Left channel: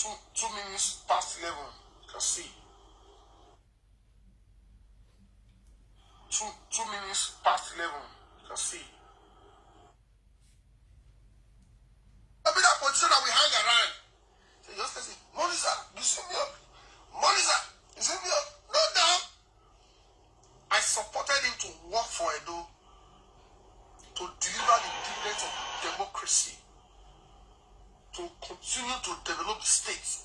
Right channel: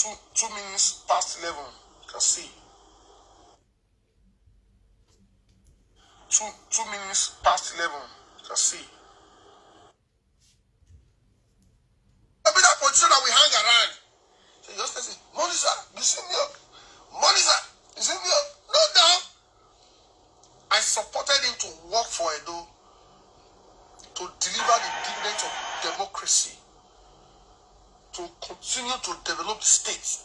2 minutes past 11. You can see. 2 minutes past 11. You can see. I mean that position that we hang around. So you just say, Monisa, you see me up. Monisa, you see me up. No doubt. I supported him to work for Edo, to deliver the dividends of democracy, to continue to develop the state.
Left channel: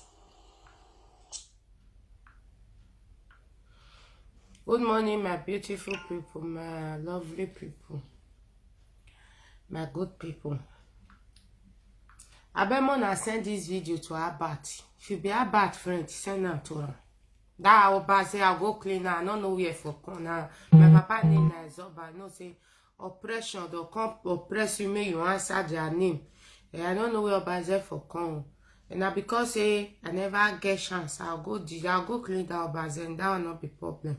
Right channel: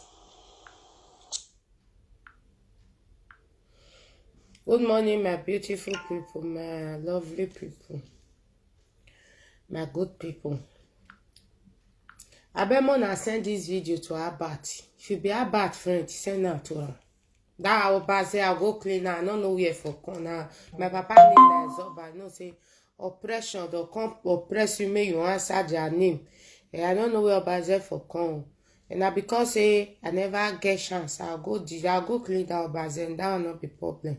Good morning, my beautiful people, my lovely people, my good people. I bet Mona send this video to Abat. If you be Abat friend, send her to her. That I'll say I'll go clean her. I don't know where for corner. My papa name is Zoba. I know say oppression, they'll come oppress you, make you answer their name. I don't know where Obaze for come. And now because I never get chance, I'll go clean that Obaze, and that will not be problem.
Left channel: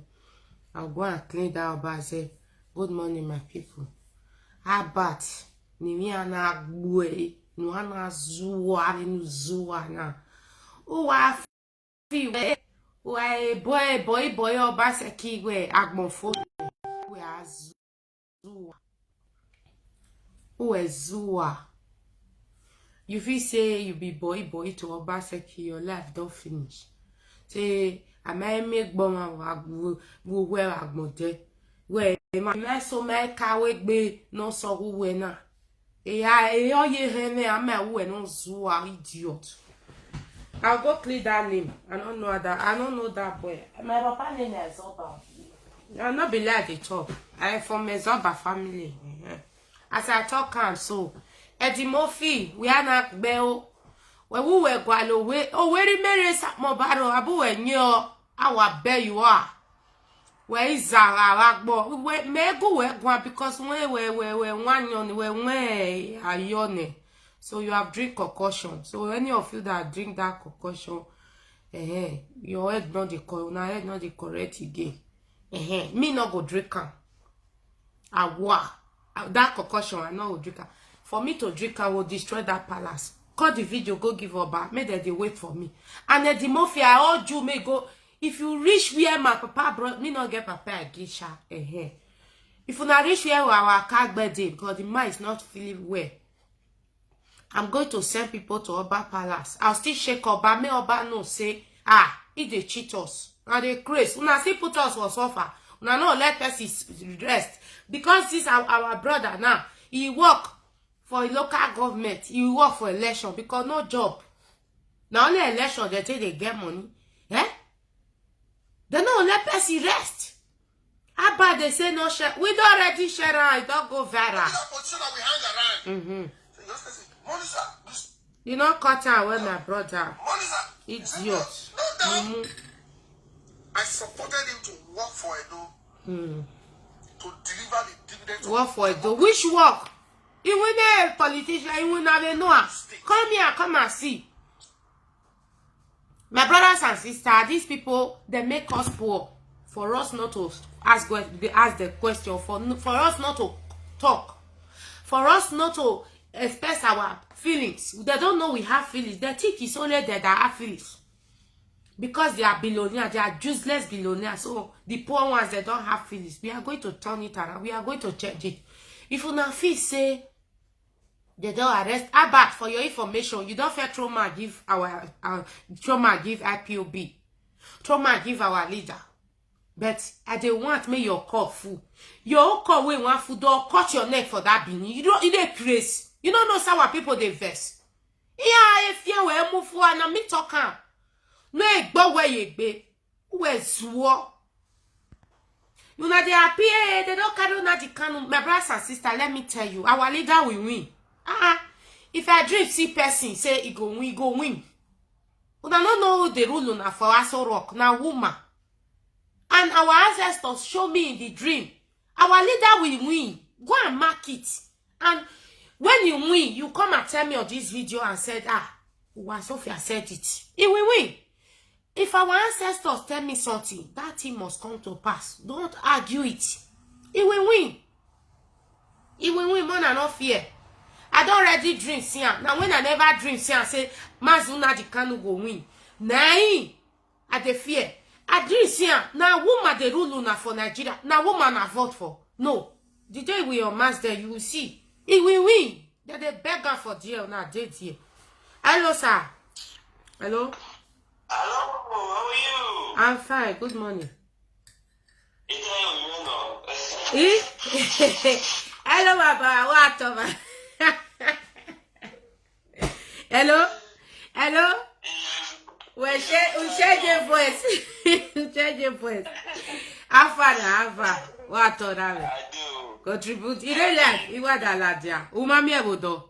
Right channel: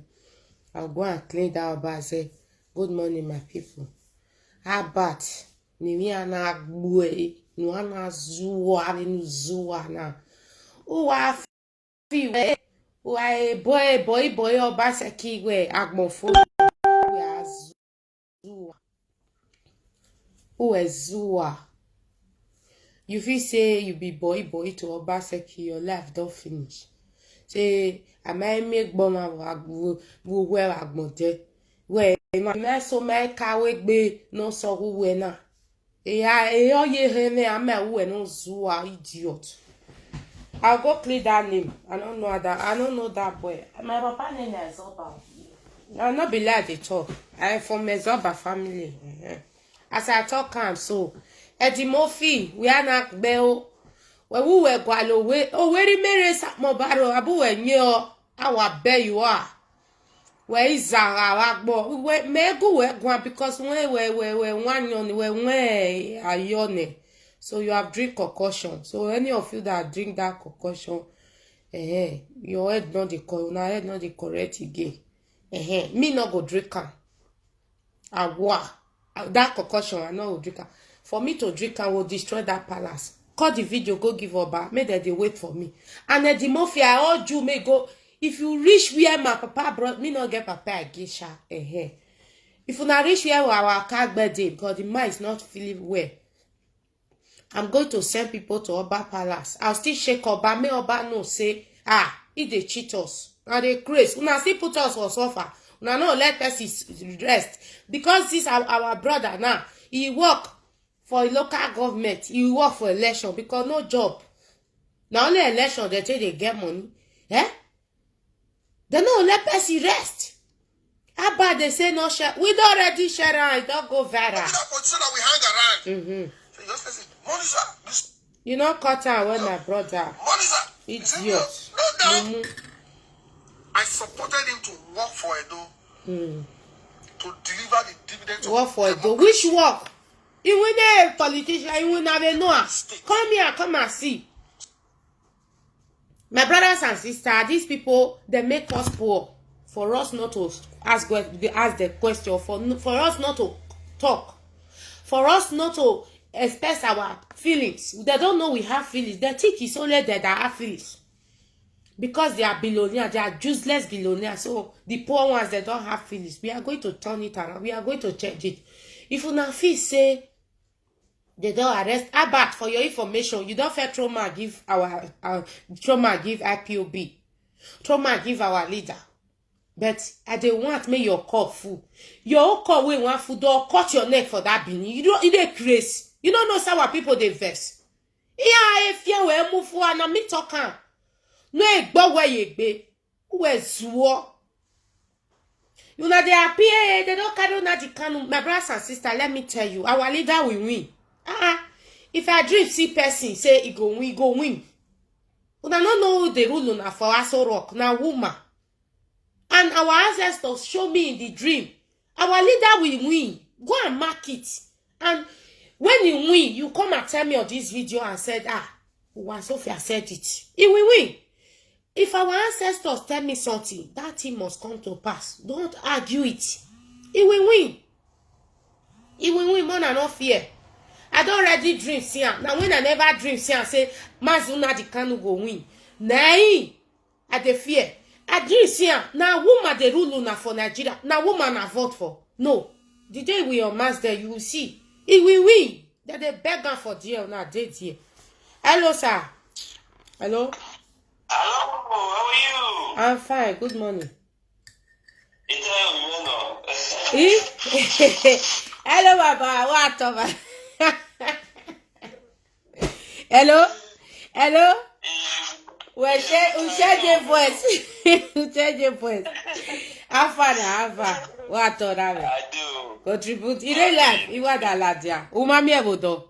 I'll go and clean that Obaze. Good morning, my people. Abat, ni ana gwe, no ana zuwa, ni zuwa na. Uwa fi we boy Obase kigwe agmonfo we azuwa. Uwe zuwa. You feel say you be boy to Obaseki, your life don't finish. Say I might make bomber where agmonde. Where my so my car be no so who na. Ye hene ama we no zuwa idiot. I'll go clear that name. I don't know that boy. My papa name is Zoba. I'll not be like they talk. I'm from a Zoba family. As I talk so Eddie Murphy, we are not bell. When we were gualo we very merry mobaro abu when our bear you are. Where is our agbo? We may go because we one yon we ayone. So you have drink concoction. So any of you that drink that concoction, your head not the correct again. Me not go drink am. That concoction I not go drink am. For me to drink, I will destroy that palace. Cut the video, go give Oba. Make them they wait for me. And then the mafia, I urge you may go. If you reach where my papa brought me, not get papa again, sha. If you not reach where our car birthday, because the man is not feeling well, I'm going to send people to Oba Palace. I'll still shake Oba. May Oba no say, if they cheat us. And they crazy. Una still put us for suffer. Una no let us rest. Because this our brother now, he work for a local government, he work for election because no job. Now only election they take they get money. They no let us rest. How about they say no share? We don't already share around, it don't go viral. That position that we hang around. So you just say, Monisa, you know cut out when my brother. Monisa, Idiot. No, I supported him to work for Edo. To deliver the dividends. Work for Edo. Which work? You will a politician, you will never know. Come here, come and see. My brothers and sisters, these people, they make us poor. For us not to ask the question, for us not to talk, for us not to express our feelings. They don't know we have feelings. They think it's only that they have feelings. Because they are billionaires, they are useless billionaires. So the poor ones, they don't have feelings. We are going to turn it around. We are going to change it. If you now feel say they don't arrest Abat, for your information, you don't feel trauma give our trauma give IPOB. Trauma give our leader. But I don't want me your call full. Your call we want food or cut your neck for that beanie. You don't crazy. You don't know how people they vex. Yeah, if you were move for and me talking. No, but where you be? Where's war? You know they appear, they don't carry on the canon. My brothers and sisters, let me tell you, our leader will win. If I dream see person say he go win. You don't know the rule on for us rock now woman. And our ancestors show me in the dream. Our leader will win. Go and mark it. And when you win, you come and tell me on this video and said, Sophia said it. He will win. If our ancestors tell me something, that thing must come to pass. Don't argue it. He will win. He will win more than no fear. I don't already dream see am. Now when I never dream see am say Mazuna the Kanu go win. Nay, I dey fear. I dream see am. Now woman dey rule una for Nigeria. Now woman I vote for. No. The day we unmask there, you will see. It will win. That they beg her for deal now. They deal. Hello, sir. Hello. Hello, how are you? I'm fine. Good morning. It's Hello, Baba. What, Baba? Hello. Hello. We share the voice. We share the voice. Alpha. What, Baba? I do. Contribute. You don't like. You want that ladia. Umami ebodo.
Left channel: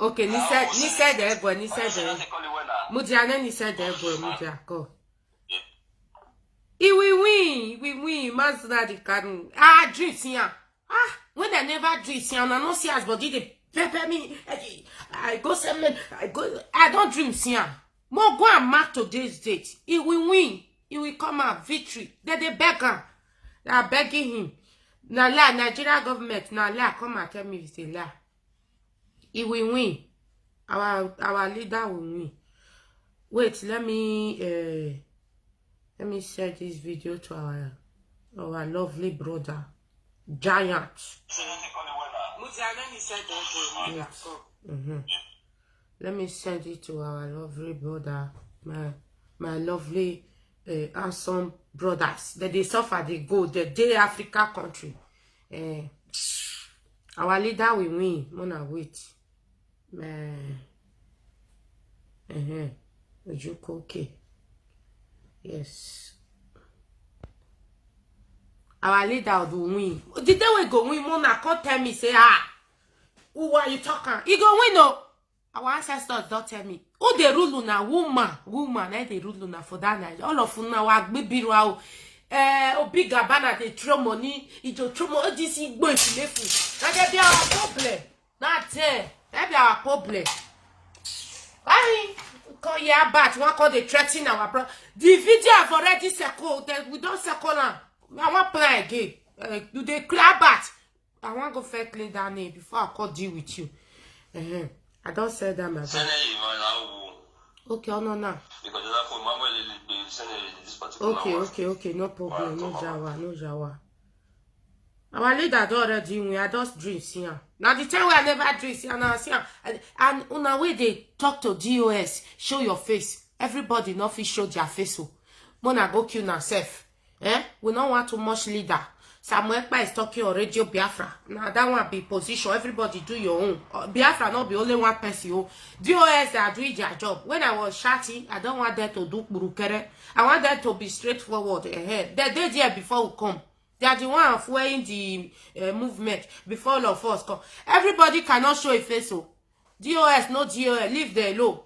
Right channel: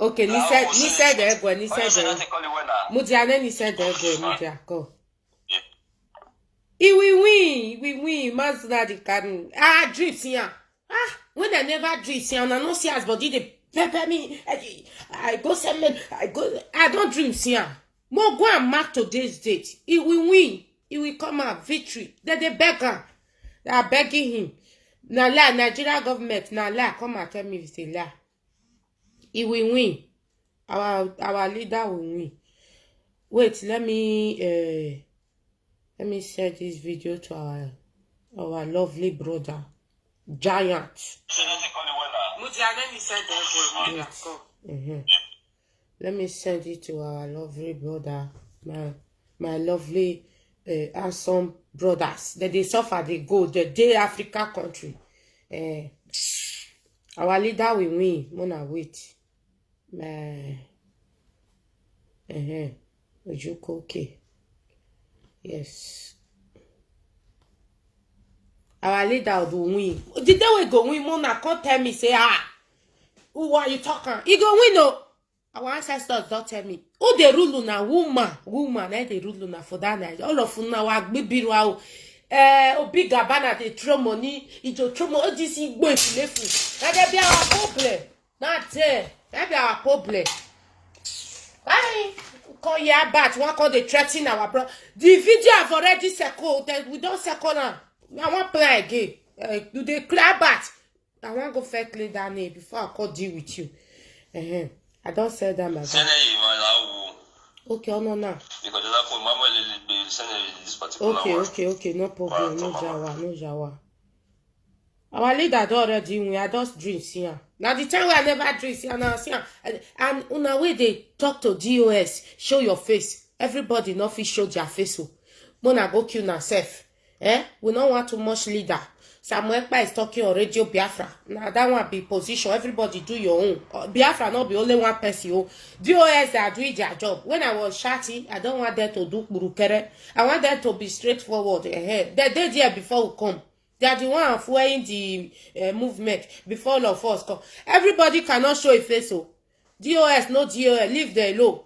Okay, ni said the ego. Ni said the. Mudiane ni said the ego. Mudia go. He will win. Mazda the Kanu. Dream here. When I never dream here, I no see as body they pepper me. I go semen. I don't dream here. More go and mark today's date. He will win. He will come out victory. Then they beg her. They are begging him. Now la Nigeria government. Now la come and tell me if it's a lie. He will win. Our leader will win. Wait, let me send this video to our lovely brother, Giant. Let me send it to our lovely brother, my lovely handsome brothers. That they suffer, they go, the Africa country. Our leader will win. Mona wait. Okay. Yes. Our leader will win. The day we go win, Mona can't tell me, say, who are you talking? He go win, no. Our ancestors don't tell me. Who they rule na woman, they rule na for that night. All of una wa baby wow. Obi Gabana they throw money, it will throw money. This is going to lefu. Now they be our problem. Not there. That be our problem. Why? Call ya bat. One call they threaten our brother. The video have already circled. We don't circle now. I want play again. Do they clear bat? I want go fake clean down here before I call deal with you. I don't say that, my bad. Okay, no. Okay, no problem, no jawa. Our leader don't already win. I just drink here. Now the time where I never drink here, now see, and on our way they talk to DOS, show your face. Everybody not fit show their face. So, Mona go kill yourself. We don't want too much leader. Samuel Ekpa is talking on Radio Biafra. Now that one be position. Everybody do your own. Biafra not be only one person. DOS they are doing their job. When I was shouting, I don't want them to do burukere. I want them to be straightforward ahead. They did there before we come. They are the one fueling the movement before all of us come. Everybody cannot show a face. So DOS, no DOS, leave them alone.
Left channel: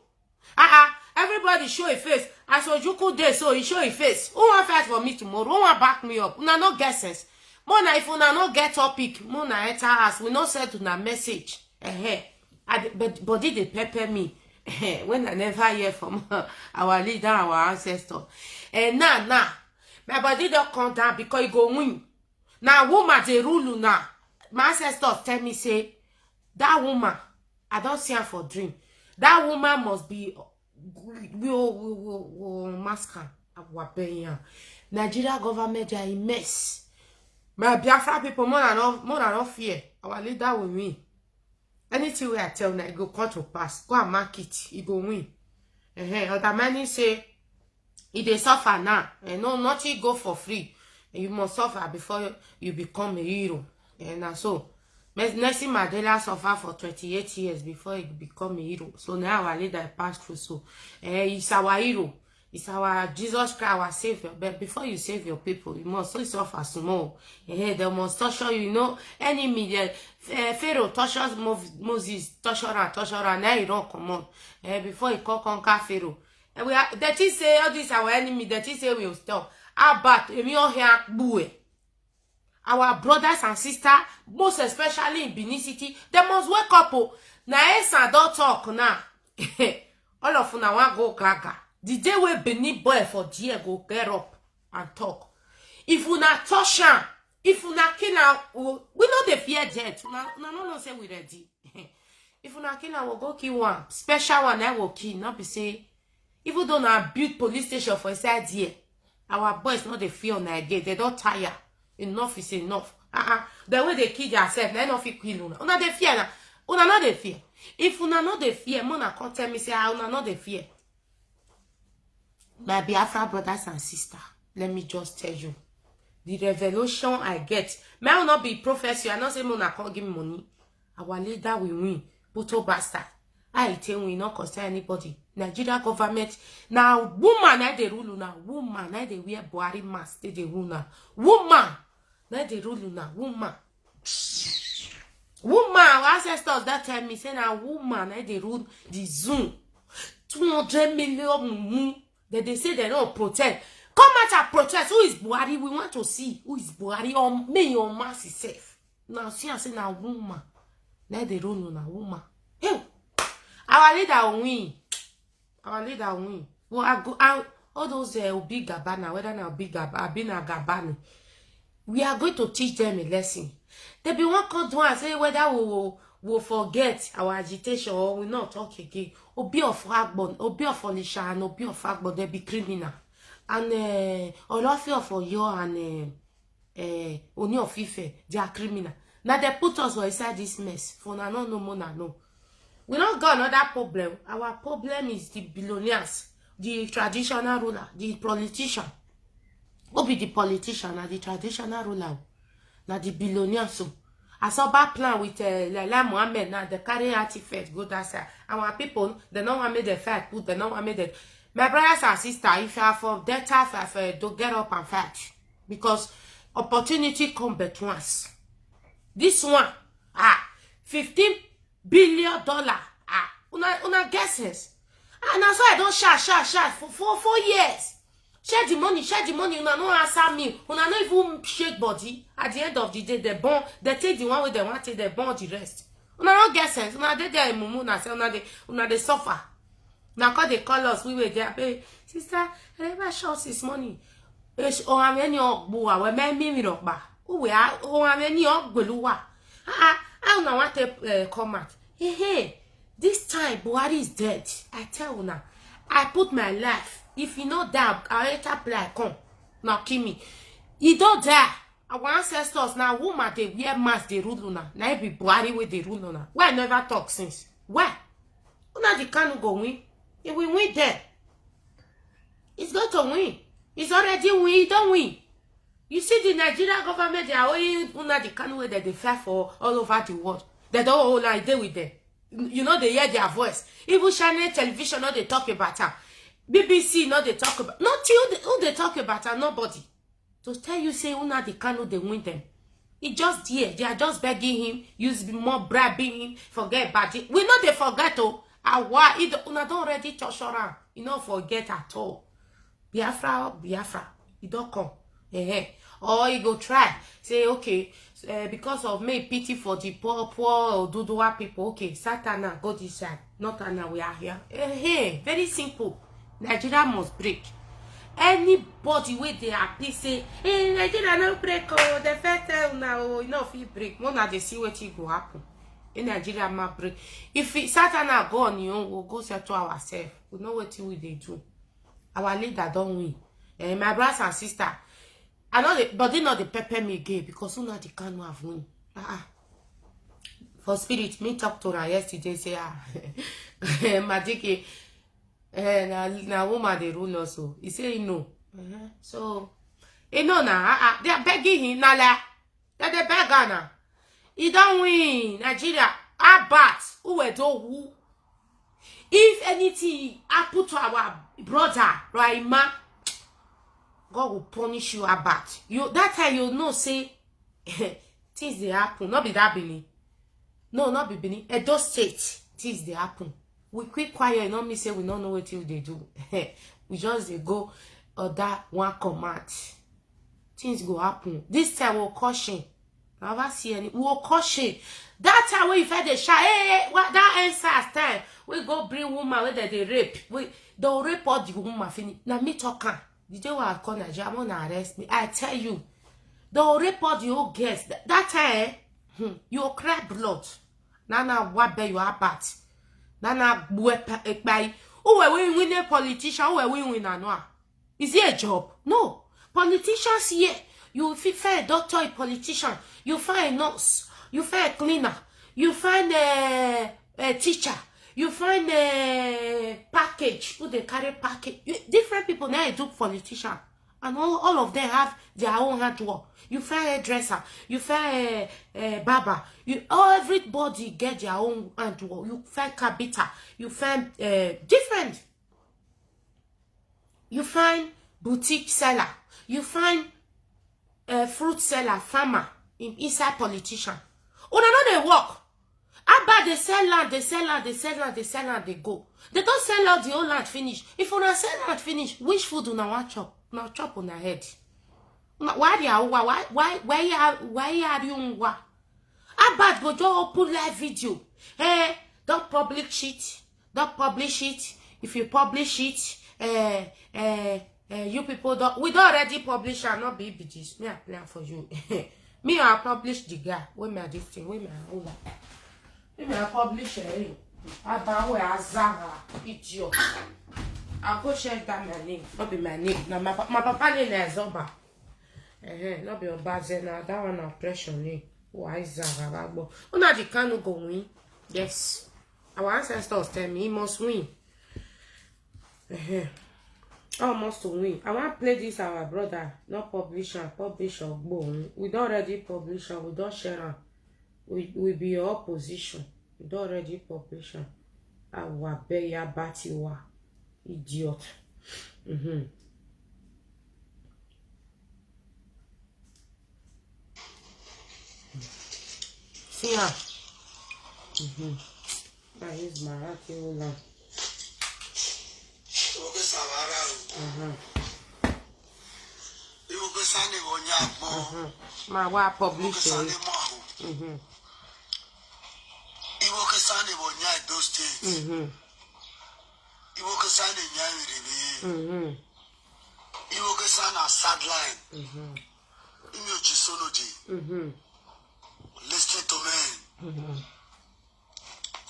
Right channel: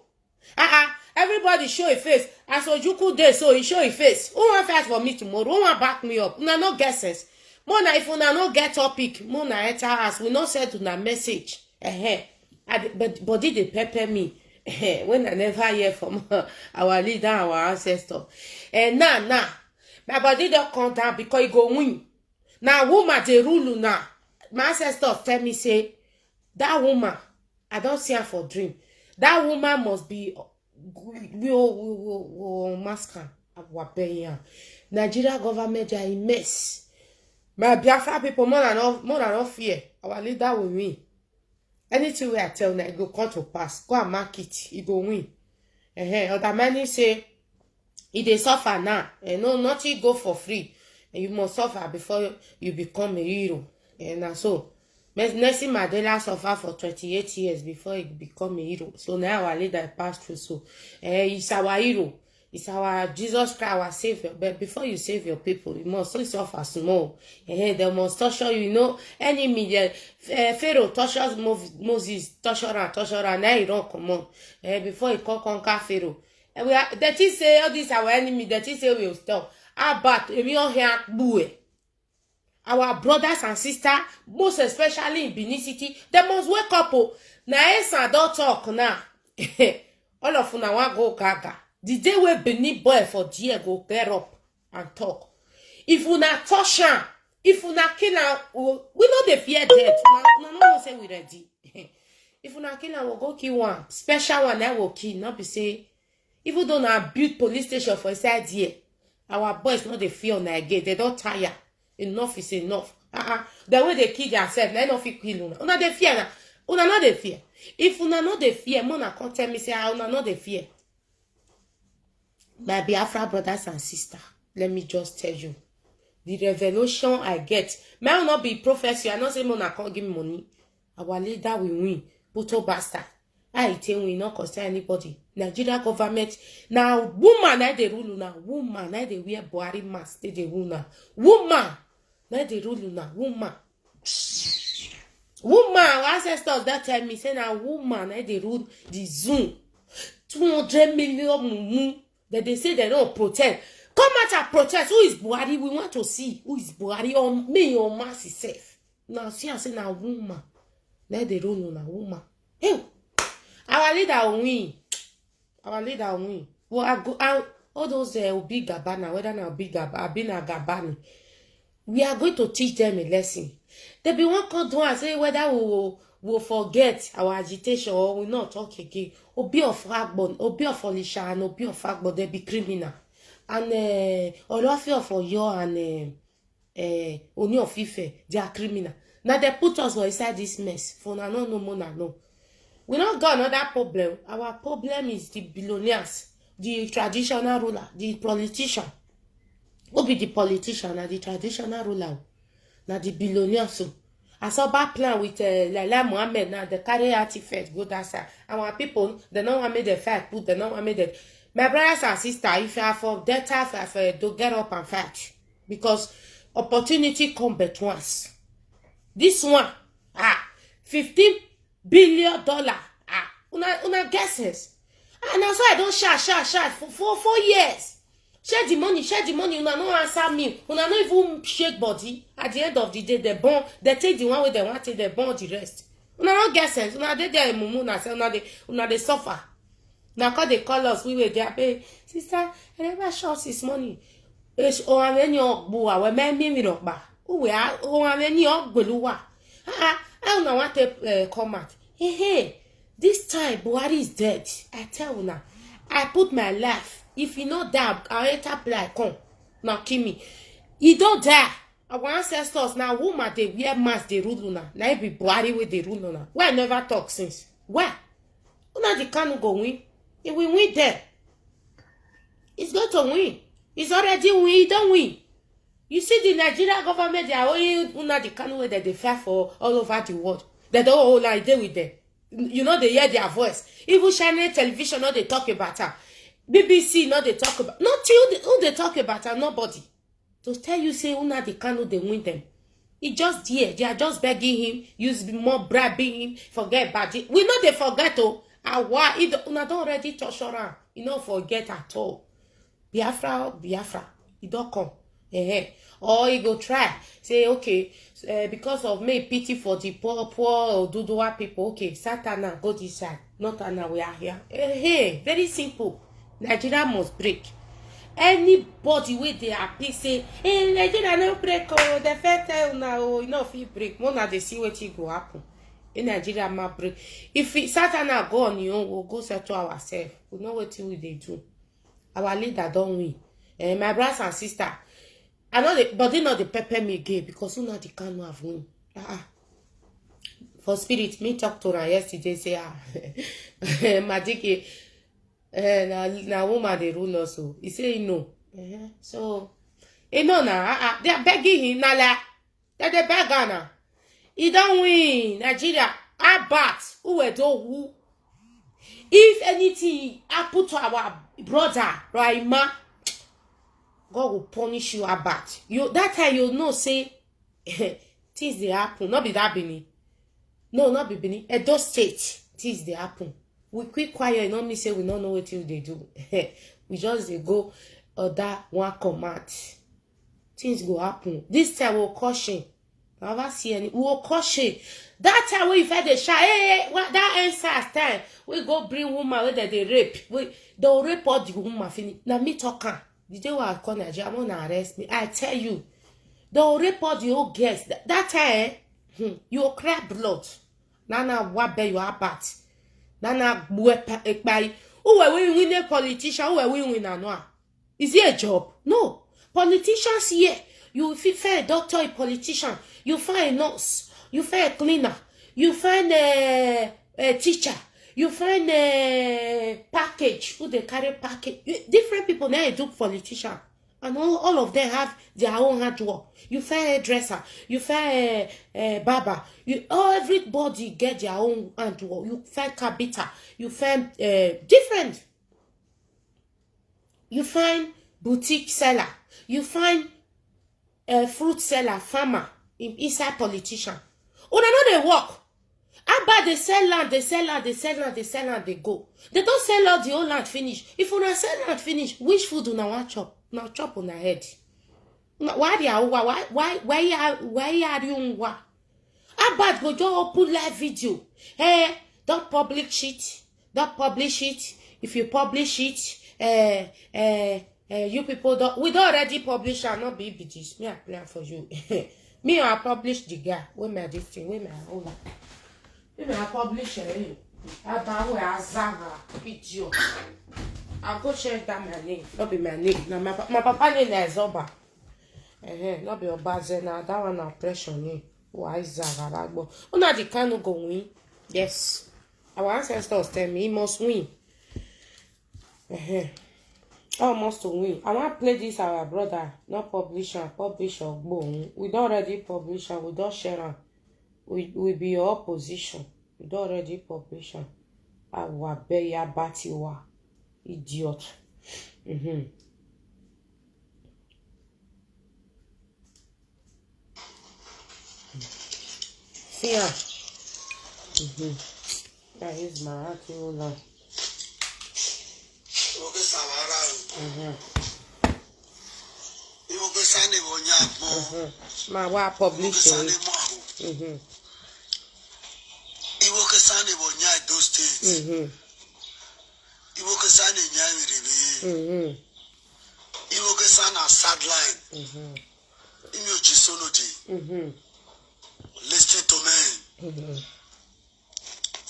Everybody show a face. As Ojuku day, so he show a face. Who want fight for me tomorrow? Who want back me up? Una no guesses. Mona, if una no get topic, Mona enter us. We not send una message. But body they pepper me. When I never hear from our leader, our ancestor. Nah. My body don't come down because it go win. Now woman they rule now. My ancestors tell me say that woman, I don't see her for dream. That woman must be masker. Nigeria government are a mess. My Biafra people more than not fear. Our leader will win. Anything we I tell now, it go come to pass. Go and mark it. It go win. Other many say it they suffer now. No, nothing go for free. You must suffer before you become a hero. And so Nelson Mandela suffered for 28 years before he become a hero. So now our leader passed through. So he's our hero. It's our Jesus Christ, our Savior. But before you save your people, you must also suffer small. They must torture you. You know, enemy, Pharaoh tortures Moses, torture and now you don't come on. Before he conquer Pharaoh. And that is say all this our enemy, that is say we will stop. But our brothers and sisters, most especially in Benin City, they must wake up. Now, Esa don't talk now. All of una want go gaga. The day we Benin boy for dear go get up and talk. If una touch him, if una kill am, we no dey fear death. Una no know say we ready. If una kill am, we go kill one special one that will kill. Not be say even though na build police station for inside here, our boys no dey fear una again. They don't tire. Enough is enough. The way they kill themselves, they no fit kill una. Una dey fear na. Una no dey fear. If una no dey fear, mona come tell me say una no dey fear. My Biafra brothers and sisters, let me just tell you. The revelation I get. May not be prophecy. I not say mona can't give me money. Our leader will win. Puto bastard. I tell we not concern anybody. Nigeria government. Now woman I they rule now. Woman I they wear Buhari mask. They rule now. Woman. Now they rule now. Woman. Woman. Our ancestors that tell me say now woman I they rule the Zoom. 200 million mumu. That they say they don't protect. Come out and protest. Who is Buhari? We want to see who is Buhari or me or mass itself. Now see I say now woman. Let the rule na woman. Hey, our leader will win. Our leader will win. Well, I go out all those big Gabana, whether now big Gabani. We are going to teach them a lesson. They be one come do and say whether we will forget our agitation or we not talk again. Obi of Agbon, Obi of Olisha, and Obi of Agbon, they be criminal. And Olofi of Oyo and Oni of Ife, they are criminal. Now they put us inside this mess. For now, no more, no. We not got another problem. Our problem is the billionaires, the traditional ruler, the politician. Who be the politician and the traditional ruler? Now the billionaires. So I saw bad plan with Laila Mohammed. Now the carry artifact go that side. Our people, they don't want me the fight. Put they don't want me the. My brothers and sisters, if you are for that type, don't get up and fight because opportunity come but once. This one, $15 billion. Una guesses. And that's why I don't shout for 4 years. Share the money. Una no answer me. Una no even shake body. At the end of the day, they take the one way they want to, they burn the rest. Una no get sense. Una they there mumu na say una they suffer. Now cause they call us, we were there, babe. Sister, I never short this money. Many ogbuwa, we me rockba. We are many ogbeluwa. I don't want to comment. Hey, this time Buhari is dead. I tell you now. I put my life. If you know that, I enter play come. Now kill me. You don't die. Our ancestors now, woman they wear mask, they rule now. Now be Buhari with the rule now. Why never talk since? Why? Una the can go win. It will win there. It's going to win. It's already win. It don't win. You see the Nigerian government, they are only una the kind way that they fight for all over the world. They don't hold like they with them. You know they hear their voice. Even Channel television, no they talk about her. BBC, no they talk about. Not till who they talk about her. Nobody. To tell you say una the kind they win them. It just here. They are just begging him. Use more bribing him. Forget about it. We know they forget oh. Why una don't already touch around. You don't forget at all. Biafra. You don't come. Or you go try. Say, okay, because of me pity for the poor Oduduwa people. Okay, Satana, go this side. Not Anna, we are here. Very simple. Nigeria must break. Anybody with they happy say, hey, Nigeria no break. Oh, the first time now, you know, if you break, one they see what will happen. In Nigeria, ma break. If Satana go on, we'll go settle ourselves. We know what we they do. Our leader don't win. My brothers and sisters, I know but they know the pepper me gay because you know the can have win. For spirit, me talk to her yesterday. Say Madiki, na woman they rule also. He say no. So, know now. They are begging him now. They beg now. He don't win. Nigeria, Abat, who we do who. If anything happen to our brother, Raima, God will punish you Abat. You that time you know say things they happen. Not be that Benin. No, not be Benin. Edo State, things they happen. We quick quiet, not me say we don't know what they do. We just they go that one command. Things go happen. This time we'll caution. I never see any. We'll caution. That time we fed the shy. Hey, what that answer time? We go bring woman where they rape. They'll rape all the woman. Now me talking. The day I call Nigeria, I'm gonna arrest me. I tell you, they'll report the whole girls. That time, you cry blood. Nana wabe you abat. Nana ekpai. Who were we win a politician? Who were we win a Is it a job? No. Politicians here. You find a doctor, a politician. You find a nurse. You find a cleaner. You find a teacher. You find a package. Who they carry package. Different people now do politician. And all of them have their own hard work. You find a dresser. You find a barber. Everybody get their own hard work. You find carpenter. You find different. You find boutique seller. You find fruit seller, farmer, inside politician. Oh, no, they work. How about they sell land, they sell land, they sell land, they sell land, they go. They don't sell out the whole land finish. If you not sell land finish, which food do not want chop? Now chop on the head. Why are you? How about go just open live video? Hey, don't publish it. Don't publish it. If you publish it, you people don't. We don't already publish. I'll not be BGs. Me I plan for you. Me I publish the guy. Where me this thing? Where me hold up? Me I publish it. I don't wear a Zara idiot. I go change that my name. Not be my name. Now my papa name is Zoba. Not be Obazena. That one oppression name. Why Zara? Oh, now the canoe go win. Yes. Our ancestors tell me he must win. Almost to win. I want to play this our brother, not publisher, boom. We don't already publish and we don't share them. We be your opposition. We don't already publish them. Our beya batiwa. Idiot. See ya. That is my Akiola. My wa publish it. Those states. Sideline. Listen to me.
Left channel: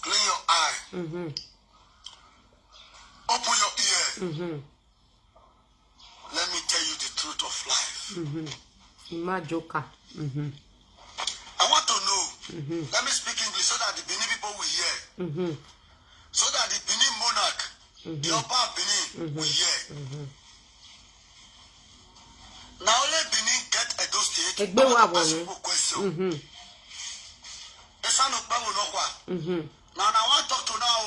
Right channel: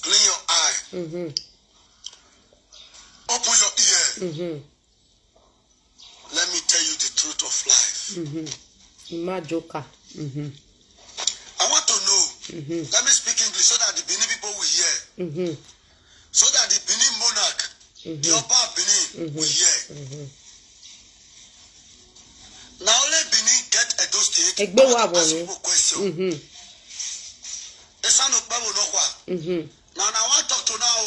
Clean your eye. Open your ear. Let me tell you the truth of life. My joker. I want to know. Let me speak English so that the Benin people will hear. So that the Benin monarch, the Oba of Benin, will hear. Now let Benin get Edo State. I want to ask you a question. Now I want to talk to now.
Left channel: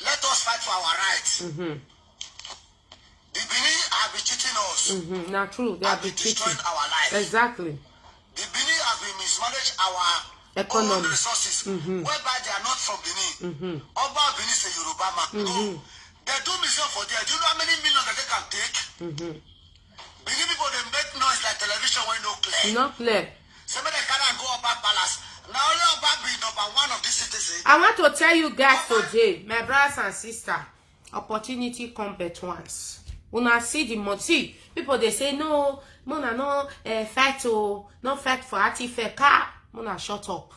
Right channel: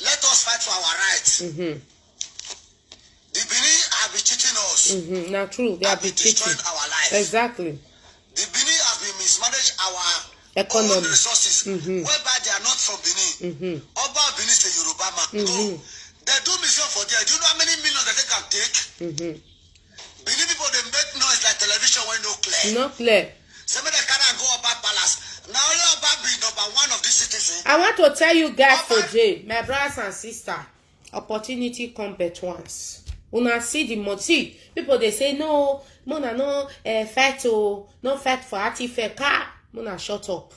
Let us fight for our rights. The Benin have been cheating us. Not true. They have been destroying our lives. Exactly. The Benin has been mismanaged our economy own resources, whereby they are not from Benin. Oba Benin is a Yoruba man. No, they do mission for there. Do you know how many millions that they can take? Benin people they make noise like television when no clear. Not clear. Some of them cannot go about palace. Now only Oba be number one of these citizens. I want to tell you guys today, my brothers and sisters, opportunity come but once. Una see the money. See, people they say no, Mona no fight no fight for artifact. Mona shut up.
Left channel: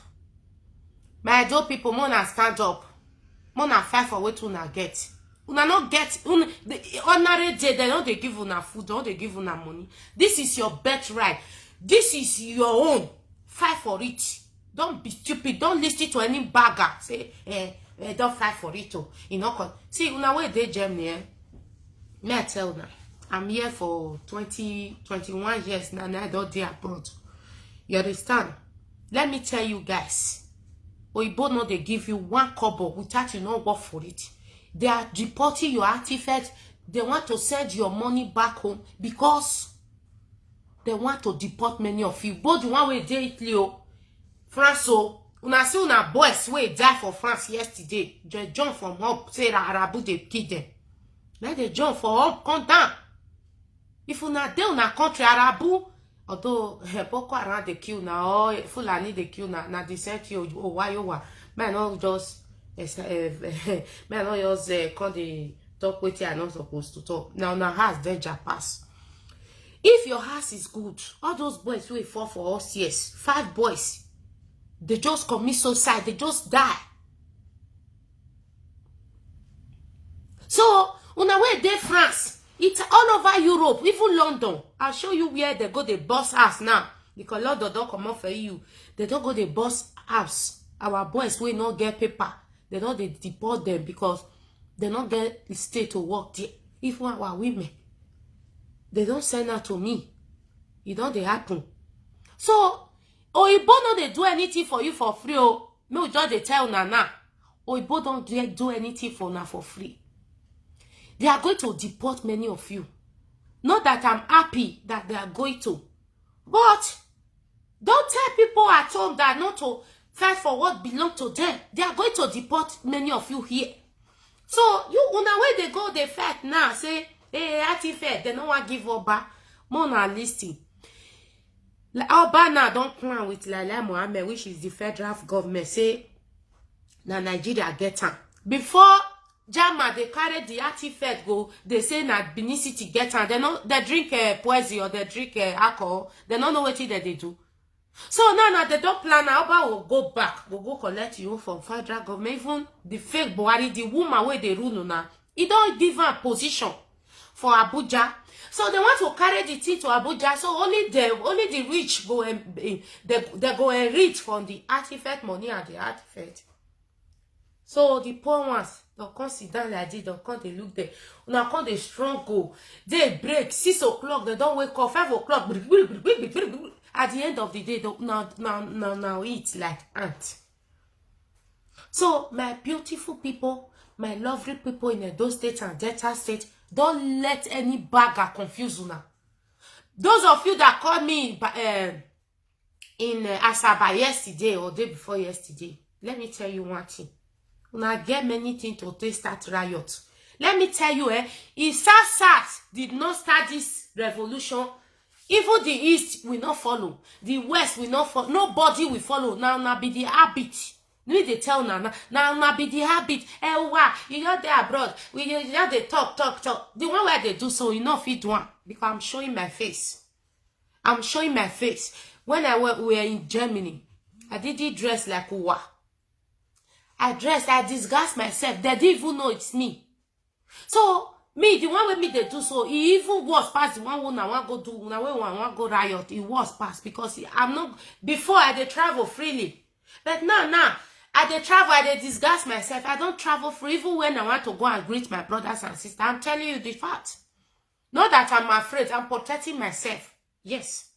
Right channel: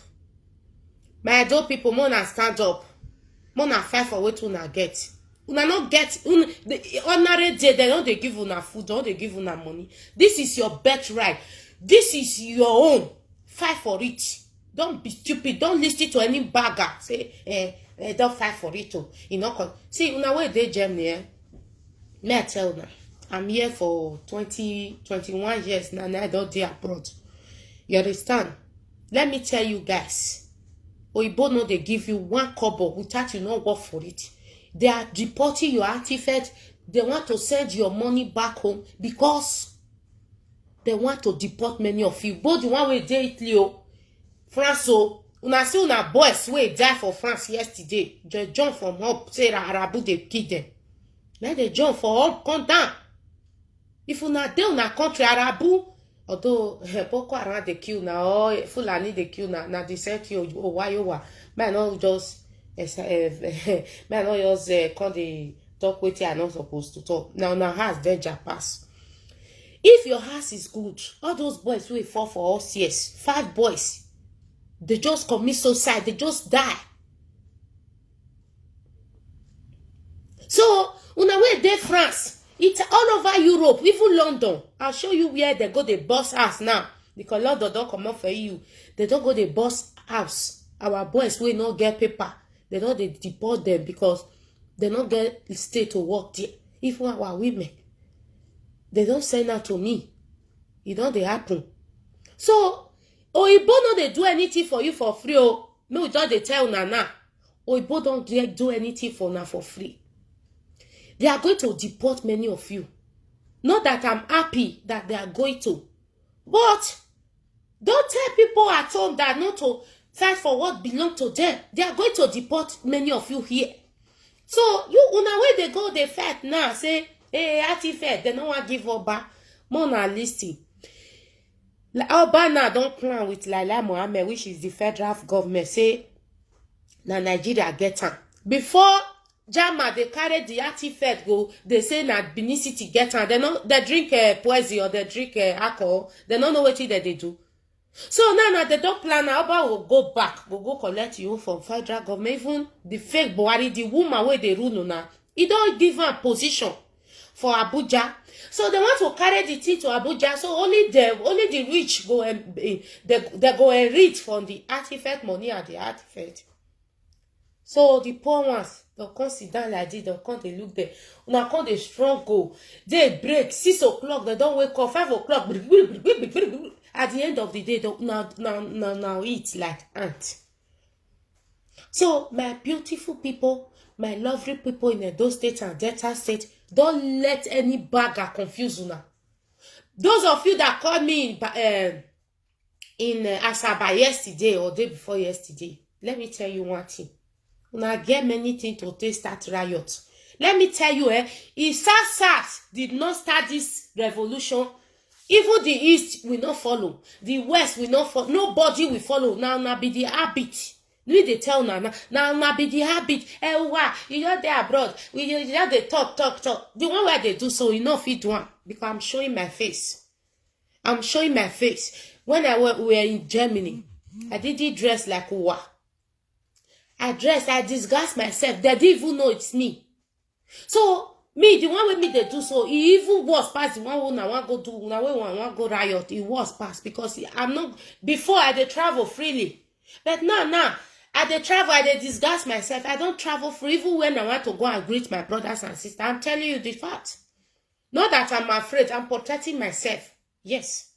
My adult people, Mona stand up. Mona fight for what una get. Una not get the ordinary day. They don't they give una food, don't they give una money. This is your birthright. This is your own. Fight for it. Don't be stupid. Don't listen to any bagger. Say don't fight for it. You know, see una way they Germany. May I tell now? I'm here for 21 years now, and I don't do abroad. You understand? Let me tell you guys. Oibo no they give you 1 kobo without you not work for it. They are deporting your artifact. They want to send your money back home because they want to deport many of you. Both the one way they Italy, France, una see una boys wey die for France yesterday. They jump from up, say Arabu they kill them. Let they jump for up, come down. If una dey una country Arabu, although Boko Haram they kill now, or Fulani they kill now, na the same thing. Oh why you wa? Man not just man not just come dey talk wetin I not supposed to talk. Now has danger pass. If your house is good, all those boys wey fall for us years, 5 boys, they just commit suicide, they just die. So una wey dey France, it's all over Europe, even London. I'll show you where they go, they bust house now. Because London don't come up for you. They don't go, they bust house. Our boys will not get paper. They don't they deport them because they don't get stay to work there. Even our women, they don't send that to me. It don't they happen. So Oyibo no they do anything for you for free. Oh, no, don't they tell Nana. Oyibo don't do anything for now for free. They are going to deport many of you. Not that I'm happy that they are going to. But don't tell people at home that not to fight for what belongs to them. They are going to deport many of you here. So you una way they go, they fight now. Say, hey, Artifact, they don't want to give Oba. More na listing. Oba now don't plan with Laila Mohammed, which is the federal government. Say, na Nigeria get her. Before Jama, they carry the Artifact go, they say na Benin City get her. They drink poison or they drink alcohol. They don't know what they do. So now they don't plan. Oba will go back, will go collect you from federal government. Even the fake Buhari, the woman where they rule now, he don't give her a position for Abuja. So they want to carry the thing to Abuja. So only the rich go and they go and read from the Artifact money and the Artifact. So the poor ones, they'll come sit down like this, they'll come, they look there. Now come they strong go. They break 6 o'clock, they don't wake up 5 o'clock. At the end of the day, they now eat like ant. So my beautiful people, my lovely people in Edo State and Delta State, don't let any bagger confuse you now. Those of you that called me in Asaba yesterday or day before yesterday, let me tell you one thing. Una get many things to taste that riot. Let me tell you, if SARS did not start this revolution, even the East will not follow. The West will not follow. Nobody will follow. Now be the habit. We they tell now be the habit. Wow, you are there abroad. You just they talk. The one where they do so, you know fit one. Because I'm showing my face. I'm showing my face. When we were in Germany, I didn't dress like Uwa. I disguised myself. They didn't even know it's me. So, me, the one with me they do so, it even was past the one who I want go do, now I want go riot, it was past because I'm not, before I did travel freely. But now, I did travel, I did disguise myself. I don't travel free even when I want to go and greet my brothers and sisters. I'm telling you the fact. Not that I'm afraid, I'm protecting myself. Yes.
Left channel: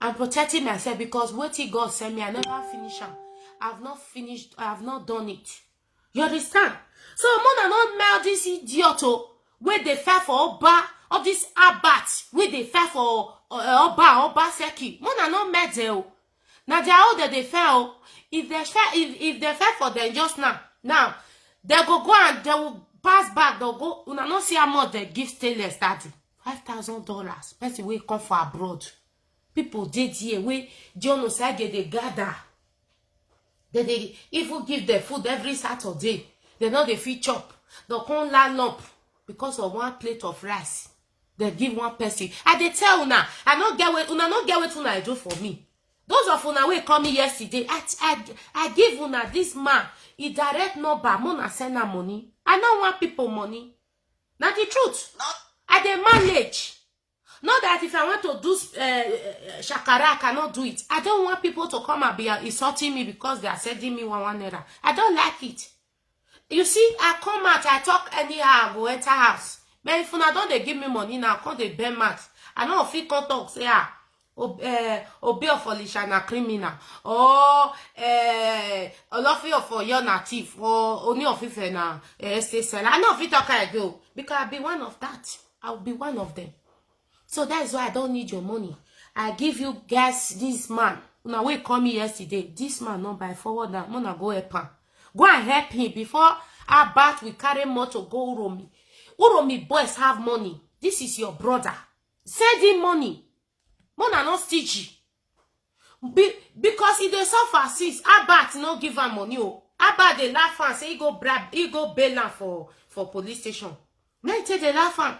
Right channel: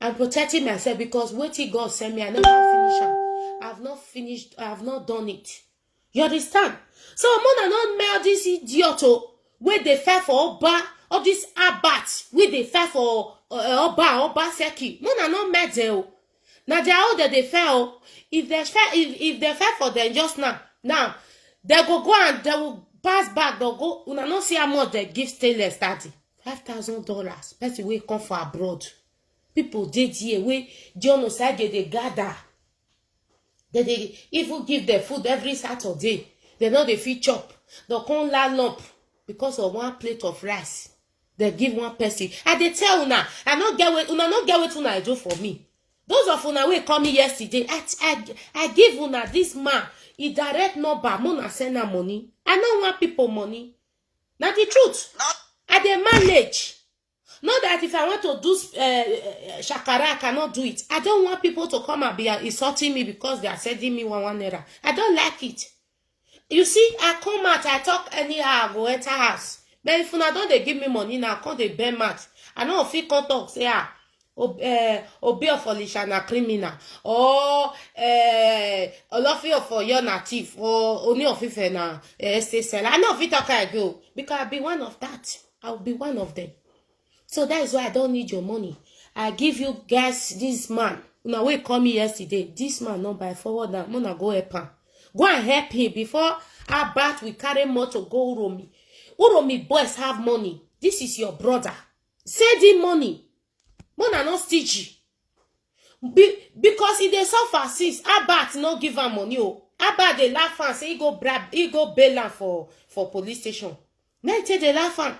I'm protecting myself because what God sent me, I never finish it. I've not finished, I have not done it. You understand? So, Mona not mail this idiot where they fight for Oba, or this Abat, where they fight for Oba Seki. Mona not mail them. Now they are all that they fail. If they fight for them just now they go and they will pass back. They'll go. Una not see how much they give Stainless daddy. $5,000. Person will come for abroad. People did here we John side they gather. They even give their food every Saturday. They know they feed chop. They can't line up because of one plate of rice. They give one person. And they tell una, I not get what una do for me. Those of una wey come me yesterday, I give una this man. He direct number. Mona send her money. I don't want people money. Now the truth. I dey manage. Not that if I want to do shakara, I cannot do it. I don't want people to come and be insulting me because they are sending me one naira. I don't like it. You see, I come out, I talk anyhow, I go enter house. But if una don't they give me money now, come they bend mat. I know if you come talk, say obey of Alicia na criminal, or Olofi for your native, or only of if na estate seller. I know if you talk I go because I'll be one of that. I'll be one of them. So that is why I don't need your money. I give you guys this man. Una wey call me yesterday. This man not by forward now. I'm gonna go help him. Go and help him before Abat we carry more to go Uromi. Uromi boys have money. This is your brother. Send him money. Mona not stingy. Because if they suffer since Abat not give him money. Abat they laugh and say he go bail him for police station. Now they laugh and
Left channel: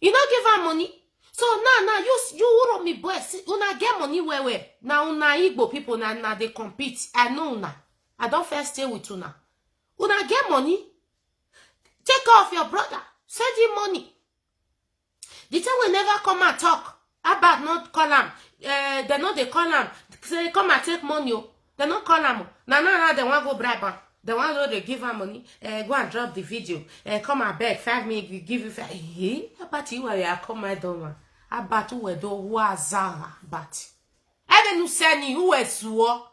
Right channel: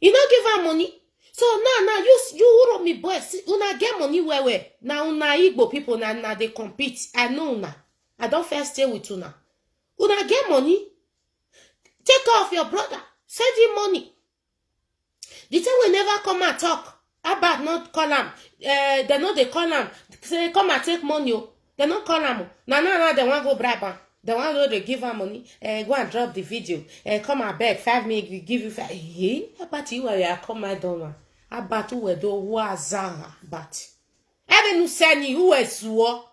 he not give her money. So now you wuro me boy, see, una get money where now una Igbo people na they compete. I know una. I don't first stay with una. Una get money. Take care of your brother. Send him money. The time we never come and talk about not call him. They know they call him. Say come and take money. They not call him. Now they want go bribe him. They want to they give her money. Go and drop the video. Come and beg 5 minutes. We give you 5. Hey, about you where you come my doma. About who do wazara but. Even you send who is war.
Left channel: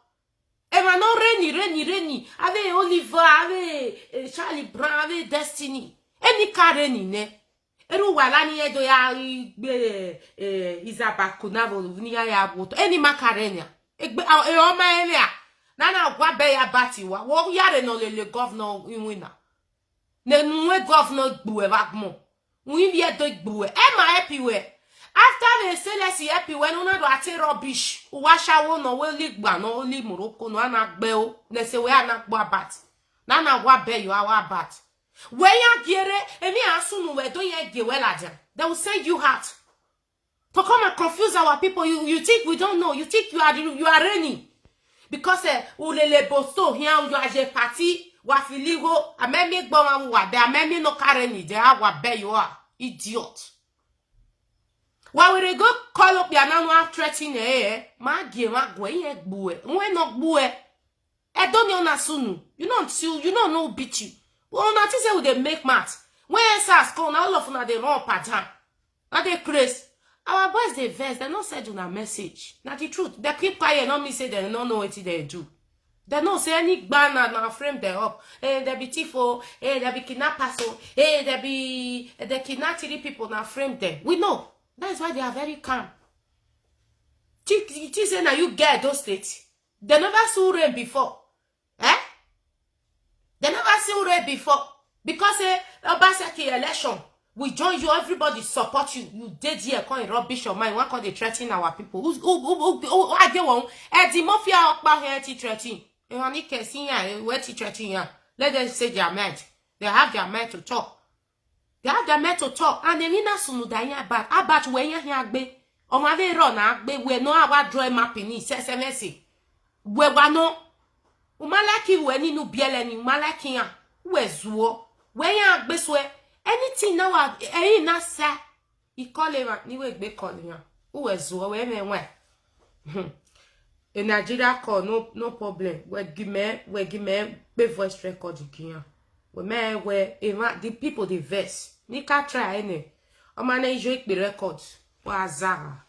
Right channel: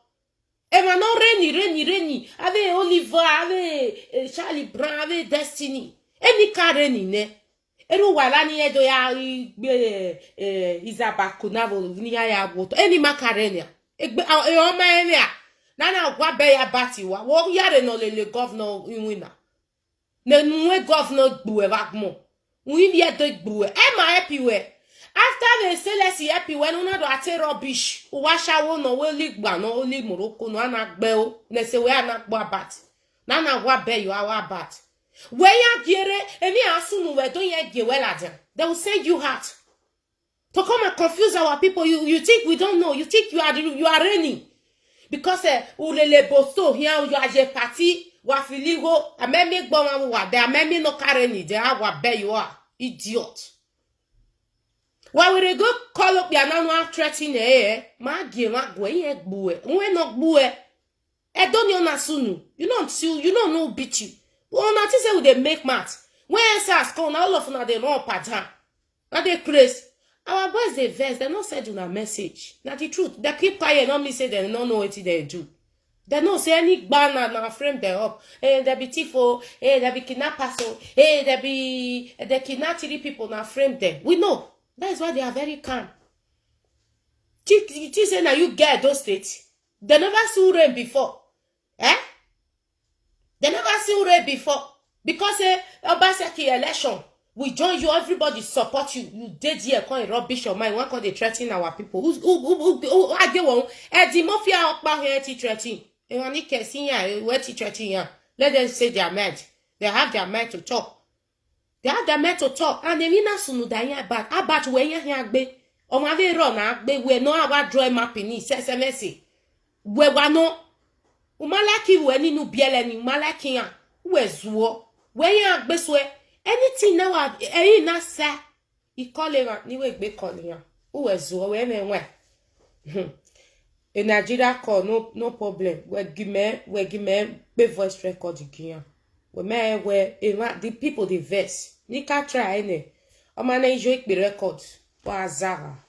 Ema no reni. Ave Oliver, ave Charlie Brown, ave Destiny. Any kareni ne. Eru wala ni edo ya Izaba Kunavo ni ya boto. Any makarenia. Egbe o ma enia. Nana gwa be ya bati wa. Wo yare no le governor wina. Ne nwe governor gbuwe vakmo. We vie do gbuwe. Am I happy we? After they say let's see happy when una do ate rubbish. Washa wo no we ligba no only Morocco no anagbe o. Ne se we anagbo bat. Nana gwa be you our bat. When you get emi asunu we don't ye ge well they will send you out to come and confuse our people. You think we don't know? You think you are raining because ulele bosto here you are je party wa filigo amemi gbo wan wa de amemi no carry ni de awa be you are idiot. Why we go call up your now threatening ma ge ma gwe ye gbuwe we no gbuwe e don't you na sunu you don't know beat you. Well, not say we they make math. When SARS come, all of them they run pattern. Now they crazy. Our boys they vex. They not send you a message. Not the truth. They keep quiet. Not me say they don't know what they do. They don't say any banner now frame them up. Hey, they be tifo. Hey, they be kidnappers. Hey, they kidnap 3 people now frame them. We know. That is why they are very calm. You say now you get those states. They never saw rain before. They never see rain before. Because Obaseki election, we join you, everybody support you. You did here, come rubbish your mind. One can they threaten our people. Who argue one? The mafia okpa here to threaten. You want to see here, where to threaten here. Let them say their mind. They have their mind to talk. They have their mind to talk. And they mean sunu da here bad. About when you here be. O ma ve run agbe we no our draw mapping ni SMS. We wa no umalaki we ni nu biele ni umalaki ya we zuo we ya gbeswe anything now na sa I call him ni we gbe call ya we zuo we me in Nigeria call no problem we give me be voice record again we the people the verse ni ka try any o ma na ijo ikpe record wa zara.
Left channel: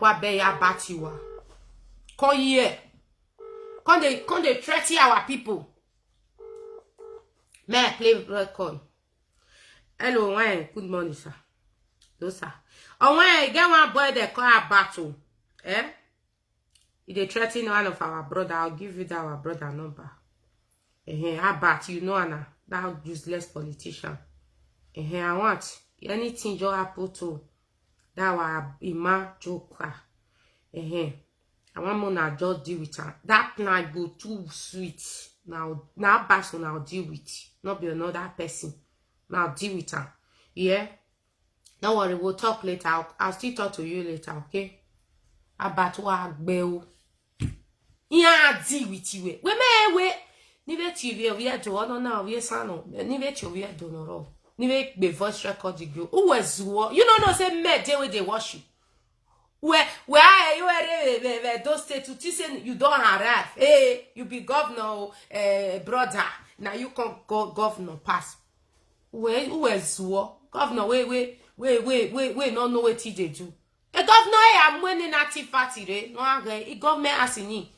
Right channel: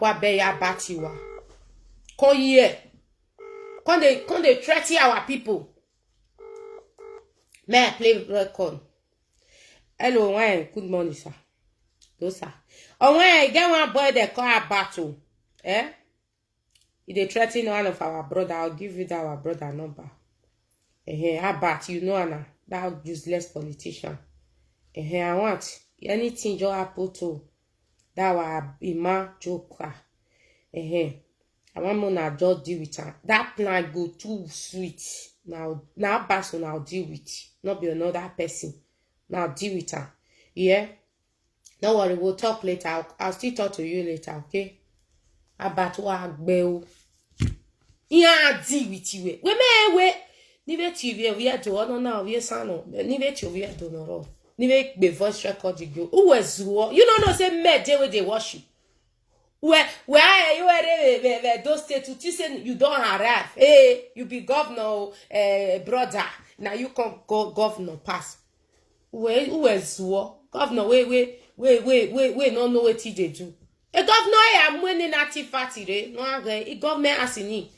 Wabe ya batiwa. Come here. Come they threaten our people. May I play record? Hello, why? Good morning, sir. No, sir. Oh, when get one boy they call a battle. If they threaten one of our brother, I'll give you that our brother number. How about you know Anna? That useless politician. I want anything you happen to. That was Ima Joker. I want to just deal with her. That plan go too sweet. Now person I'll deal with. Not be another person. Now deal with her. Yeah? Don't worry, we'll talk later. I'll still talk to you later, okay? About what bell. Yeah, deal with you. We may wait. Nive TV we do no na we sano. Nive TV we do no. Nive be voice record go. Who was you don't know say me dey where they wash you. Where you those state to say you don't arrive. Hey, you be governor brother. Now you can go governor pass. Where who was governor we no know what they do. A governor am winning native party no again. Government asini.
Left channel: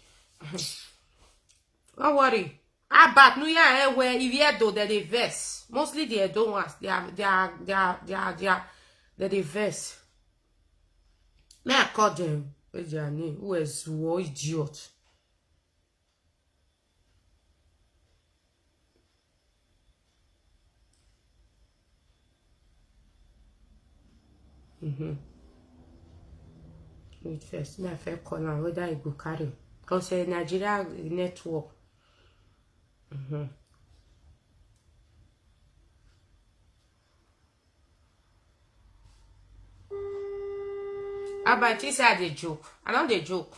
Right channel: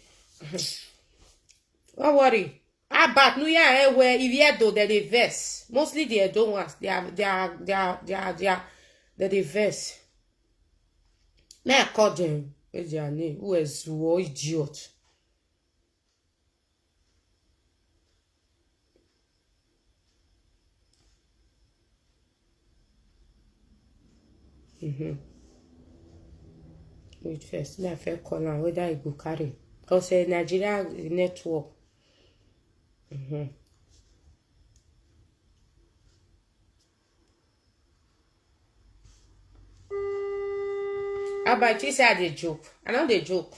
Don't worry. But no yeah where if you do the verse. Mostly they don't want they are the verse. May I call them what's their name? Who is war idiot? Wait first, my fair call on whether I go carry. Because Nigeria network. About you say they joke. I know they joke.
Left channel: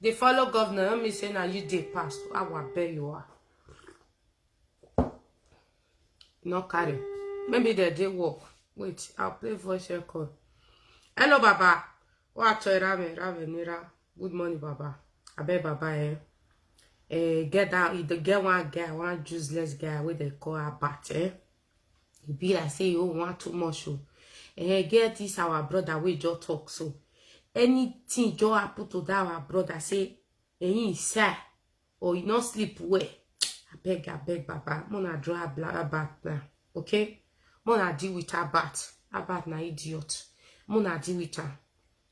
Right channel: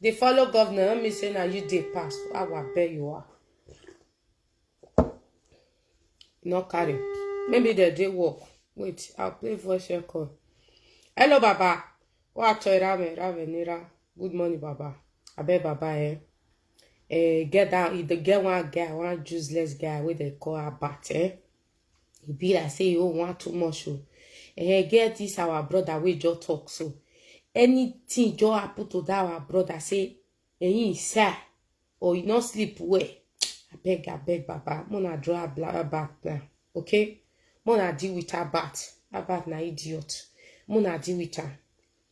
They follow governor. Let me say now you they pass. I will bet you are. No carry. Maybe they did work. Wait, I'll play voice record. Hello, Baba. What Rame Nira. Good morning, Baba. I bet Baba get down. The get one guy, one useless guy with they call a bat. He be like say you want too much. Get this our brother we just talk so. Anything just happen to that our brother say, he sad or you not sleep well. I beg, Baba. Mona draw a bat now. Okay? Mona deal with her bat. Her bat na idiot. Mona deal with her.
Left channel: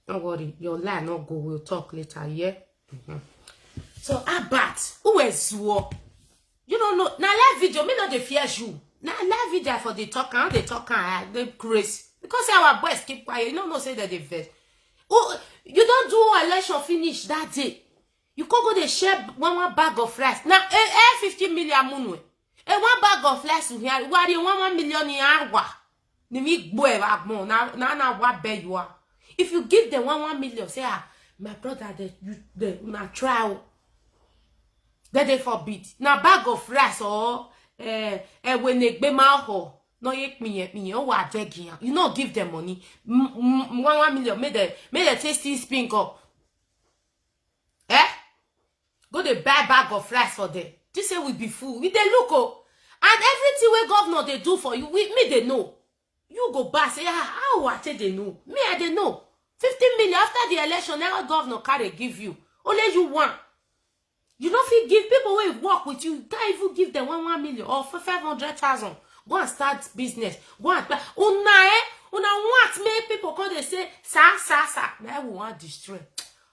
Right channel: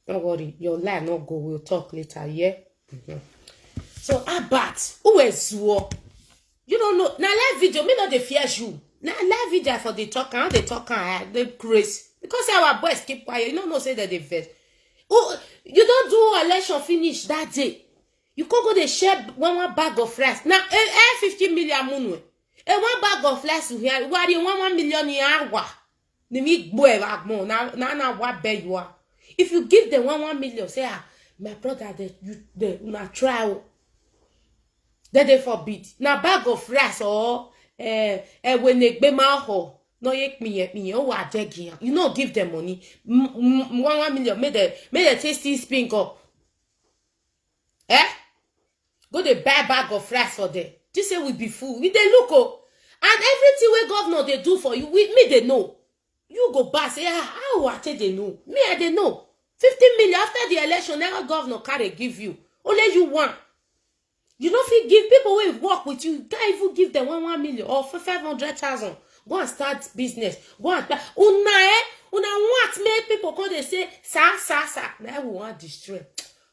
Don't worry. Your line not go. We'll talk later, yeah? So, her bat. Who is you? You don't know. Now, live video, me not the fear you. Now, live video for the talk. How they talk and they crazy. Because our boys keep quiet. You don't know say that they vex. Oh, you don't do election finish that day. You can't go to share one bag of rice. Now, 50 million munwe. One bag of rice here. What you 1 million in hour? The meat boy more. Now, what beg you are? If you give them 1 million, say, my brother, they not try. Then they forbid. Now, bag of rice or when they be my ho. No, me, oh, what you know, give them money. 1 million, made a tasty spin up. Go the buy bag of rice for them. This say we be fool. We they look oh. And everything we governor they do for you, with me they know. You go back say how what they know. Me I they know. 15 million after the election, now governor carry give you. Only you want. You don't feel give people who work with you. Can't even give them 1 million or for 500,000. Go and start business. Go and una want make people come they say sa. Now we want destroy.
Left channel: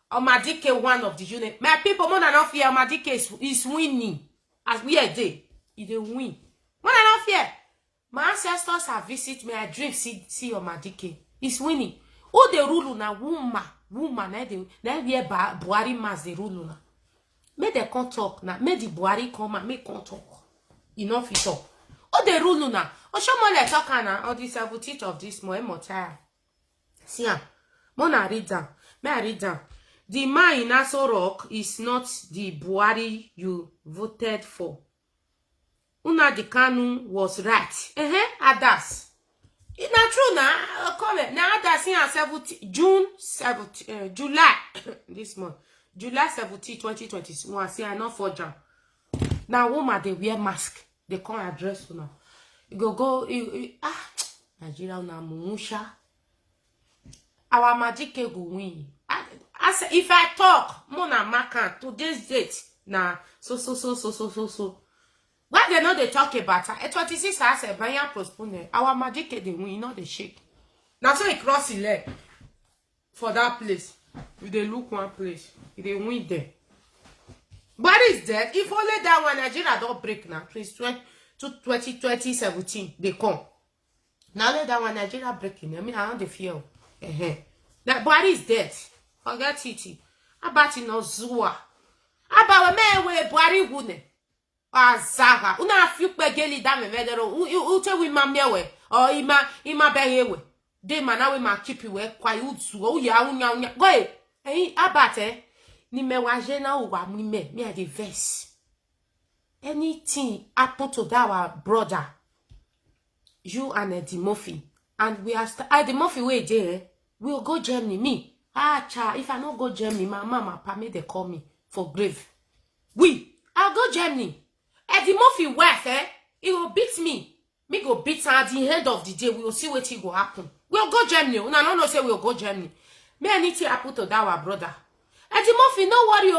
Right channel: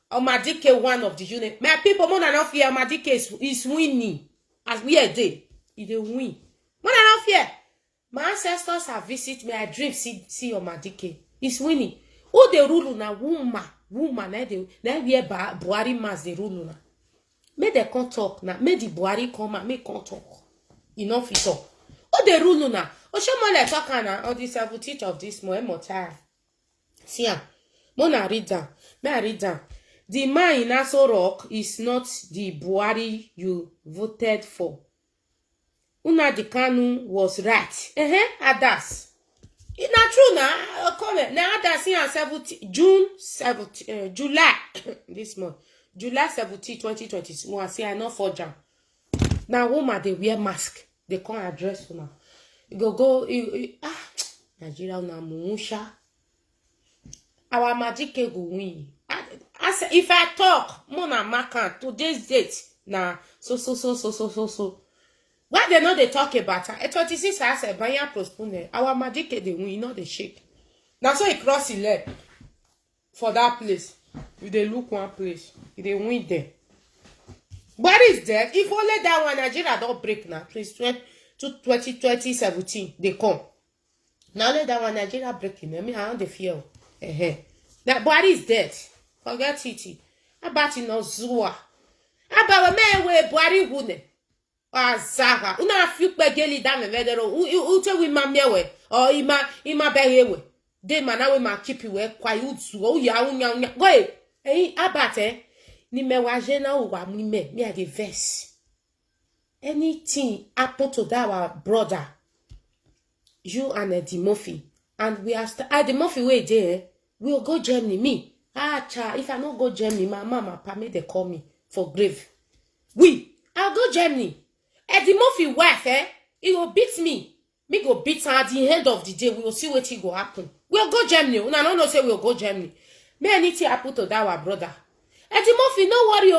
Omadike one of the unit. My people more than enough here. Omadike is winning. As we are there, they win. More than enough here. My ancestors have visited me. I dream see Omadike. He's winning. Who the rule na woman na we Buhari mas the rule na. Make the can't talk na. Make the Buhari come and make can't talk. Enough is all. Who the rule na? O show more like talk na. Or the 17th of this more time. See ya. Mona read down. May I read down? The man in Aso Rock is not the Buhari you voted for. Nnamdi Kanu was right. Adas. It's not true now. Comment. Now Adas in July this month. July 17, 2021. See, I not for jam. Now woman they wear mask. They can't address you now. You go Nigeria na mumusha. Our magic go win. If I talk, Mona Makan, today's date, nah, so. Why they know they talk about her? 26 hours, a buyer postpone. Our magic, they win, not the shake. Now, so he cross his leg for that place. If they look one place, if they win there. What is that? If only that one, Nigeria don't break now. 2017, they come. Now, let that one, Nigeria breaking. I mean, I don't feel. That body is dead. Forget it. About no zua. About a man where body wouldn't. Zaga. Una few begeli dame vedero. Ute we mamiewe. Or ima behewe. De manawe ma keep you we kwa utsu. Oh ya unya. Go. Abate. Ni me wajena uwa me a the verse. Anything happen to that our brother. You and Eddie Murphy. And we are Eddie Murphy way there. We'll go Germany. Me. If I not go Germany, my mama, papa, they call me for grave. I'll go Germany. Eddie Murphy wife, he will beat me. Me go beat her at the end of the day. We will see what he go happen. We'll go Germany. Una no say we'll go Germany. Me anything happen to that our brother. Eddie Murphy, no worry.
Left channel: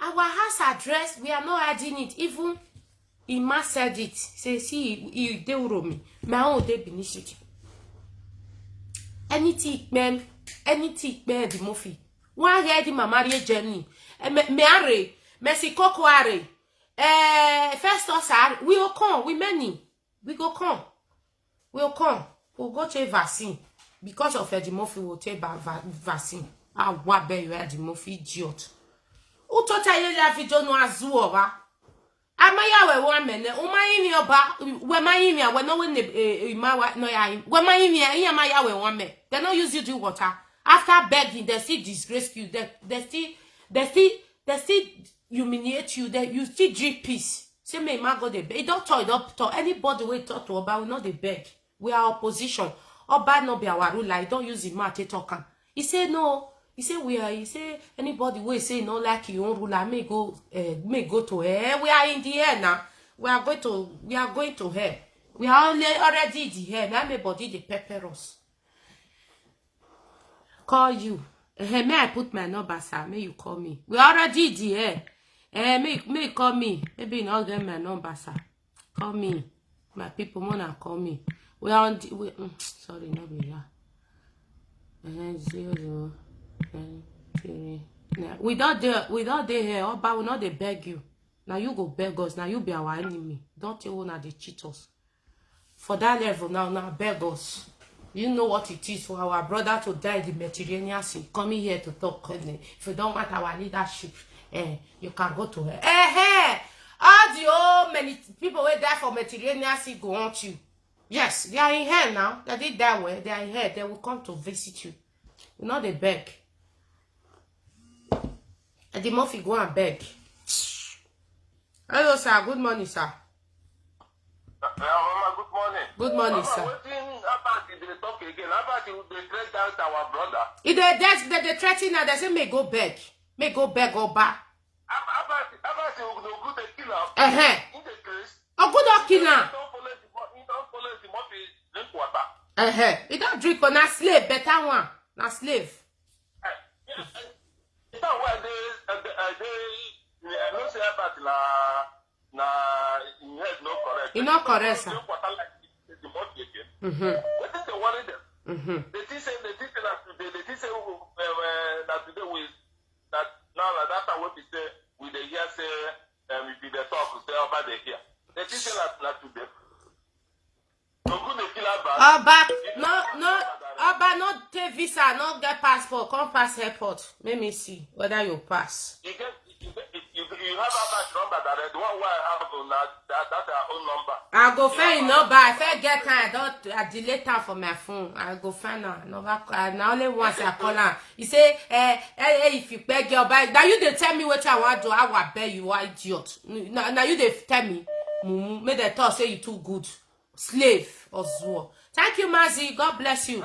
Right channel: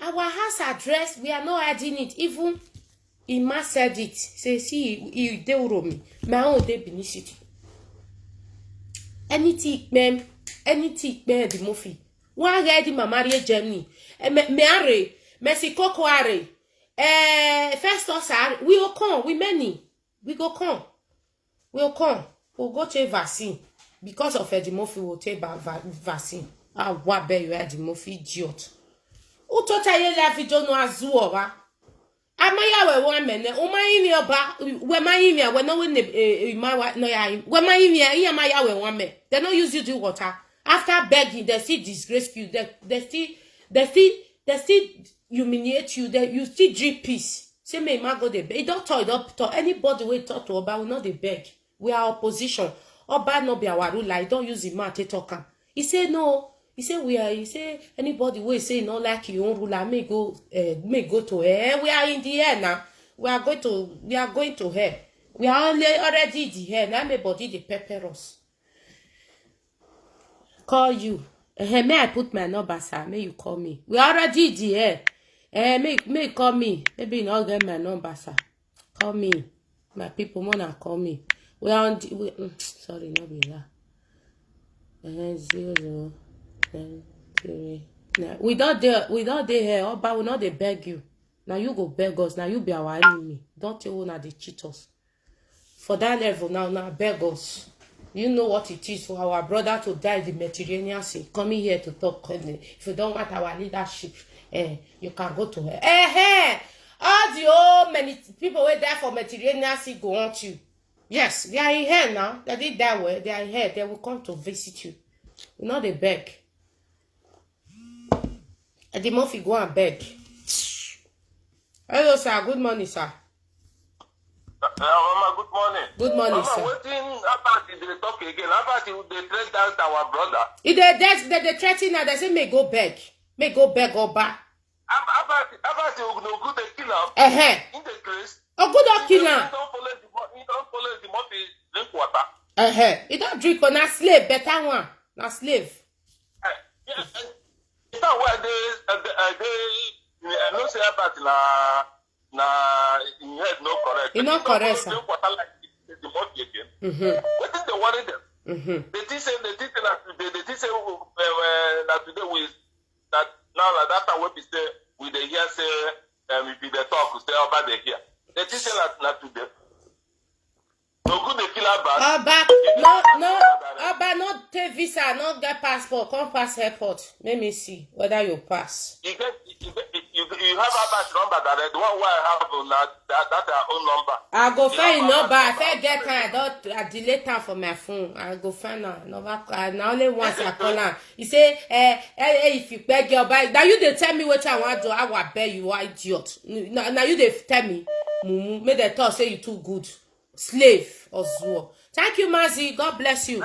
Our house address, we are not adding it. Even Ima said it. Say, see, he de me. My own de Benicity. Anything, ma'am. Anything, Eddie Murphy. Why ready my marriage Germany? Me are, Mexico are. First us are. We will come. We many. We go come. We'll come. We'll go take vaccine because of Eddie Murphy. We'll take vaccine. What be you Eddie Murphy idiot? Who told you that video no azuwa? Amaya we one mene. Umayimi oba. We mayimi we no we no ya. We mayimi ya maya we one me. They no use you do water. After begging, they still disgrace you. They still humiliate you. You still drink peace. Say me ma go dey beg. Don't talk. Anybody wey talk to Oba, we not dey beg. We are opposition. Oba no be our ruler. He don't use the mouth to talk am. He say no. He say we are. He say anybody wey say no like your own ruler may go to hell. We are in the air now. We are going to hell. We are already in the hell. Now everybody dey pepper us. Call you. May I put my number, sir? May you call me? We already in the air. May you call me? Maybe you not get my number, sir. Call me. My people wanna call me. We are on the sorry, no be that. 0 9 3 9. We don't dey here. Oba we not dey beg you. Now you go beg us. Now you be our enemy. Don't you wanna dey cheat us? For that level now beg us. You know what it is for our brother to die in the Mediterranean Sea. Coming here to talk. If you don't want our leadership, you can go to her. All the old many people who die for Mediterranean Sea go want you. Yes, they are in hell now. They did that way. They are in hell. They will come to visit you. You know they beg. And the Murphy go and beg. Hello, sir. Good morning, sir. Mama, good morning. Good morning, Mama, sir. wetin about they talk again? About they threat down our brother. If they threaten now, they say may go beg. May go beg Oba. About no good they kill him. In the case. Oh, good or kill him. He don't follow the Murphy drink water. He don't drink on a slave, better one. Na slave. It's not why they no say about na in head no correct. He not correct, sir. Drink water like the Murphy again. What is the worry them? They think say that today we that now that time we say we dey hear say if they talk we say about they hear. They think say that today. No good they kill about. Oba no take visa, no get passport, come pass airport. Let me see whether you pass. You have Aba's number that the one where I have that's our own number. I go find number. If I get time, I delete time for my phone. I go find her. Now only once I call her. He say, if you beg your bag, now you they tell me what I want to. I will beg you, idiot. Now you they tell me, make the talk say you too good, slave or zoo. Thank you, Mazi. God bless you.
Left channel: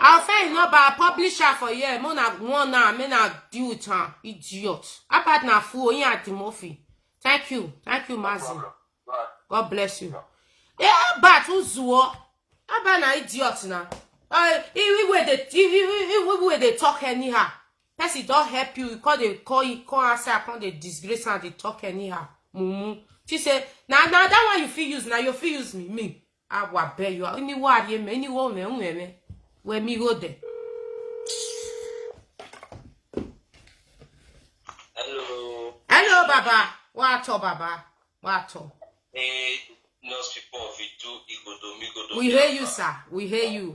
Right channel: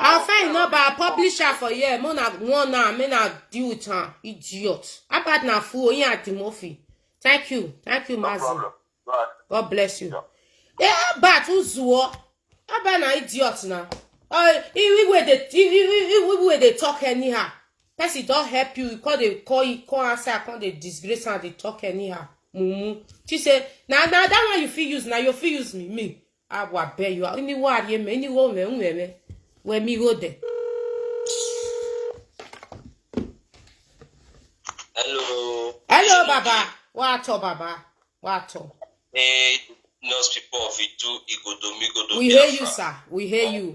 I'll find number. I publish her for you. Mona one now. Me na deal with her. Idiot. About na fool. You at Timothy. Thank you, Mazi. God bless you. Yeah, but who's Zuo? About na idiot now. We they talk anyhow. Person don't help you. Because they call answer. Because they disgrace and they talk anyhow. She say, now that one you feel use. Now you feel use me. I will bear you. Any worry me. Any woman where me go there. Hello, Baba. What Baba? What? Hey, nurse people of Itu, We hear you, sir. We hear you.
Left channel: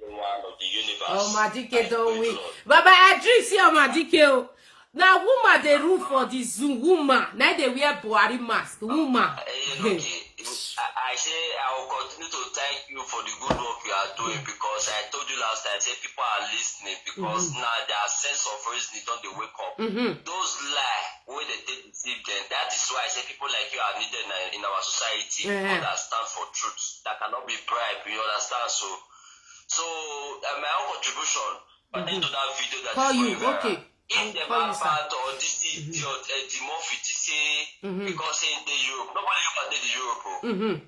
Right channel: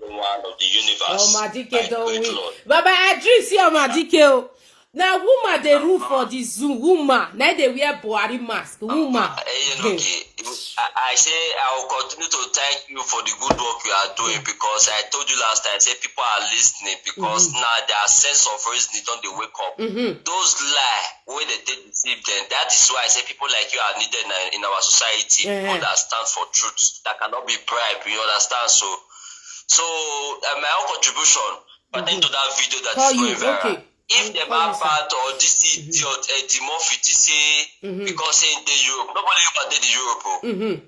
One of the universe. Oh, Madike, don't we? Baba, I dream see Madike. Now, woman, they rule for the zoo. Woman, now they wear Buhari mask. Woman. I say I will continue to thank you for the good work you are doing because I told you last time, I said people are listening because now their sense of reasoning don't they wake up. Those lie where they deceive them. That is why I say people like you are needed in our society who understand for truth that cannot be bribed. You understand? So my own contribution into that video that Call is you, going viral. okay. If the bad part or this idiot Timothy say because in the Europe, nobody ever did the Europe.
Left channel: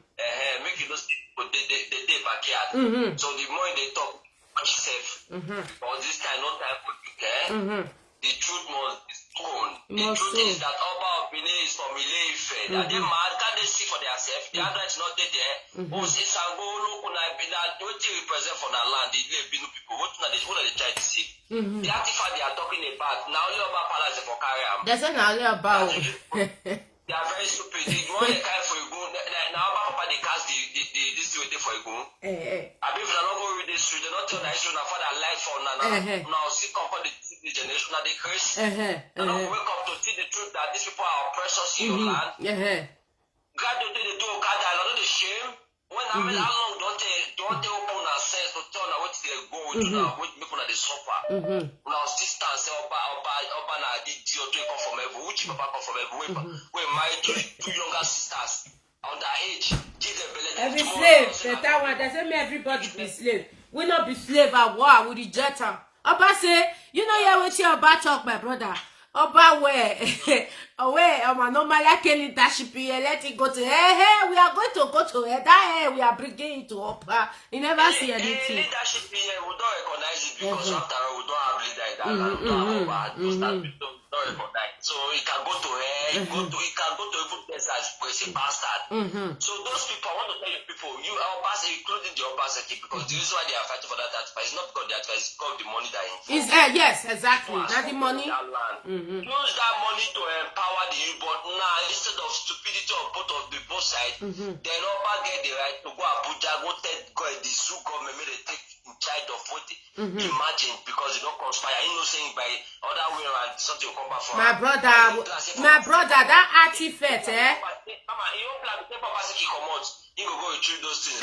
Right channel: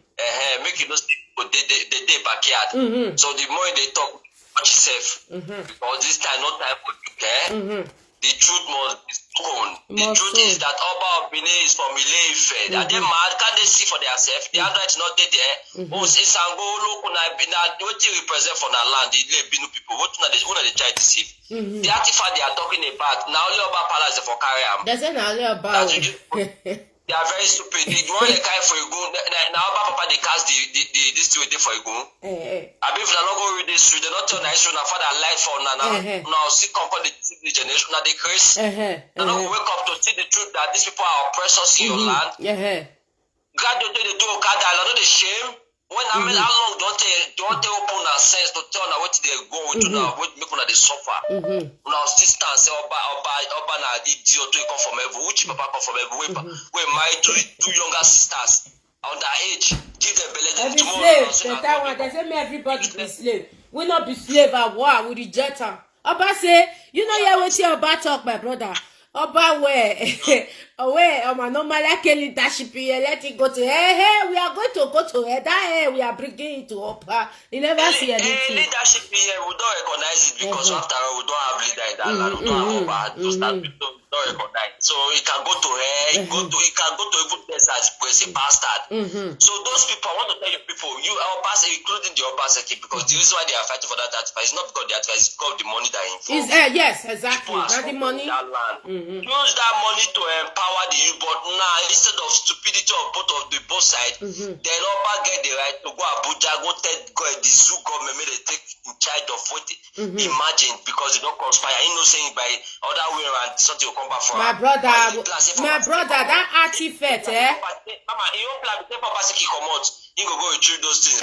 Make you know they backyard. So the more they talk, watch yourself. Because this time not time for you, the truth must be spoken. The truth is that Oba of Benin is from Ile-Ife. That they mad, can they see for themselves? The other is not there. Once it's and go look on what you represent for the land, the Binu people, what they try to see. The artifact they are talking about, now only Oba Palace for carry them. There's an earlier about. They are very stupid. They want to carry for a gun. Now Oba Papa they cast this two for a gun. I mean, if they not go read this through, they not turn nice. Now father life for now see come the generation that they curse. They don't wake up to see the truth that these people are oppressors in your land. Gradually they do Okada, they shame. When I mean how long don't they open our sense to tell now what they go with now, what make una they suffer. Now sisters say Oba na idiot to come from heaven, which papa come from heaven, we married two younger sisters underage, give them belly. Every slave, that one, they say me everybody be slave. We not be slave at war, we reject her. Oba say, you know you wait here Oba talk, my brother. Oba where? Away, normally can leadership here, let it go to hey, we are going to go to her. That we are bringing it to Oba. You never see anything. Leadership here, we don't recognize it because after all, we don't have leader in that land. We don't have those that we don't recognize. So it can go to her, it can go to even place as a bastard. So those people, I want to tell you people, you are Obasa, including the Obaseki, because the reason why they are fighting for that article is not because the article is called the money that influence. Yes, exactly. Not the money. Use that money to empower the youth, but now instead of stupidity of both sides, then Oba get the right to go Abuja, go the zoo government may they take in charge of what imagine because they don't conspire. You know saying by other way around something will come back from my brother, that artifact, Mama, you don't plan the paper he come out, he will go retrieve those things.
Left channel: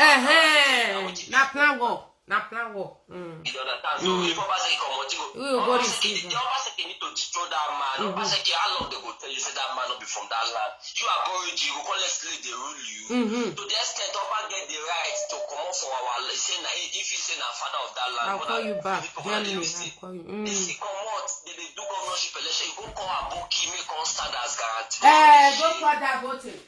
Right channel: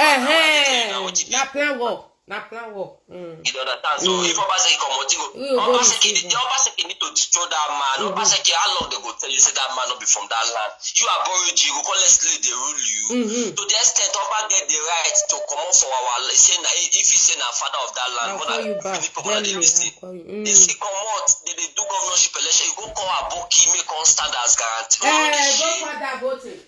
Na plan work. You understand? So if Obaseki come out, Obaseki need to destroy that man. Obaseki, how long they go tell you say that man not be from that land? You are borrowed, you go call let's they rule you. To the extent Oba get the right to come out for our say if he say na father of that land. I'll call you back. If he come out, they do governorship election, you go call Aboki, make on stand as guarantee. Go for that voting.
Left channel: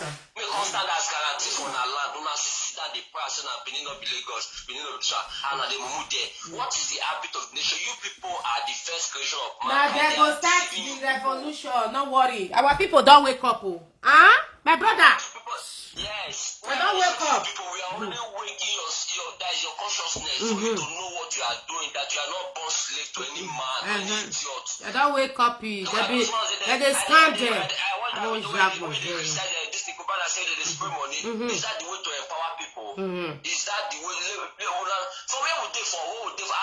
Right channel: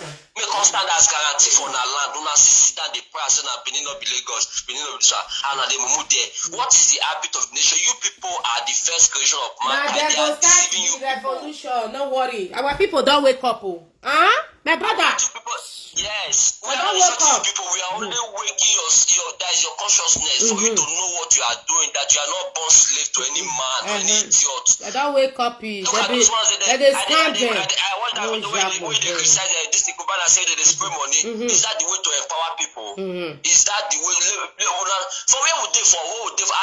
Make us stand as guarantee for our land. Do not sit down the price and Benin of Lagos, Benin of Israel, and they move there. What is the habit of the nation? You people are the first creation of man. They go start the revolution. No worry. Our people don't wake up. My brother. Yes. I don't wake up. People, we are only waking that is your consciousness for you to know what you are doing, that you are not born slave to any man, to any idiot. I don't wake up. They stand there. I don't drag my hair. This thing Kubana say that they spray money. Is that the way to empower people? Is that the way? For where would they for? What would they for?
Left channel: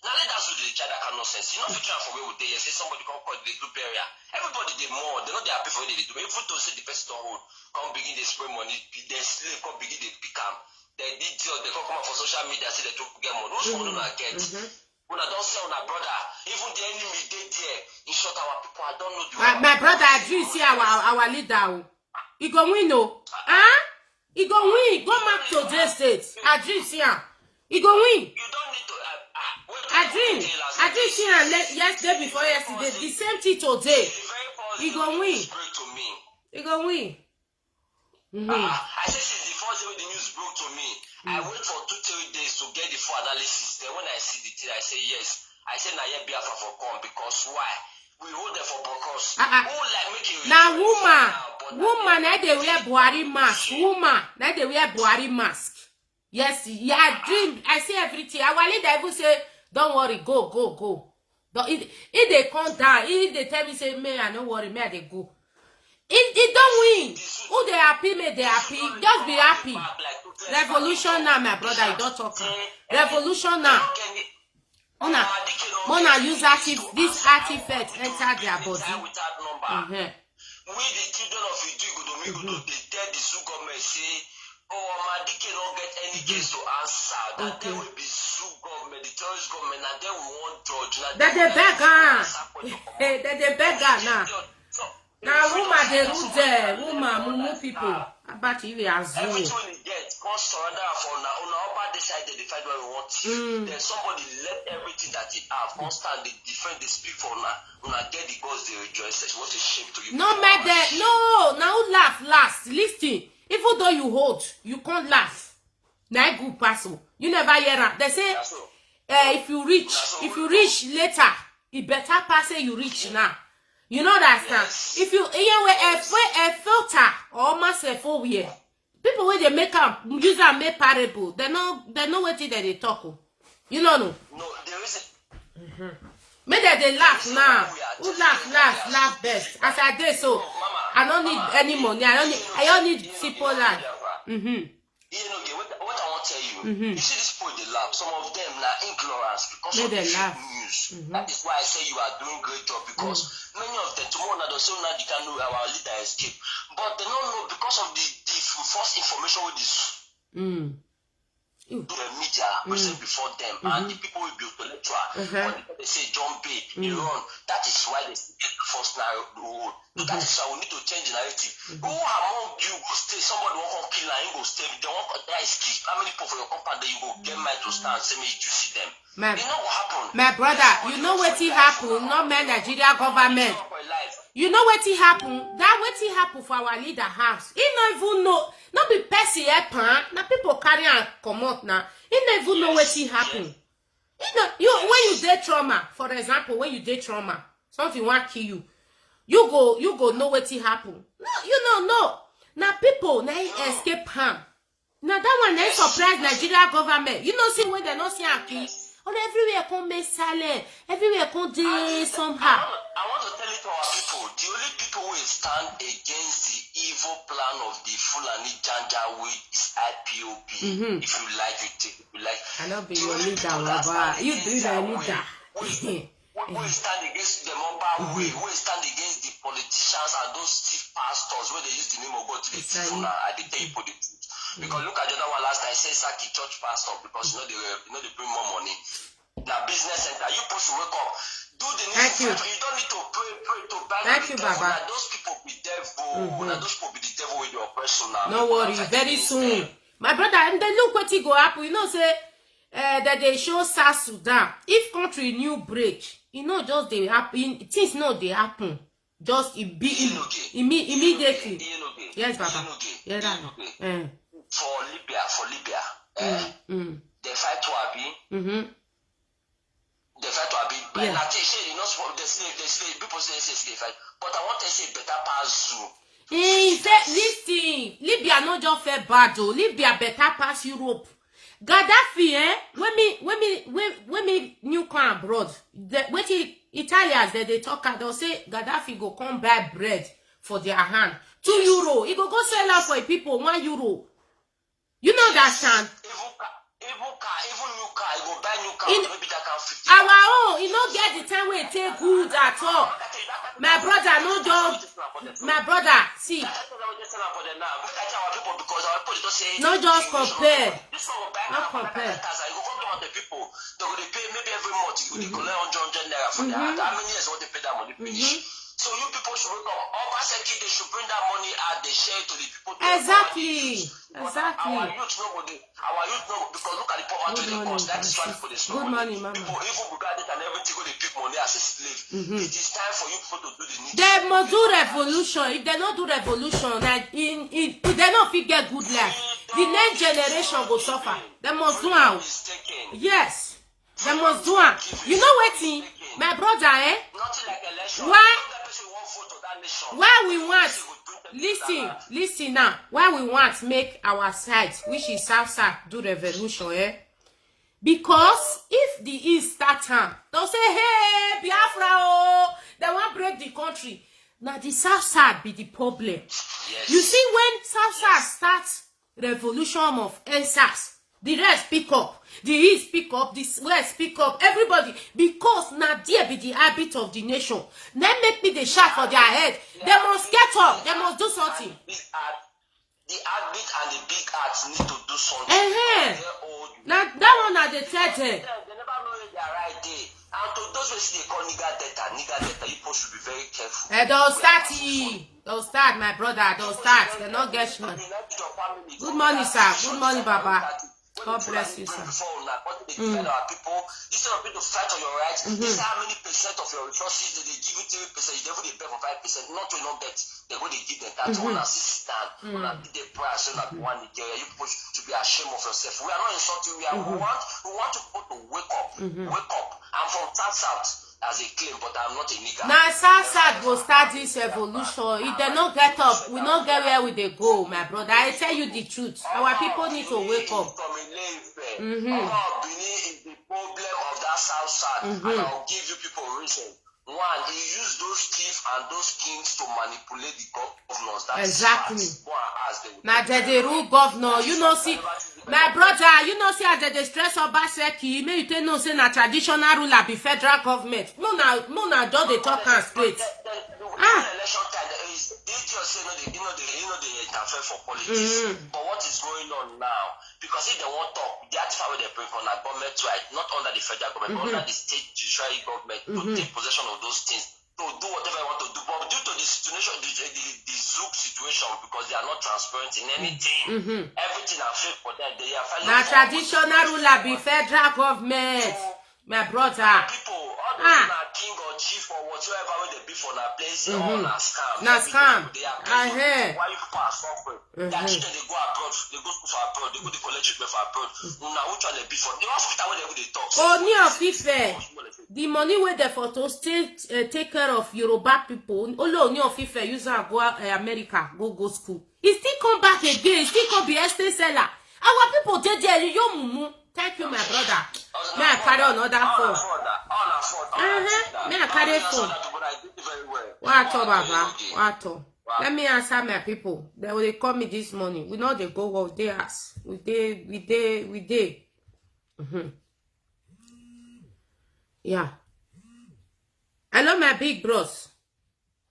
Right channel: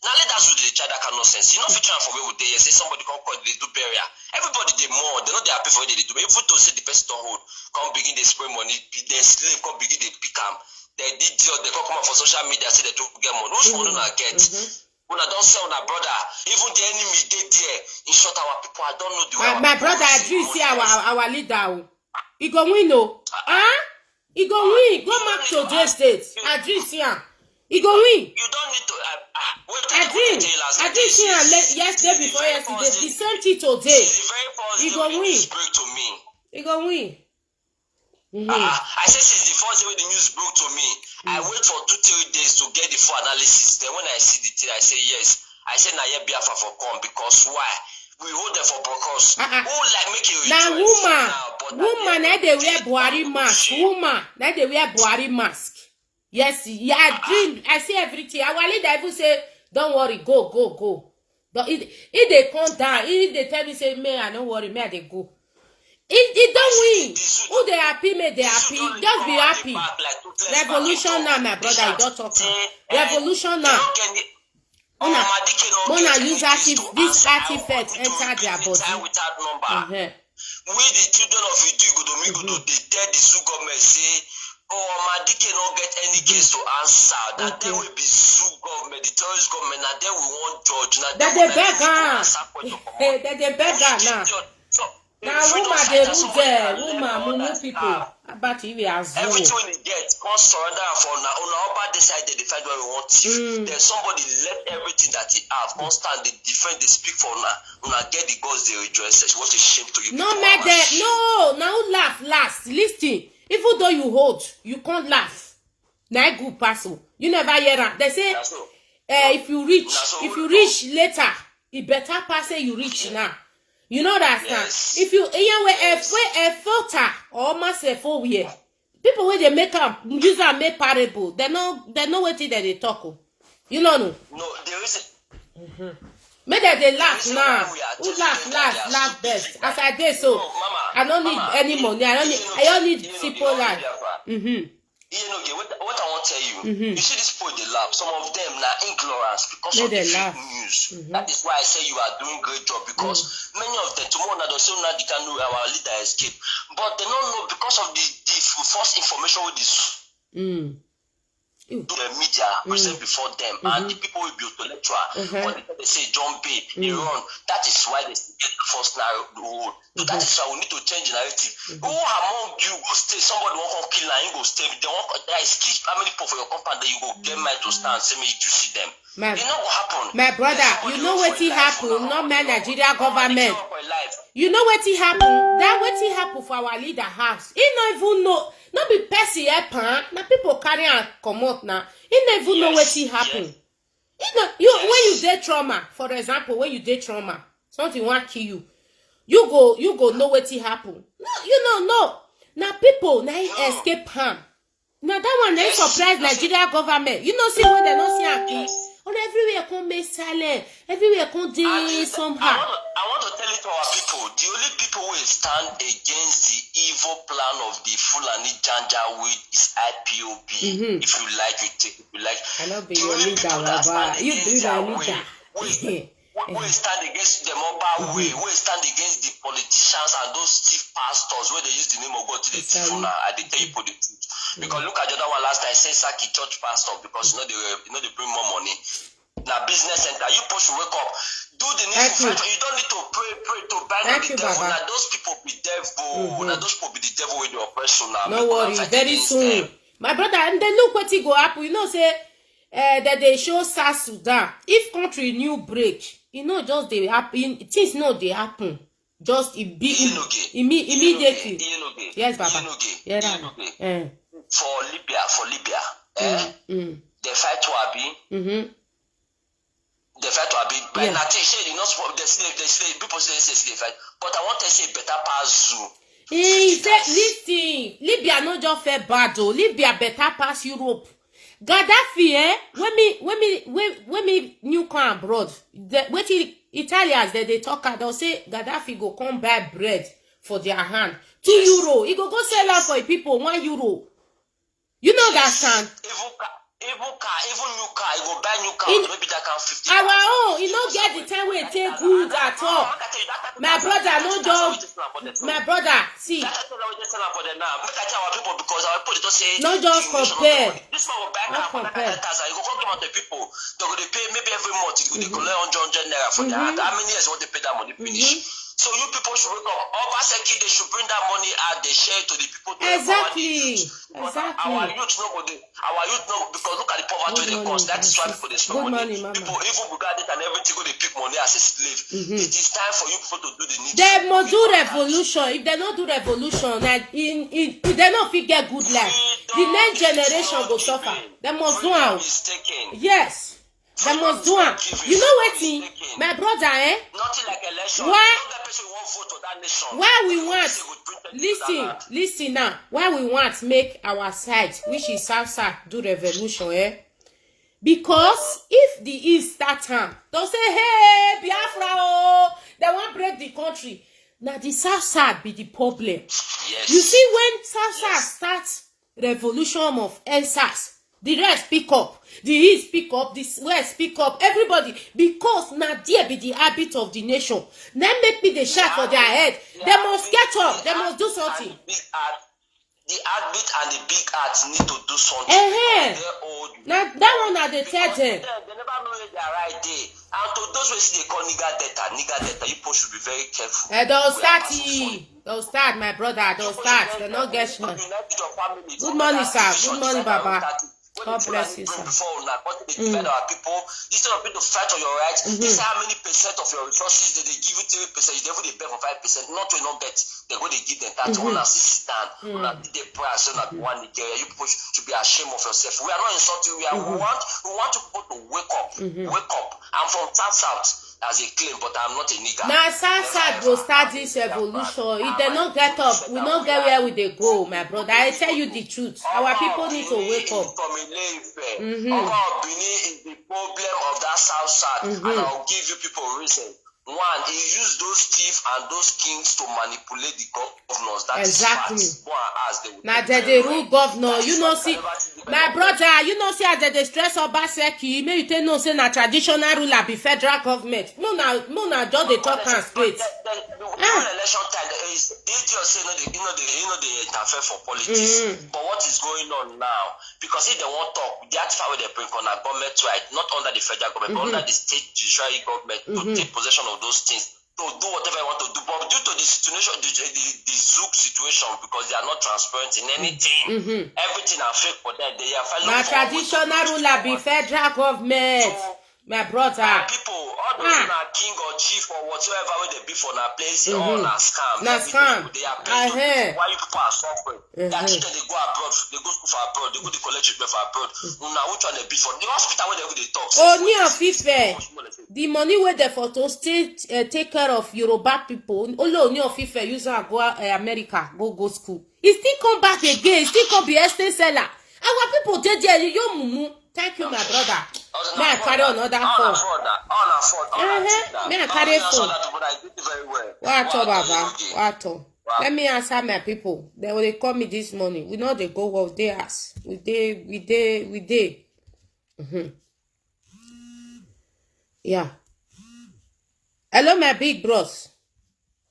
Now let us do the child that kind of nonsense. You know, if you try for where would they say somebody come call they do burial. Everybody they more. They're not they happy for what they do. But if you to say the person don't hold, come begin they spray money. They slave come begin they pick them. They did they come out for social media say they don't get money. Who's money not get? When I don't say on our brother, even the enemy they there. In short, our people I don't know the my brother Adri see our leader. He go win no. He go win. Go back to the state. Adri see him. He go win. You don't need to Adri see him yesterday before yesterday. The same thing today. He go win. He go win. I said since the first day the news broke to me, I wait for 2-3 days to get the full analysis. Then when I see the thing, I say yes. I say na here Biafra for come because why? We hold them for because who like make it now woman na they wear Buhari mask. Woman na they wear Buhari mask. Yes, yeah, I see everything. Our leader even say, don't worry, go. If they come down, if they tell me say, may I don't worry, may they go. It don't win. Who they happy, may they happy. Just be happy. Revolution now, my brother. You don't talk. Revolution now. Mona use this artifact enter their body. We the children of Idugo, they tell the Zoo government say, Madike don't get any case to answer. That there will be Zoo government, the terrorist government, and then we won't judge. That they beg now. Now, woman, they rule there. Woman, mumu people. About you, everything we get, can't surrender for now. On our decide they defend where we want to. Then somebody let everything that he have, constant, they defend, they speak for now. When I get the gods, they rejoice. What a shame to you. No, matter. No, now laugh last. Listen, even though you hold, you can't laugh. Now, good person. You never hear that. They say, if you reach later, it better pass you reach now. You know that, yes. If you a filter or almost a 4 year, people when they make up use and make parable, they know what they talk. You know no. No, there is. Maybe they laugh now. Who laugh best? As I did so, I don't need any money. I don't need simple life. You know, what I want to tell you, you see this point they laugh. Some of them now ignorance because of the fake news. news. That is why I say you are doing great job, because many of them tomorrow now don't say now they can know our leader escape, but they don't know because of the false information with this. To the media present before them, and the people will be intellectual. But they say John B. Iran. That is why they get the first narrow. So that is why we need to change the narrative. Who among you go stay? Somebody won't kill and you go stay. They want there is key family people for your company that you go get mind to stand. Say me you see them. You know what happened? My brother, you know what it happened? Not my Nigeria government. You know what it happened? That what it happened for our leader house. He not even know. Not be person pan. Now people carry and come out now. He not even know what it happened. You when you dey trauma, for example, when you dey trauma, something want kill you. You go know what it happened. No, you know no. Now people now escape harm. Now that one they surprise Nigeria government. You know see when they not see Aki. On everywhere come be silent. Everywhere come dey somehow. I want to tell it to our people. The only people who stand against the evil plan of the Fulani Janjaweed is IPOB. If you like, you take it. If you like, I know be your leader, Baba. You do the leader. We stand against the mobile way. We stand against the politicians and those chief pastors where they use the name of God to the people now. I tell you for the truth. Because look at the other one last time. Say Saki church pastor because they bring more money. Now business center, you push to wake up. Do the needful. You don't need to pray to bind the devil. Now those people be devil. Now those people be the devil with your person now. No worry, very soon. My brother, and then look what he go up. You know, say that they show South Sudan. If country new break, you know, just they happen. Things no they happen. Just immediately. Yes, Baba. Yeah, right. For Libya, they fight to Abi. They fight to Abi. But I think they not they people say they fight. But I want to say better pass Zoo. He said, listen, Libya not just fair bad though. Libya better pass Europe. Gaddafi, when me new come abroad, when Italians they talk, they'll say Gaddafi go come buy bread for their hand. €2. He go sell out for people €1. You know that sound. Even new car, you go buy new car, maybe that can 50. Our own, you don't get the time when it take good at all. My brother, no job. My brother, see. No just compare. Not compare. You go come the people. They go pay maybe every month. You go collect 100 naira from their hand. How many years want they pay that money finish? So you people should wake up. Obaseki, they should bring that money and they share it to the people. Exactly. Our youth know because look at the poverty they cause. That is why people they spend money. Mama. People even regard it and everything go they pick money as a slave. It is time for you people to do the needful. They must do revolution. If they not do revolution, like if they not fit get good life, the next generation will suffer. They must do it. Yes. They must do it. You know what, my brother, Nothing like election. Why we want, listen now, why we want make our side, which is South, do revolution, Because if the East start time, they'll say, hey, Biafra, oh, they want break the country. Now the South be the problem. Yes. You see, when South starts revolution of NSAS, the rest pick up, the East pick up, the West pick up, everybody, because now there be the habit of the nation. Then make me the shot for their head. They must get up, they must do something. The habit and the big arts need to do something. Now that one are the third. They never know where they are right there. And to those who say they call nigger data, you people should be very careful. They'll start, my brother, they'll start. They'll not get shot. Good morning, sir. Good morning, Baba. God bless you, sir. Instead of people to fight for your rights, this is how many percent of your resources they give you 3%, you never they pay for 5%, not to not get, they go they give them that one and sit down, the price, so that one Nigeria, you people should be ashamed of yourself. We are not insulting, we want to people to wake up. I'm from South. As a claim, but I'm not a nigger. Now, South will start this revolution. If they not get up, we not get where we they go, my brother. I tell you the truth. Our people need to wake up. About Benin is the problem of that South. And I'll give you people a reason. One, he used those thieves and those kings to manipulate the governors. That exactly. Is now they rule governor. You know, see, My brother, you know, see as they stress Obaseki, may you tell no say na traditional ruler be federal government. No, na just they talk and straight. Election time, the idiot say they interfere for politics. But what is going on now? Because if they want to talk, the artifact where they bring on a government right, not under the federal government, but under the state judiciary government to take possession of those things. To do whatever I want to do, but due to the situation, the Zook situation, because they are not transparent in anything, everything are fake for them. They are na traditional ruler be federal government. My brother. People, all the king or chief or whatsoever when they be for na place, all na scam. Na scam. They are playing. Why you people are suffering? That children they go abroad, they go school for abroad, they go to college for abroad. Now which one they be for? The hospital where they talk. Only of Ife. The money where they for to still take care of Yoruba people. Only of Ife use go America, go school. He still come back again. Still come be estate seller. Our people they there you mumu. Thank you, my brother. May I carry another phone? May I carry phone? What Baba? What? Let me answer my people. They will call me this morning. We know they go of theirs. We day. Yeah. Hello, my big bros.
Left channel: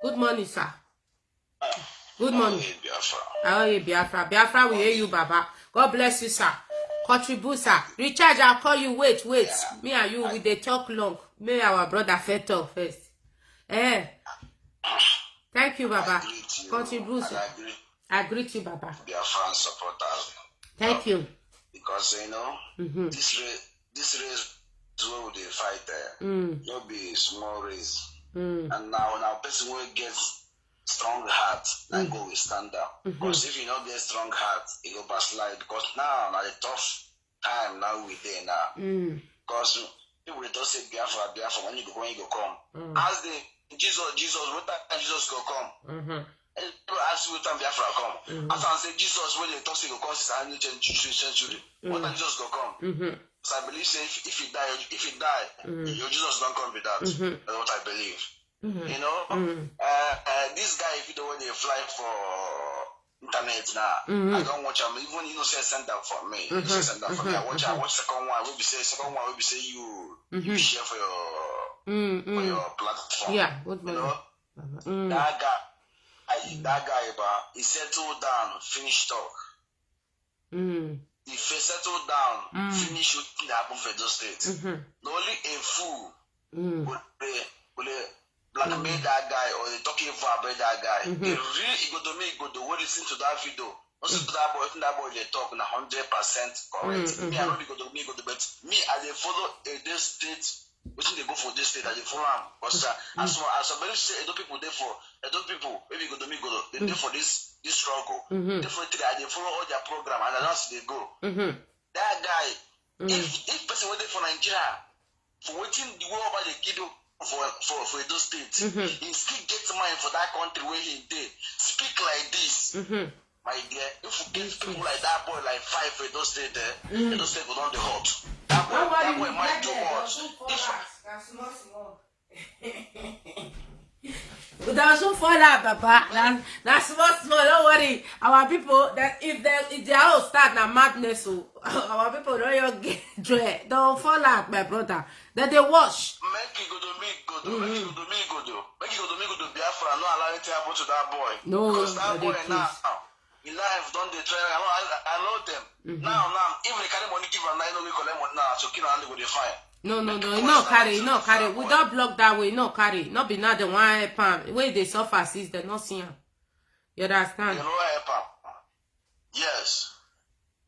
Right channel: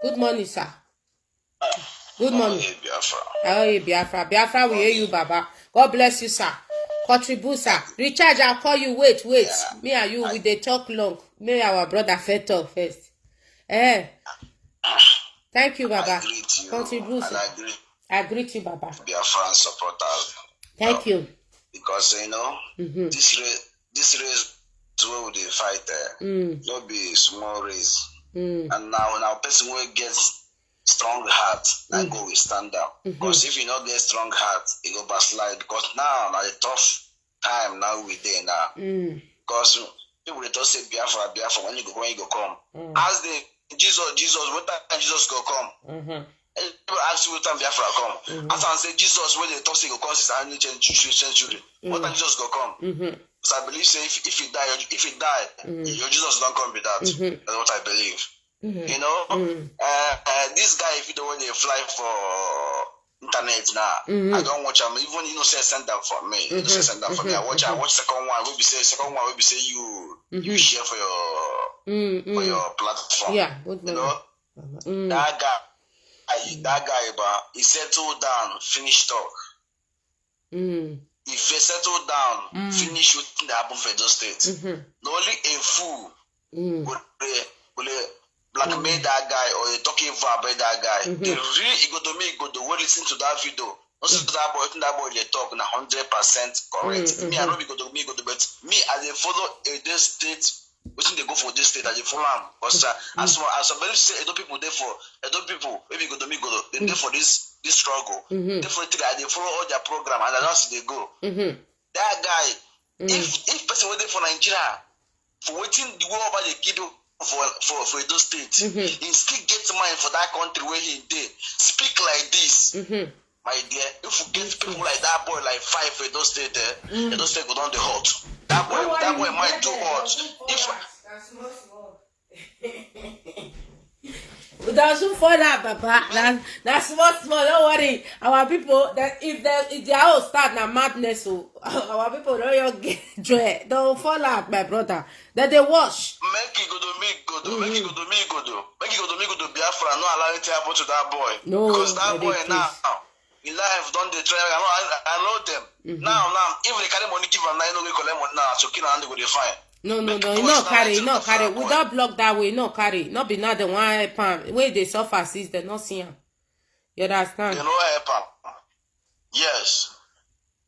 Good morning, sir. Good morning. How are you, Biafra? Biafra, we hear you, Baba. God bless you, sir. Contribute, sir. Recharge, I'll call you. Wait. Yeah. Me and you, we dey talk long. May our brother first talk first. Thank you, Baba. Contribute, sir. I greet you, Baba. Biafran supporters. Thank you. Because, this race is where they fight. No be small race. And now person will get strong heart, and go we stand up. Because if you not get strong heart, it go backslide. Because now a tough time now we there now. Because people they just say Biafra, when you go come. As the Jesus, what time Jesus go come? People ask you what time Biafra come. As I say Jesus, when they talk say go come since I need century. What time Jesus go come? So I believe say if he die, your Jesus don't come with that. That's what I believe. You know, this guy, if you don't want to fly for internet now, I don't watch him. Even say send that for me. Send that for me. I watch second one. We be say you share for your platform. Yeah, you know, that guy, but he settled down, finish talk. If he settled down, finish shooting the happen for those states. Not only a fool will blackmail that guy or you talking about that guy. The real go to listen to that video. Not see that boy they talk na 100% correct. Me I know go to but me as they follow this state, waiting they go for this state as they follow them. Because as somebody say Edo people there for Edo people maybe go they there for this struggle. Definitely they follow all their program and that's they go. That guy, if person went there for Nigeria for waiting the war over the kiddo for those states, he still get mind for that country where he did. Speak like this, my dear. If you get people like that boy, like 5 for those states, those states go down the hot. That boy might do hot. Doesn't fall out, Papa. That's small. Don't worry. Our people, that if they all start na madness, so our people don't get joy. Don't fall out, my brother. That they wash. Make it go to me, Make it go to me, Biafra. No allow it to happen to that boy. No, because that boy now, in life, don't they try? I know them. Now, if they carry money, give them now, no, we collect money now. So, kill and go they fine. No, no carry. We don't block that way. No carry. Not be not the one pound. Where they suffer since they not see him. You understand? You know what? Yes.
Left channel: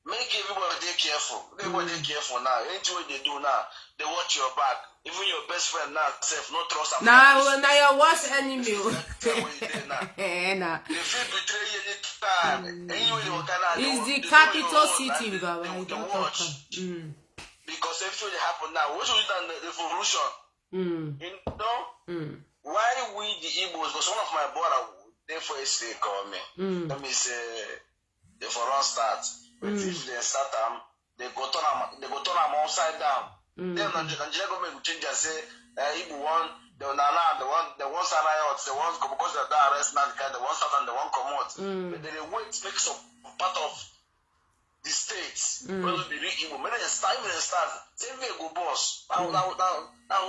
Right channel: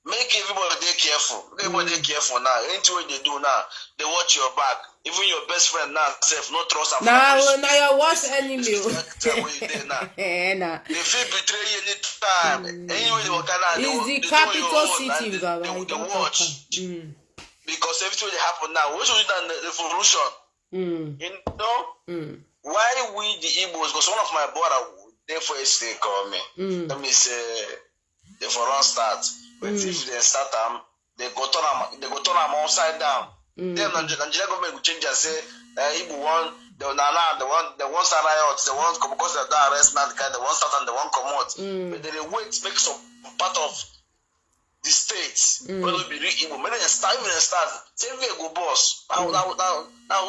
Make everybody they careful. Everybody they careful now. Anything what they do now, they watch your back. Even your best friend now, self, not trust them. Now your worst enemy. Nah. They feel betray you anytime. Anyway, you can. It's the capital city, Baba. I don't talk. Because everything that happen now, what should we do the revolution? You know? Why we the Igbos? Because one of my brother, they for a call me. Let me say, they for run start. But if they start them, they go turn them upside down. Then Nigeria government will change and say, Igbo one, the one start riots, the one because they arrest that guy, the one start and the one come out. But they wait, make some part of the states. When we be Igbo, when they start, say we go boss. Now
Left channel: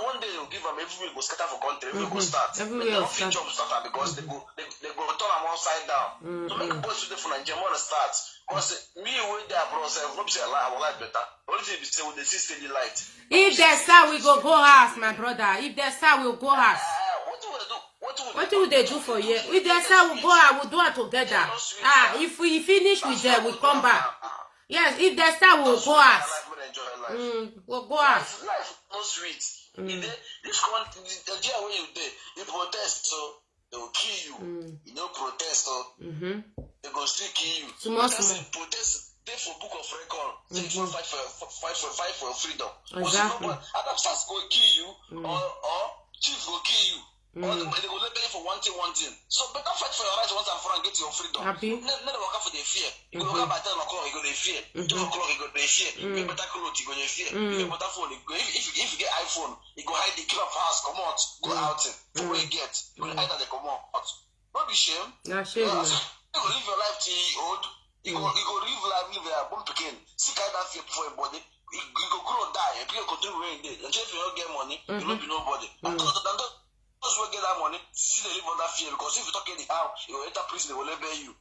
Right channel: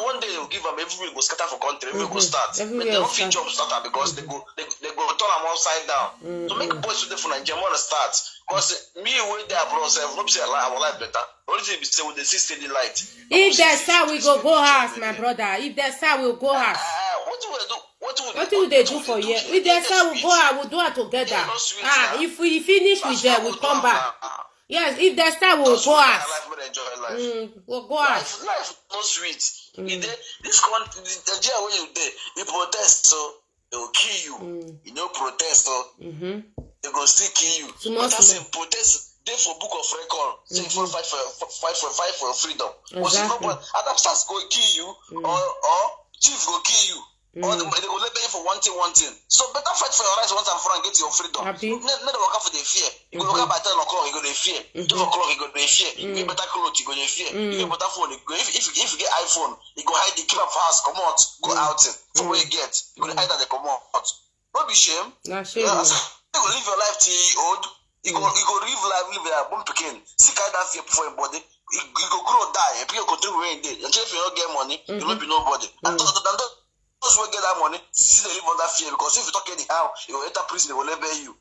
one day they'll give them everywhere go scatter for country, everywhere go start. Everywhere They don't start. fit job start because they go turn them upside down. So make boys today for Nigeria want to start. Because me when they abroad, not say our life better. Only thing be say with the see steady light. If there's star, we go house, my brother. If there's star, we'll go house. What do they do for you? If there's star, we'll go out. We'll do it together. If we finish with them, we come back. Yes, if there's star, we'll go house. We'll go house. Life no sweet. This country, the jail where you there, you protest, so they will kill you. You know, protest, so they go still kill you. Small. Protest. They for book of record, say for fight for freedom. Exactly. Adam starts go kill you, or chief go kill you, or they go let you for one thing. So better fight for your rights once and for and get your freedom. Happy. Let them work out for the fear. You go work out by 10 o'clock, you go the fear. 12 o'clock, you go the fear. You get better clothes, you go the fear. You get better phone. You go, if you get iPhone, you go hide the keep up house, come out, go out. So where you get, you go hide that they come out. Don't be shame. Not shame. You go live your life till you old. You go live your born again. Seek out that fear before your body. You go grow, die. People go do rain day. Until if you don't get money, you won't be nobody. And those who get that money, see they live on that fear. Because if you talk anyhow, you will enter prison, they will label you.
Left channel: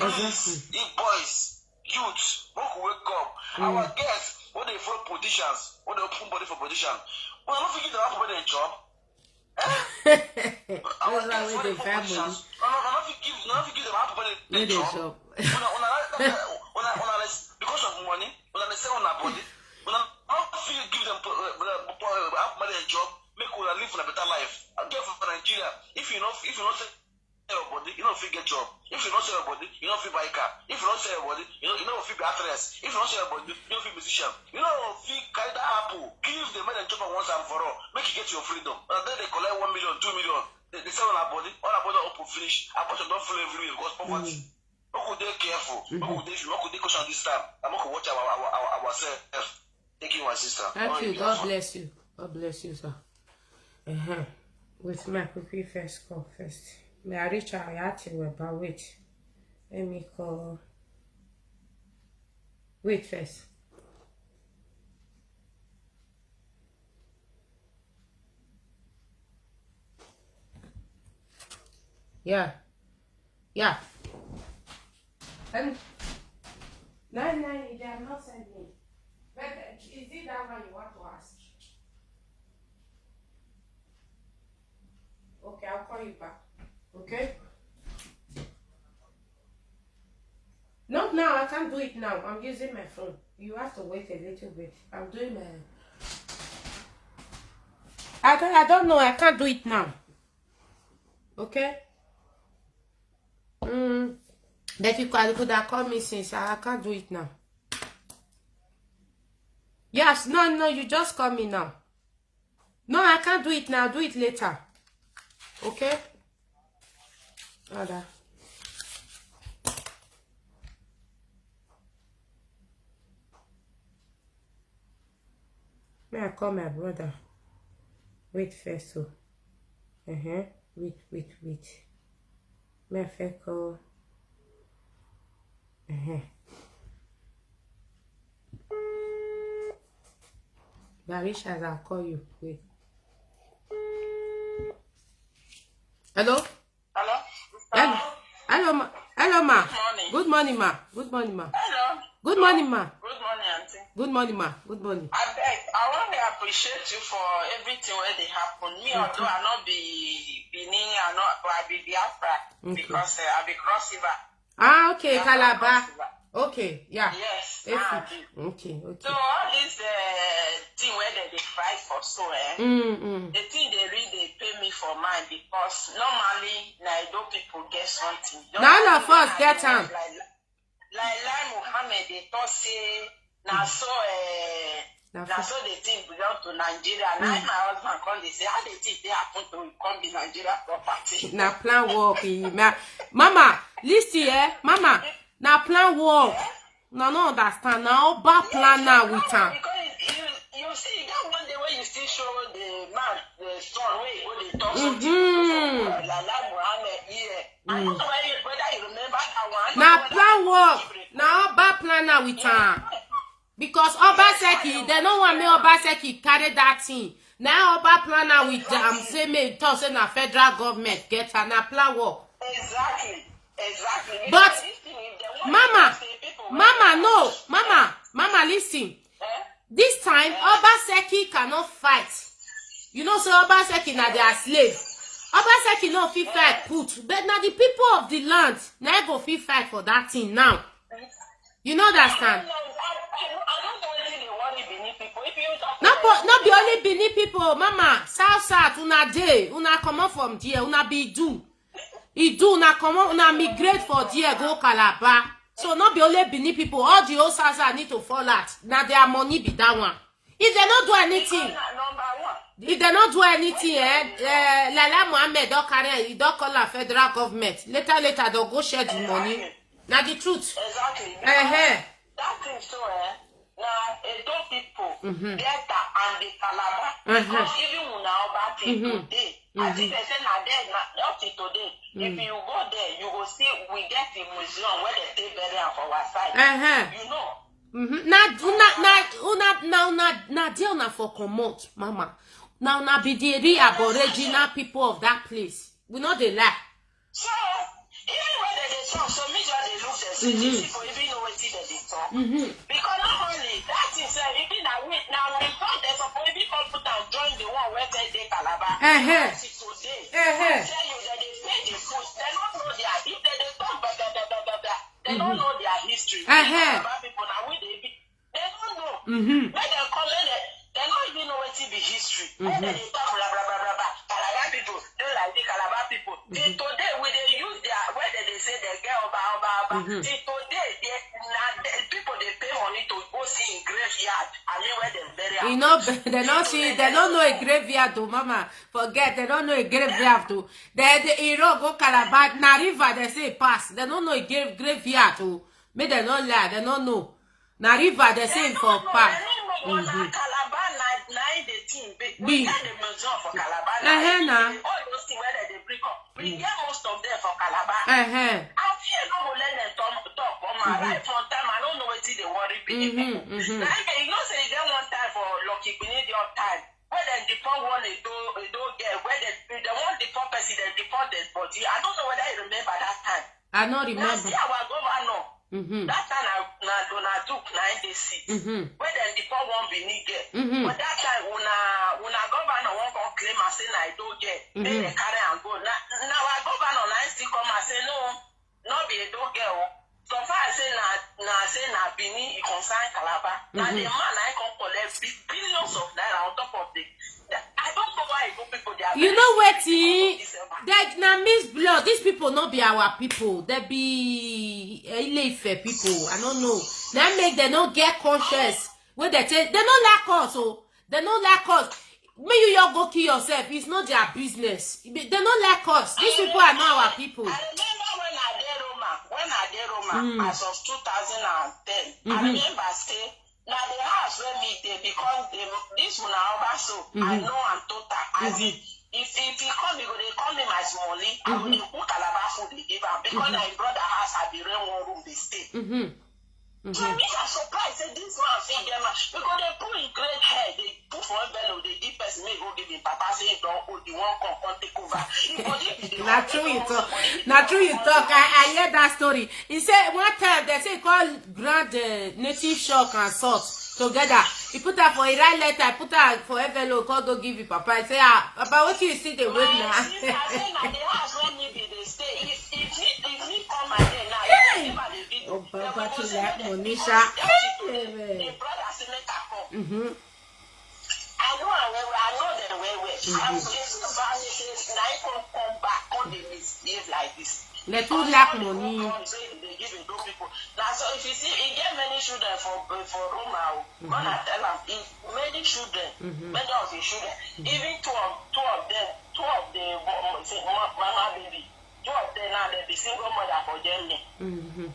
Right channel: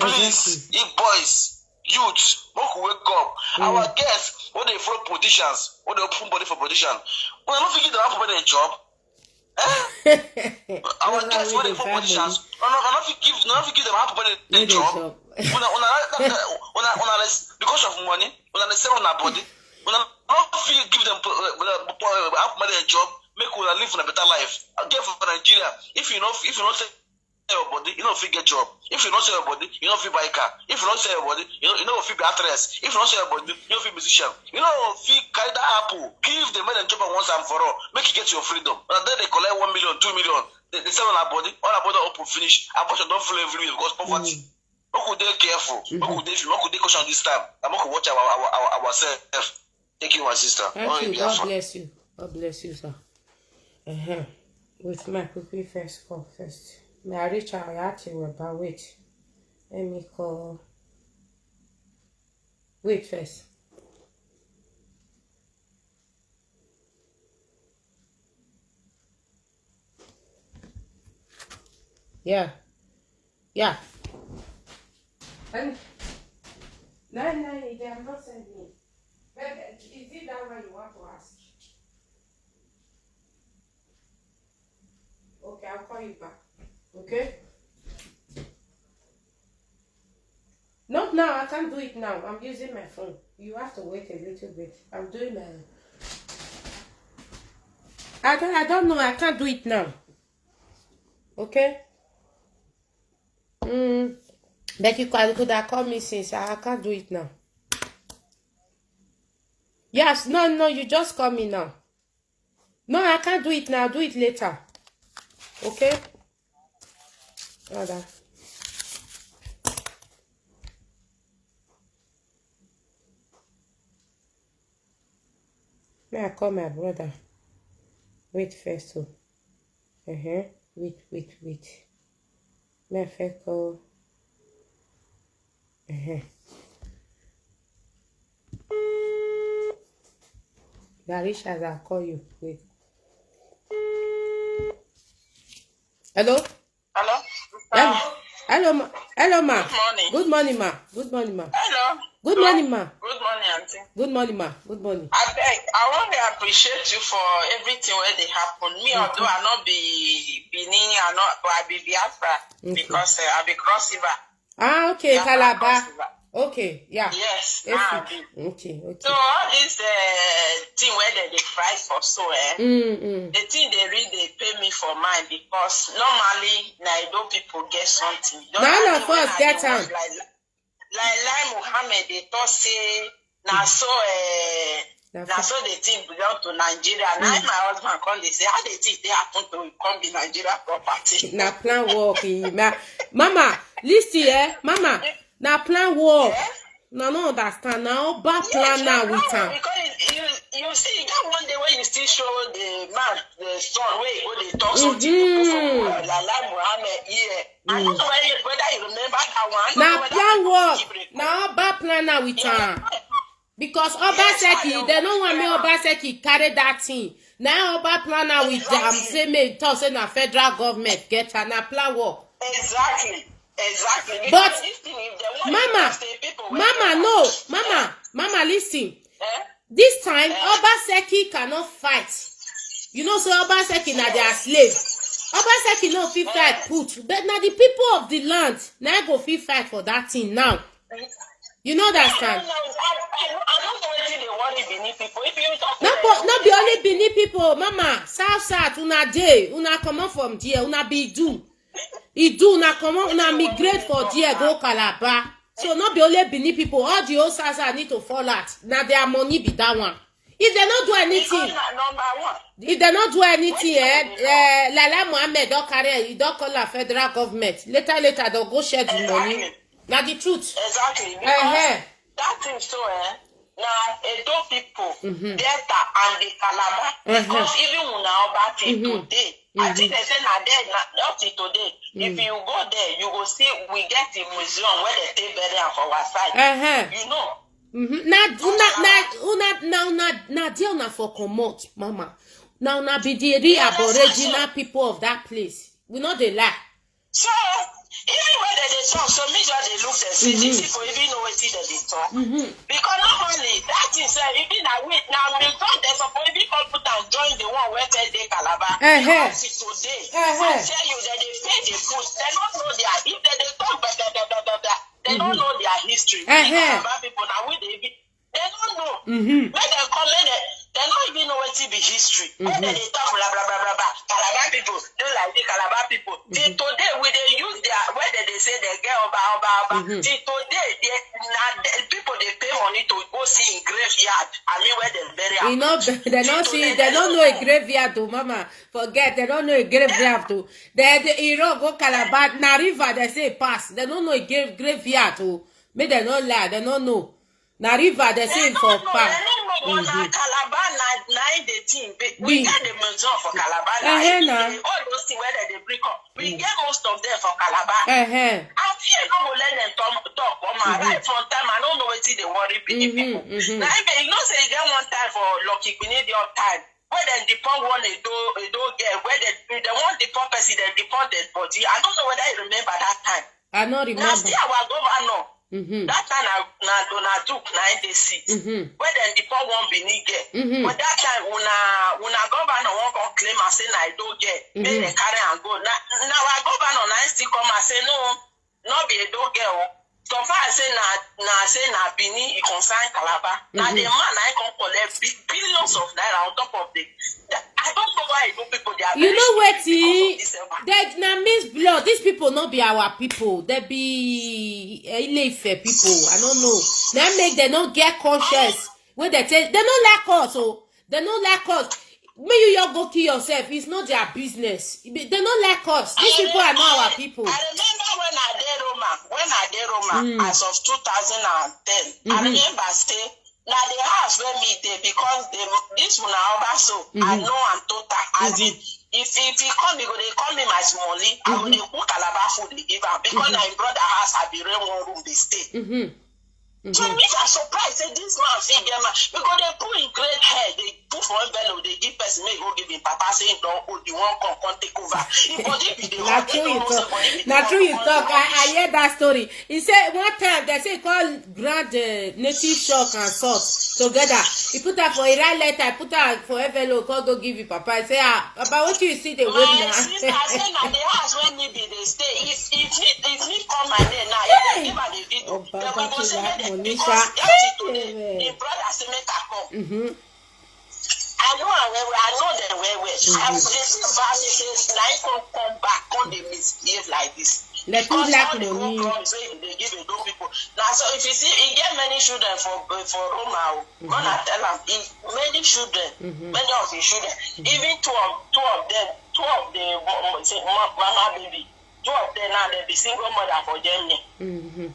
Please, if boys, youth, wake up. Our guests, when they follow politicians, when they open body for politician, we don't forget to have a job. Our guests, when they follow politicians, not give them half a job. Because of money, when they sell on our body, when I give them half money a job, make we live in a better life. Again for Nigeria, if you not sell your body, you don't feel get job. If you not sell your body, you don't feel buy a car. If you not sell your body, you don't feel be actress. If you not sell your body, you don't feel musician. You don't feel carry that apple. Give the men and job once and for all. Make you get your freedom. And then they collect 1 million, 2 million. They sell on our body. All our body open finish. Our body don't flow everywhere because poverty. We could be careful. We could be cautious this time. And we could watch ourselves. Thank you, my sister. Thank you. God bless you. God bless you, sir. With my quickly first call first. May I reach out actually but wait. Let me call. Wait first. Yeah. And no, they have not sent me. But is it that one you want to ask? Okay, I'll call you back. Okay? Not now, I can't do it now. I'm using my phone. You have to wait a little bit. I'm doing my... I don't know, I can't do it now. Okay? But you could have called me since I can't do it now. Yes, no, you just call me now. No, I can't do it now. Do it later. Okay? Other. May I call my brother? Wait first. Oh. Wait. May I first call? Garisha, I'll call you. Wait. Hello? Hello, ma. Hello, ma. Good morning, ma. Hello. Good morning, ma. Good morning, auntie. Good morning, ma. Good morning. I want to appreciate you for everything where they happen. Me, although I not be Benin, I be Biafra because I be Cross River. Okay, Calabar. Okay, yeah. Yes. Okay. So all this thing where they fight for so the thing they really pay me for mine because normally Naido people get something. None of us get them. Like Muhammad, they thought say now so the thing belong to Nigeria. Now my husband come, they say how they think they happen to come be Nigeria property. Now plan work, Mama, listen, Mama. Now plan work. No understand. Now bad plan now with him. Because you see, that one day when you still show the man, the son, where they talk something like Muhammad here. I don't know whether you remember that one. Now plan work. Now Oba plan now with am. Because Obaseki, they don't want me Obaseki carry that thing. Now Oba plan now with say me talk say na federal government get her na plan work. Exactly. But if they want Mama, listen. This time Obaseki cannot fight. You know, so Obaseki na their slave. Obaseki no fit fight put, but now the people of the land now go fit fight for that thing now. You know understand? Not be only Benin people, Mama. South, una dey, una come out from there, una be do, una come out, una migrate for there, go Calabar. So not be only Benin people, all the old South need to fall out. Now their money be that one. If they not do anything, Lala Mohammed don't carry, he don't call the federal government. Later, they'll go share the money. Now the truth. Exactly. That thing so, now Edo people, Delta and the Calabar, because even now about it today, I think they say not today. If you go there, you will see we get the museum where they take burial for our side. You know. Now, deal for commot, Mama. Now, be the aboriginal people of that place. We know they lie. So, even when they talk, so me just they look the city for even know what they talk. Because not only that is even now we thought there's supposed to be people that join the one where they Calabar. Today, I tell you that they pay the food. They don't know their if they talk they don't know their history. People now they don't know. When they come in, they don't even know what to be history. When they talk blah blah blah blah blah. Calabar people, they like the Calabar people. Till today, when they use their where they say they get over. Till today, people they pay money to go see in graveyard. I mean where they bury. You know, they don't see. They don't know a graveyard to Mama. Forget. They don't know a graveyard to. The hero go Calabar na river. They say pass. They don't know a graveyard to. May they not lie. They don't know. Na river. They say for pass. Calabar nine the team. We get the museum for Calabar. All those things where they break up. We get most of them for Calabar. I feel no go let them talk. Right from time I don't know what they worry people. Now you know say you get one time for Lucky Canadian time. Where they deport one they don't get where they want the poor person they deport dead body. I don't know whether you remember that time. I don't remember. Last year our governor. That time na Donald Duke na the seat. Where then the poor one be get. But that time una governor won't come claim and say na I don't get. Make they carry and go. Now our governor na still come and say no, not be a don't get. So far I say na Bini he consign Calabar. Now the man I can collect billions of naira on top of the. I don't know why people they are. You know what? That na Miss Blood. These people not be our people. They be Ile-Ife people. I don't know. That make them not get conscious. When they tell they don't like us. Oh, they don't like us. May you go kill yourself. It's not their business. They don't like us. These people are not our people. I remember when I did Roma as of 2010. I remember say now the house where me there because this one also I know I'm total. As if he come they call me my smallie, I will cook Calabar food they give her because my brother house I be rent one room they stay. So we are surprised that this man figure because they put in great hair, they put for envelope, they give person may go give him papa saying don't hold the one come take over. Not true you talk. Not true you talk. I hear that story. He said one time they say call grand native shock and salt together. He put her for a right letter, I put her for envelope, call go give you papa. I say about what you see the way now. Sister say now the house when maybe they stay. If me come my day now, if they give oh, Baba, Monisha. The brother say make her come. I know them well. I still bad say now come back, come they misbehave like this. Let me lack money. They give it to people. Now so if you see, he get many children for Roma. Gonna tell him many children, many of his children, even two of them, say mama baby. 2 of them now they be single mother for Germany. 2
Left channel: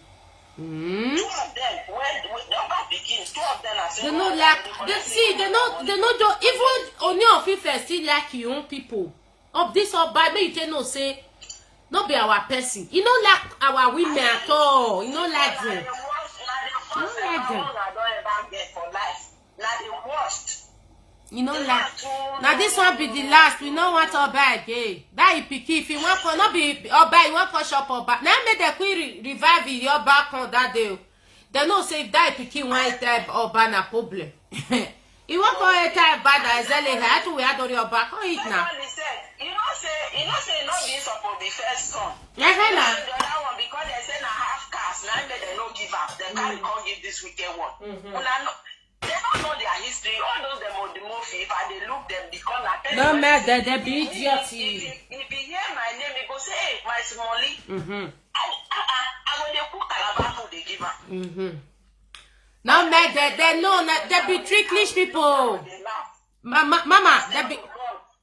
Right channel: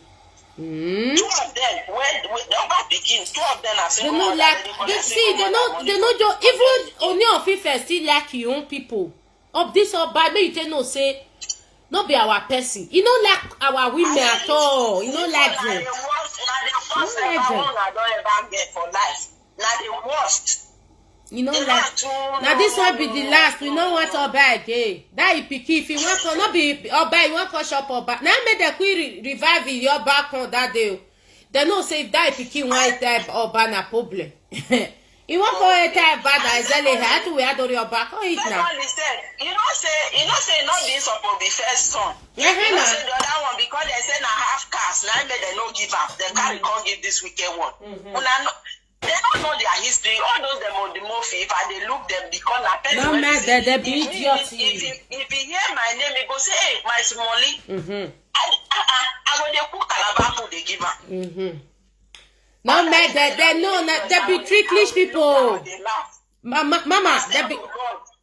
of them when the other begin, 2 of them are single mother. They know just even Ooni of Ife still like your own people. Of this or by me you can know say no be our person. You don't like our women at all. You don't like them. The worst I don't ever get for life. Now the worst. You know, like now this one be the last. We don't want to buy again. That you pick if you want to not be or buy. You want to shop or back. Now make the query revive your back on that day. They know say if that pick one type or ban a problem. You want for a type bad as well. How to we had on your back? Oh, it now. You know say not this supposed to be first son. Yeah, you know say the other one because they say na half cast. Now they no give up. They can't give this weekend one. They don't know their history. All those them on the movie, if I they look them because no matter they be idiots. If you hear my name, you go say, hey, my Smolly. I go they put Calabar they give up. No matter they know they be tricklish people. Mama,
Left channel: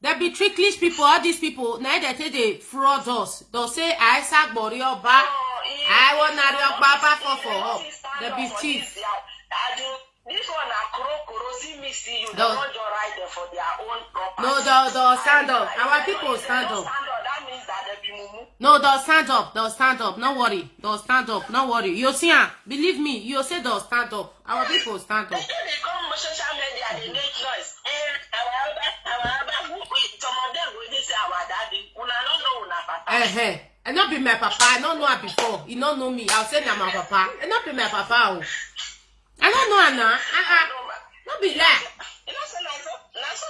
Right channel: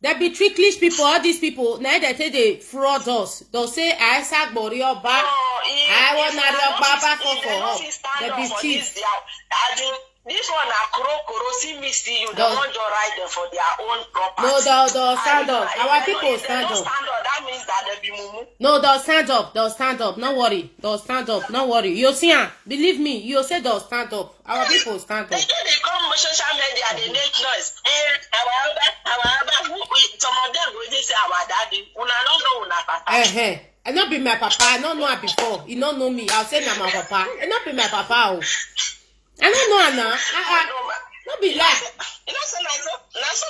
they be tricklish people. All these people now they say they fraud us. They'll say I sack Borioba. I want your papa for. They be thieves. This one are see me see you. They want to ride them for their own property. No, they'll stand up. Our people stand up. That means that they be mumu. No, they'll stand up. They'll stand up. No worry. They'll stand up. No worry. You see, believe me. You say they'll stand up. Our people stand up. They come on social media. They make noise. Some of them will say our daddy. Una don't know una papa. I not be my papa. I don't know her before. You don't know me. I'll say na my papa. I not be my papa. I don't know Anna. Not be like. You know, so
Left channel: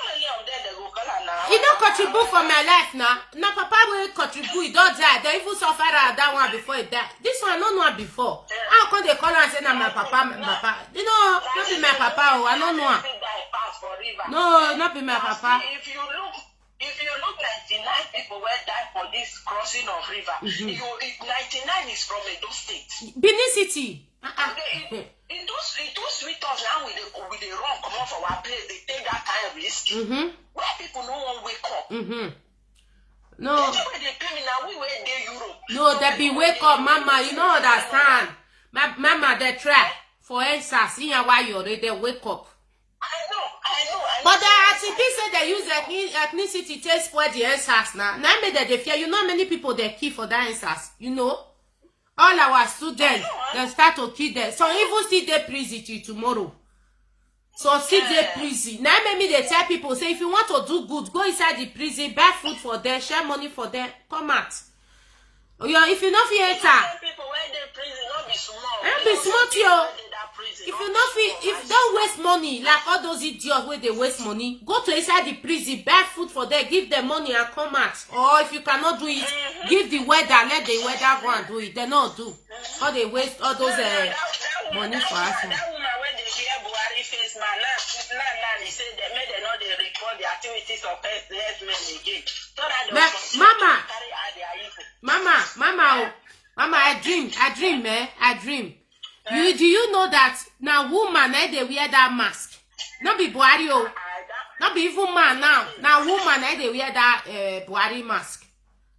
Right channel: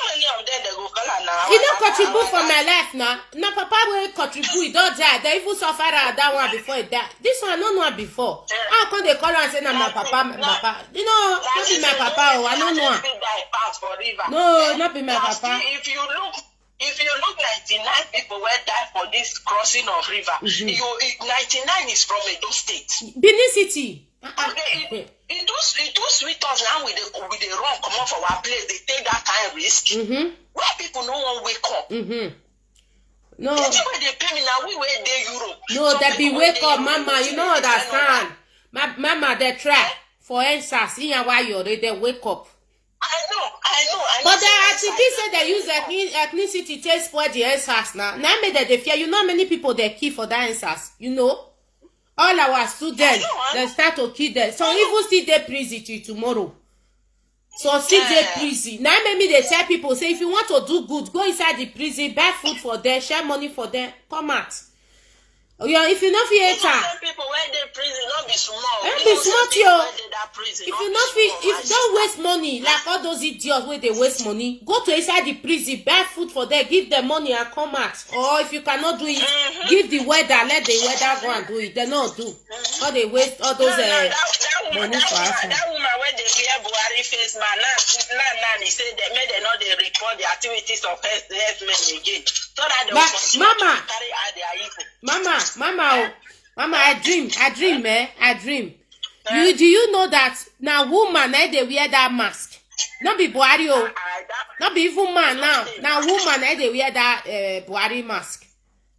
many of them they go call her now. You don't contribute for my life now. No, papa will contribute. He don't die. They even suffer that one before he died. This one I don't know before. How come they call her and say, "No, my papa, my papa"? You know, not be my papa. I don't know. No, not be my papa. If you look 99 people were died for this crossing of river. 99 is from Edo State. Benin City. It do sweet us now with the run come off our place. They take that kind of risk. Where people no one wake up. No. That's why they pay me now. We were there Europe. No, they be wake up, mama. You know understand. Mama, they try for answers. See why you already wake up. I know. But the activists say they use ethnicity to spoil the answers now. Now made they fear. You know many people they kill for the answers. You know. All our students, they start to kill them. Some even still they prison till tomorrow. So still they prison. Now maybe they tell people, say, if you want to do good, go inside the prison, buy food for them, share money for them, come out. If you not feel enter. People when they prison, not be small. Don't be smart, yo. If you not feel, if don't waste money, like all those idiots where they waste money, go to inside the prison, buy food for them, give them money and come out. Or if you cannot do it, give the weather, let the weather go and do it. They not do. Or they waste all those money for us. That woman when they wear Buhari face man, now he said they made they not they report the activities of herdsmen again. So that they Mama, carry out their evil. Mama, I dream, man. I dream. Do you know that now woman they wear that mask? Not be Buhari, not be even man now. Now woman they wear that Buhari mask.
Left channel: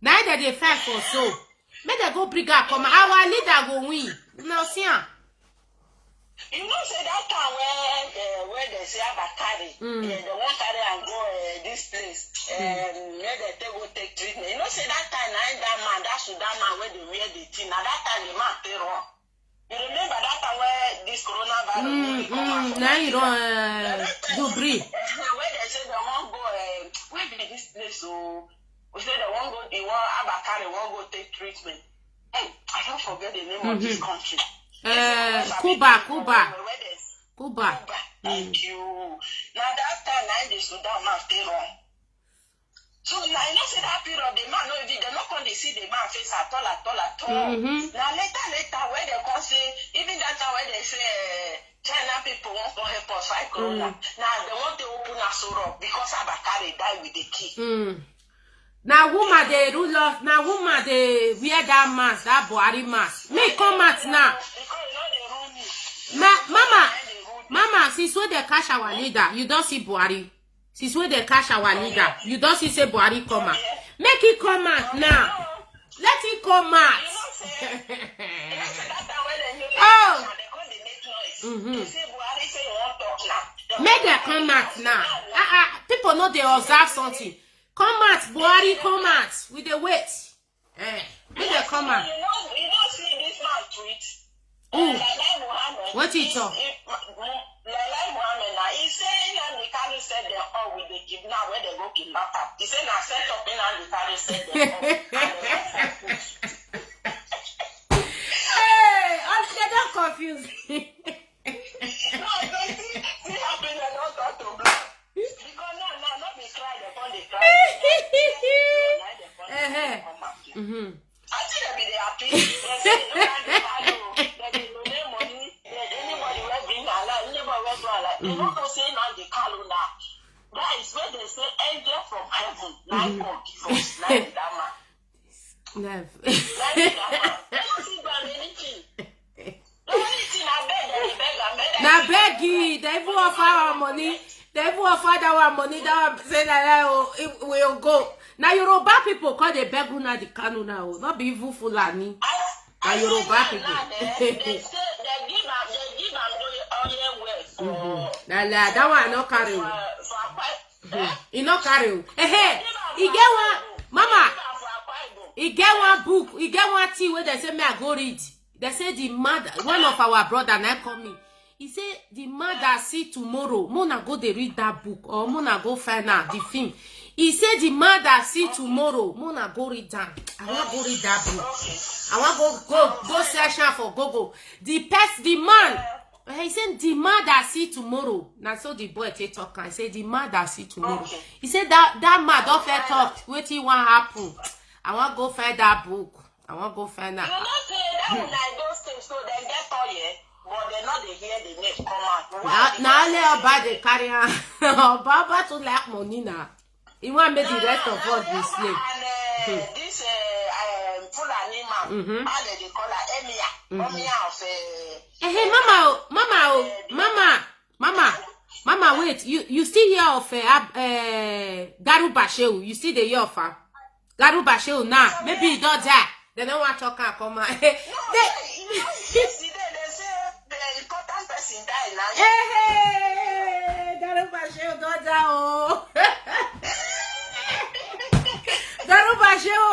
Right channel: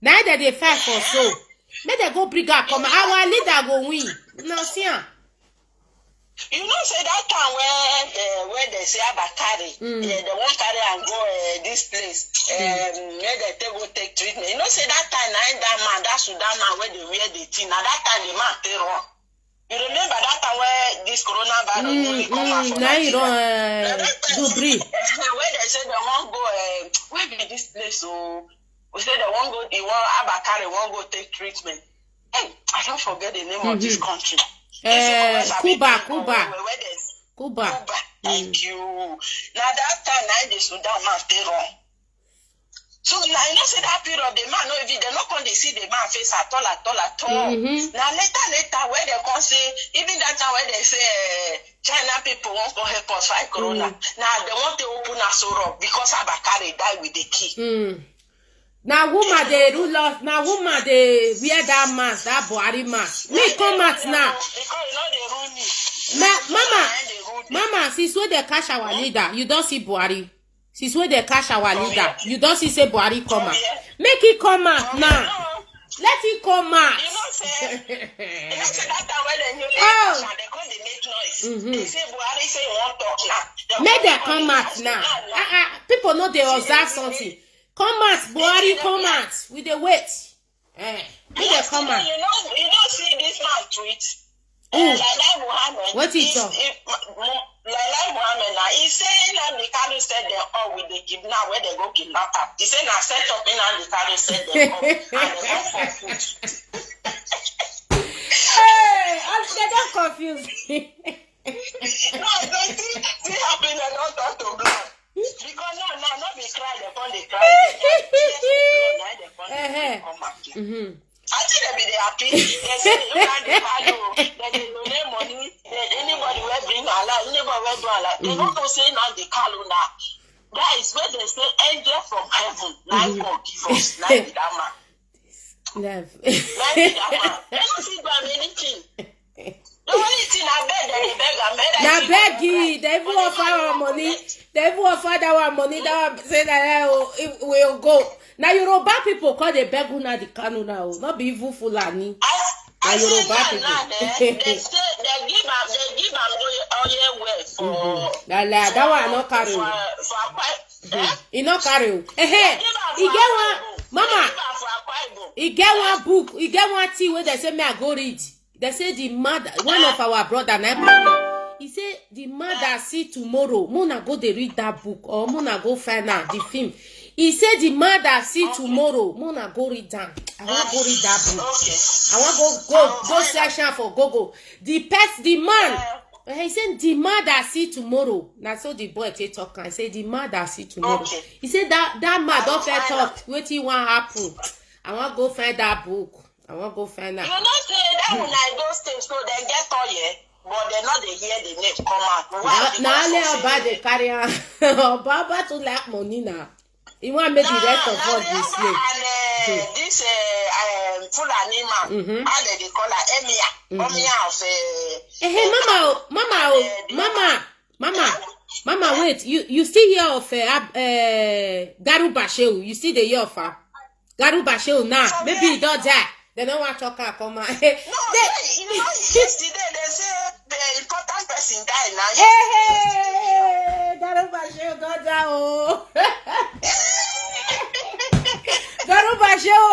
Now that they fight for so. May they go bring her come. Our leader go win. No, see. You know, say that time where they say Abakari, they won't carry and go this place, where they go take treatment. You know, say that time, that Sudan man where they wear the thing. Now that time, the man pay wrong. You remember that time where this coronavirus now you don't do breathe. Where they say they won't go, where be this place? So we say they won't go, Abakari won't go take treatment. Hey, I don't forget the name of this country. Cuba. Thank you. Now that time, now the Sudan man stay wrong. So now you know say that period the man no even they not going to see the man face at all. Now later where they come say even that time where they say China people want to help us fight corona. Now they want to open us up because Abakari died with the key. Now woman they rule off. Now woman they wear that mask, that Buhari mask. Me come out now. Because you know they rule me. Mama, since when they catch our leader, you don't see Buhari. Since when they catch our leader, you don't see say Buhari come out. Make it come out now. Let it come out. You know say that time when they they come they make noise. They say Buhari say you want talk now. Make them come out now. People know they observe something. Come out, Buhari, come out. We dey wait. Make they come out. You don't see this man tweet. Who? Muhammad. What he talk? Laila Muhammad now, he say Nnamdi Kanu said they all with the kidnap where they go kidnap her. He said now set up Nnamdi Kanu said they all and they don't Hey, they don't confuse me. No, they still happen and not have to blow. Because no, not be cry, they can't they cry. I think they be happy. They say Nnamdi Kanu, they donate money. Anybody will bring Allah, anybody will do Allah. They want to say Nnamdi Kanu now. That is where they say angel from heaven. Like God give us, like that man. Love. I don't see them anything. The only thing I beg, Now beggy, they will offer our money. They will offer our money. That say that it will go. Now Yoruba people call the beg Nnamdi Kanu now. Not be evil Fulani. Now Yoruba people. They give them oil well for. That one not carry. He not carry. He get one, Mama. He get one book. He get one tea where they say me I go read. They say the mother, one of our brother, he say the mother see tomorrow. Mona go they read that book or Mona go find out the film. He said the mother see tomorrow. Mona go read that. I want go read that book. I want go search for Google. The man. He said the mother see tomorrow. Now so the boy take talk and say the mother see tomorrow. He said that man don't fair talk. Wait till what happen. I want go find that book. I want go find that. You know say that like those things so they get oil. But they're not they hear the name come out. Now let Oba they carry on. Oba to like money now. He want make the rest of us be slave. And this Fulani man, how they call her Emia. Emia of Mama, wait. You still hear of Garuba Shehu? You see the year of her? Garuba Shehu now. Maybe he don't die. They don't want to talk and come out. yesterday they say the important person died now. Hey, Garuba Shehu don't die. Oh. Garuba Shehu,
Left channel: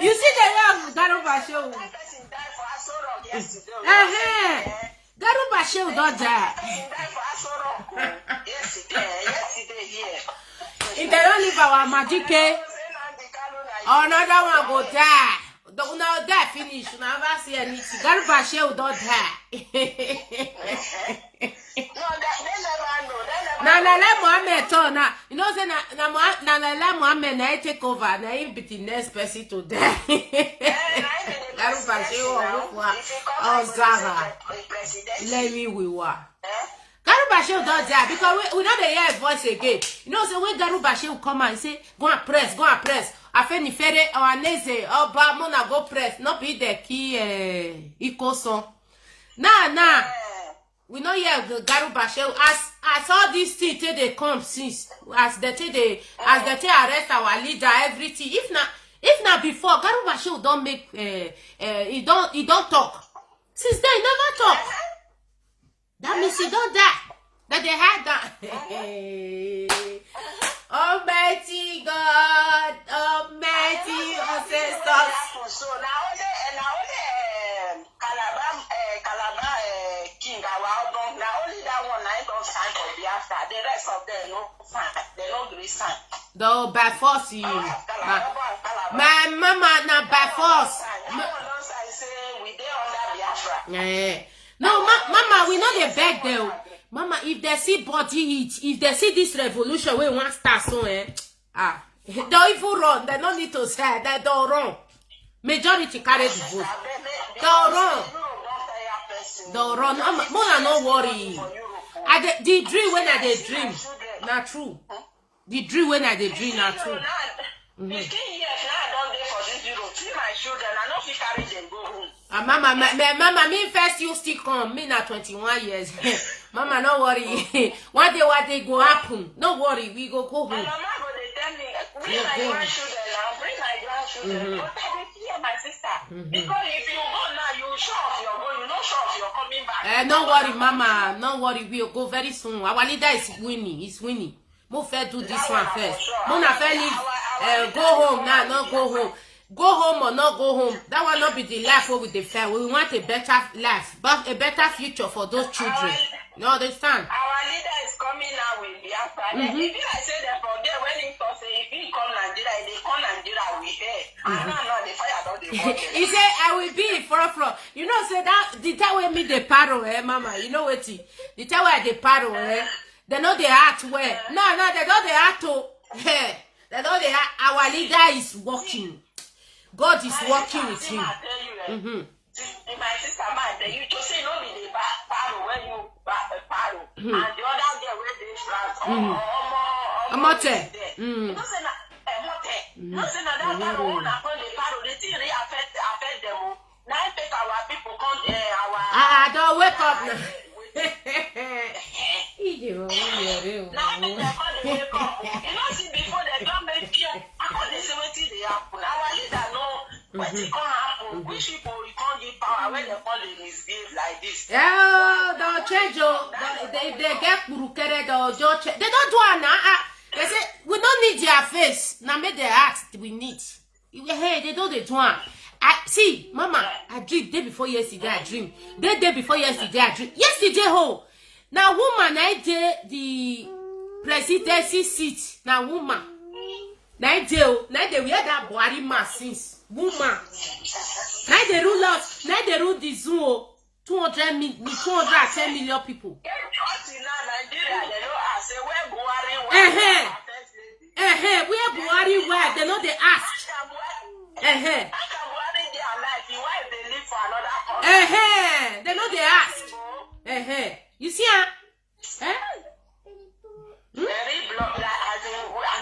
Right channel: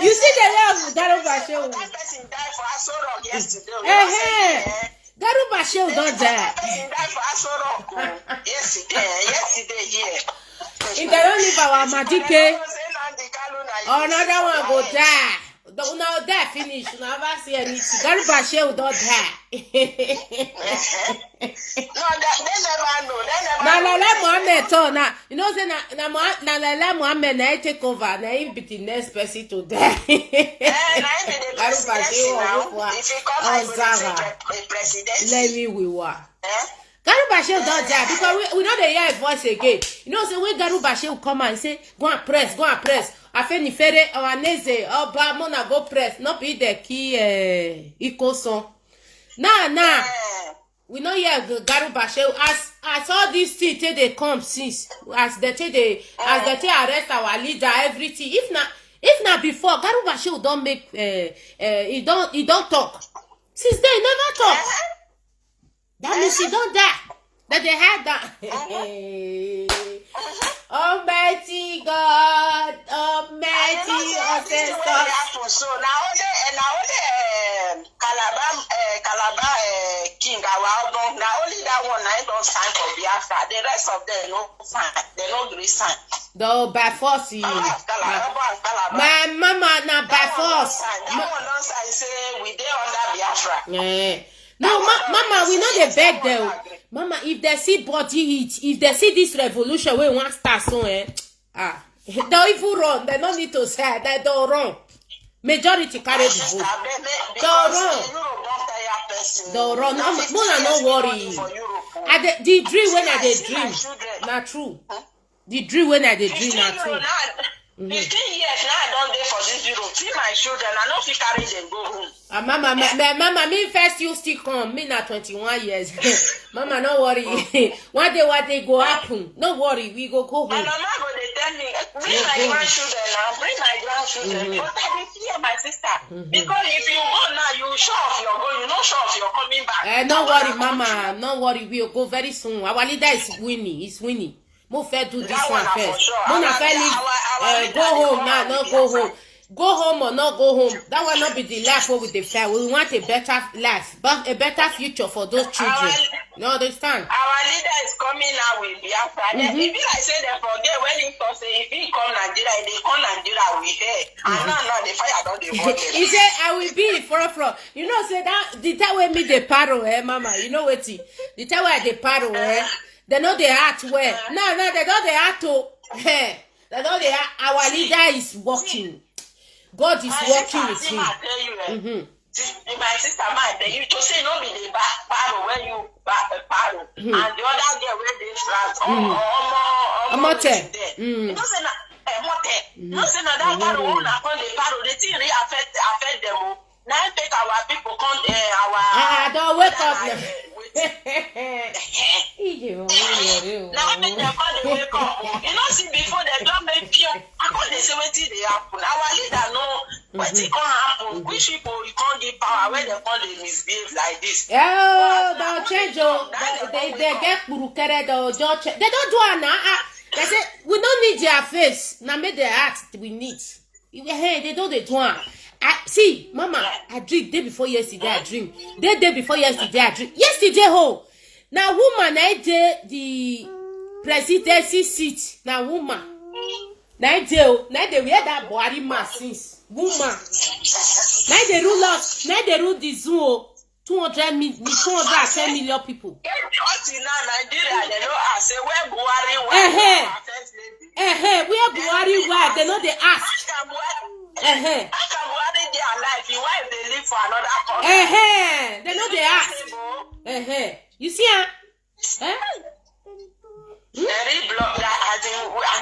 you see the year of Garuba Shehu? That person died for Asoro yesterday. Garuba Shehu don't die. Person died for Asoro yesterday here. If they don't leave our Majike, another one go die. Don't now die finish. You never see anything. Garuba Shehu don't die. No, they never know. Now let Muhammad talk now. You know say now let Muhammad now take over. Now he be the next person to die. Garuba Shehu or Zara. Let me we were. Garuba Shehu don't die because we know they hear his voice again. You know, so when Garuba Shehu come and say, go and press. Afeni fere or neze or Mona go press. Not be the key Ikoson. Nah. We know here Garuba Shehu as all these things they come since as they arrest our leader everything. If not before Garuba Shehu don't make he don't talk. Since then he never talk. That means he don't die. That they had that. Almighty God, Almighty ancestors. So now only Calabar King now only that one I don't sign for Biafra. The rest of them no sign. They no agree sign. Though by force you. My mama now by force. That one don't say we dey under Biafra. No, Mama, we know they beg them. Mama, if they see body heat, if they see this revolution, we want start so they don't even run. They don't need to say they don't run. Majority carry the vote. Don't run. Mona, no worry. The dream when I dey dream, not true. The dream when I dey dream, not true. 15 years now I don't dey for this Europe. See my children, I no fit carry them go home. Mama, me first you still come. Me na 21 years. Mama, no worry. One day what they go happen. No worry, we go home. And Mama go dey tell me, bring my grandchildren now, bring my grandchildren. But I dey fear my sister. Because if you go now, you show off you're going, you no show off you're coming back. No worry, Mama. No worry, we'll go very soon. Our leader is winning. He's winning. Mo fair do this one first. Mona fair leave. go home now, not go home. Go home or not go home. That will not be the life what we define. We want a better life, but a better future for those children. You understand? Our leader is coming now with Biafra. If I say they forget when he talk say if he come Nigeria, they come Nigeria we here. And now the fire don't dey. He say I will be from. You know, say that the time when me the paro, mama. You know what? The time where the paro, they know the heart where. No, they know the heart to. They know the our leader is working. God is working with him. My sister, you just say no be the paro when you paro, and the other girl where they France, Amote. You don't say no say no that paro one upon the paro, the thing really affect them. Now take our people come don't wake up now. You know, see before they don't make pure. I can't say what they happen. Our leader know what it can happen. Which people you can't give power when they can't misbehave like this. Oh, they'll change. They get burukere. They'll just change. They don't do it now. They say we don't need their face. Now make their heart we need. Hey, they don't do it. See, Mama, I dream day before yesterday. I dream day before yesterday. I dream yesterday. Now woman, I did the presidency seat. Now woman, now they wear that Buhari mask since woman. Now they rule us. Now they rule the zoo. 210 million people. Nigeria, they know I say where Buhari where Buhari where they know they ask. Your wife they live for another country. They know they ask. You see, Very block. I